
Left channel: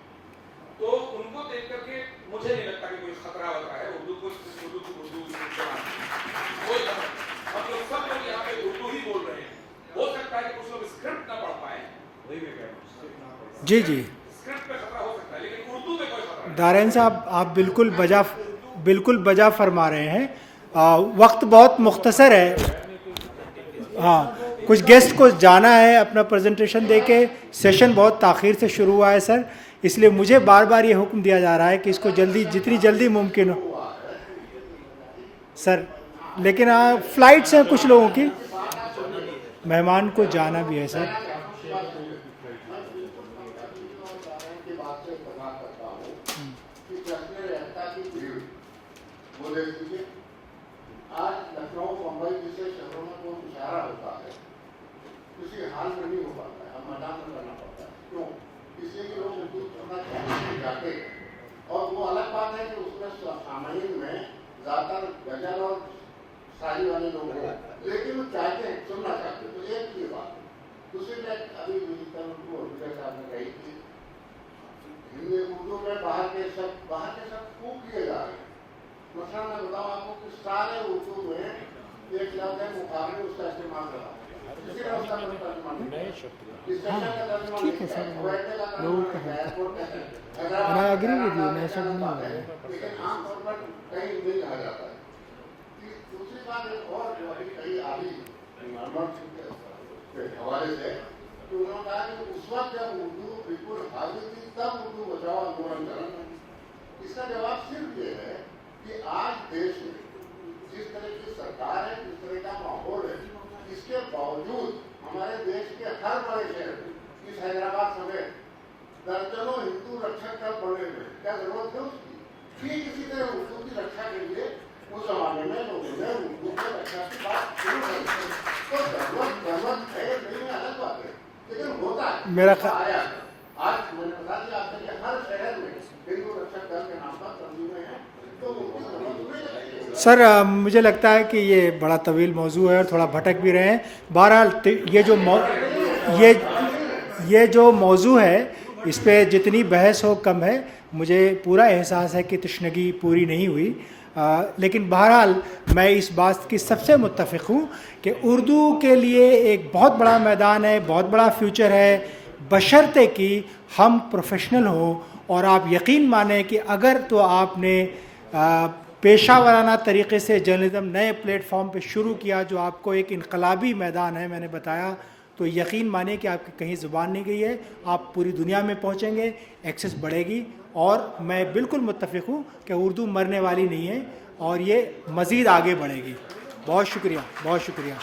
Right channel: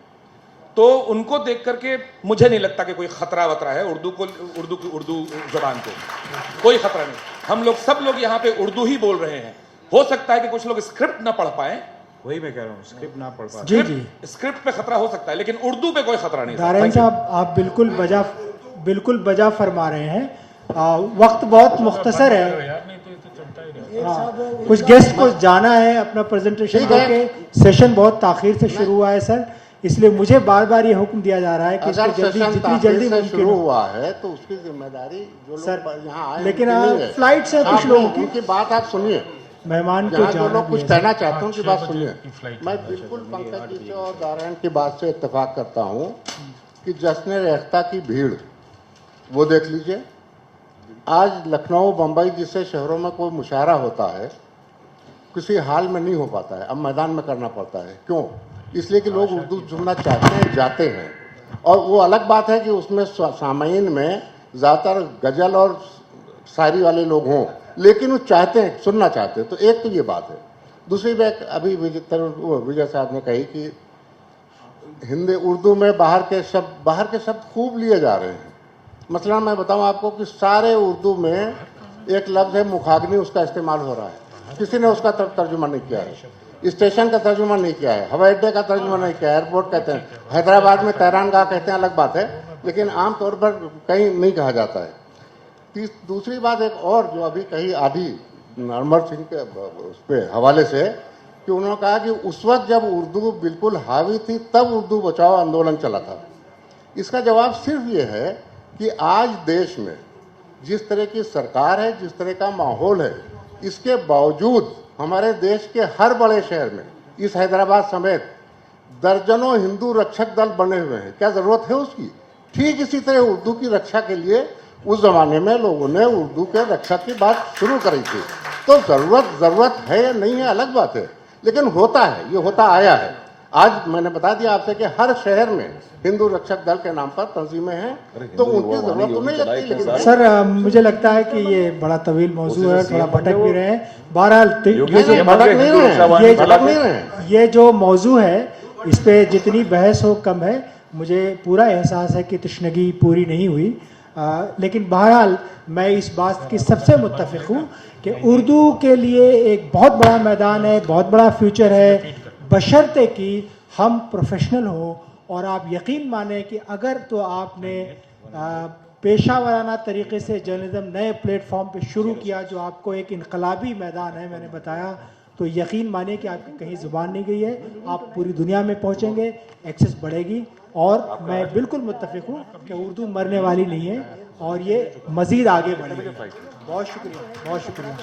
तो उनको देख करके मुझे नहीं लगता कि कोई खतरा वतरा है उर्दू जुबान को, कोई खतरा नहीं। हम लोग सब लोग यहाँ पे उर्दू ही बोल रहे हैं। हो सकता है कि कुछ लोग स्क्रिप्ट ना पढ़ पाए, वही मैं कह रहा हूँ, स्क्रिप्ट ना पढ़ पाते। जी जी स्क्रिप्ट पे खतरा हो सकता है, लेकिन उर्दू पे कोई खतरा नहीं। दारैन साहब, आप बिल्कुल बजा फरमा रहे हैं। वक्त बहुत मुख्तसर है। हाँ, कुछ गेस्ट को जाना है अपना प्रेजेंटेशन देके। सेशन बहुत ताखीर से शुरू हुआ है सर, इसलिए मुझे बार बार ये हुक्म दिया जा रहा है कि इसको जितनी जल्दी मुमकिन हो हुआ है तो उसकी जिम्मेदारी जो सर, लोग यहाँ आए लेकिन उनकी नहीं है। फ्लाइट से कुछ लोगों की उनकी बात आप सुनिए, मेहमान को यहाँ जो जाना लोग भी कुछ है कहना सर। चाहते हैं उनकी बात सुनिए। मैं बिल्कुल पंकज जी से और नारायण की बात से इत्तेफाक करता हूँ कि जश्न-ए-रेख्ता की भीड़ वो देख लीजिए। आज लखनऊ, बम्बई जैसे शहरों में कोई मुशायरा होता है, किसी हाल में नहीं हो पाता है, अब मैदान में करना पड़ता है। क्यों? इसलिए कि लोग उर्दू सुनना चाहते हैं, जाते हैं। और वो अलग बात है कि उसमें सामाईन में ज़्यादातर गज़ल और शायरी वाले लोग हों, लेकिन वो चाहते हैं, सुनना चाहते हैं। तो एक तो ये बात है। दूसरी बात, अभी विजय साहब ने कही कि हिंदी उर्दू में बाहर के शब्द खूब लिए जा रहे हैं। मसलन मैं बताऊं आपको कि सारे उर्दू में एक लफ्ज़ है मुखाग्नि, उसका इस्तेमाल हो रहा है। किसी ने उसका तर्जुमा नहीं किया है, स्टेशन का तर्जुमा नहीं किया है, हवाई अड्डे का तर्जुमा नहीं किया है, एयरपोर्ट कहते हैं, हैदराबाद में तहरानगाह कहते हैं, अलग बात है, लेकिन आम तौर पर कहीं नहीं कहा जाता है। दूसरी बात एक और जो अभी कही आधी नरमर सिंह के उस पर हवाले से, कि उन्होंने कहा कि उस वक्त जब उर्दू बिल्कुल हावी थी तब उर्दू बचाओ आंदोलन चला था। इसका जवाब सिर्फ ये है कि आज देश में जिस तरह की सरकार है, जिस तरह का माहौल है, इसके बावजूद हमारे देश के हर बड़े शहर में, इस हैदराबाद समेत दर्जनों हिंदू रक्षक दल बने हुए हैं। क्या ज़रूरत है उसकी? ठीक इसी तरह उर्दू की रक्षा के लिए उस ज़माने में लोगों ने उर्दू के रक्षा की बात शुरू करी थी। तो ज़रूरत है या नहीं है अलग बात है, लेकिन होता है, ये होता आया है। आज मैंने बता दिया आपसे कि हर शहर में हिंदू रक्षक दल के नाम पर तंजीमें हैं, तो उनकी ज़रूरत तो नहीं लगती। लेकिन सर, मुझे लगता है कि ये बड़ा तवील मौजू है, थोड़ा भटक भी रहे हैं। बहरहाल ये जो मौजू है, इस पे जितनी बहस हो कम है। मुझे पूरा एहसास है कि तशनगी पूरी नहीं हुई, लेकिन बहरहाल मैं इस बात की सबसे मुत्तफिक हूँ कि उर्दू के लिए एक बहुत बड़ा मैदान है, बहुत बड़ा फ्यूचर है, बशर्ते कि हम प्रोफेशनल हो। और आप यकीन माने कि अगर तो आपने पेशा वाराना तरीके से जर्नलिज्म नए प्लेटफॉर्म पे शुरू किया, जो आपको एक इनकलाबी मैदान है, मैंने बताया, तो यकीन माने कि आपकी कहीं ज़ुबान नहीं गई है, आप पूरी दुनिया में पहुंचेंगे, एक्सेस बढ़ेगी। और मैं बिल्कुल मुत्तफिक हूँ कि उर्दू मरने वाली नहीं है और ये मज़ीद आगे बढ़ेगी। बहुत शुक्रिया, बहुत शुक्रिया।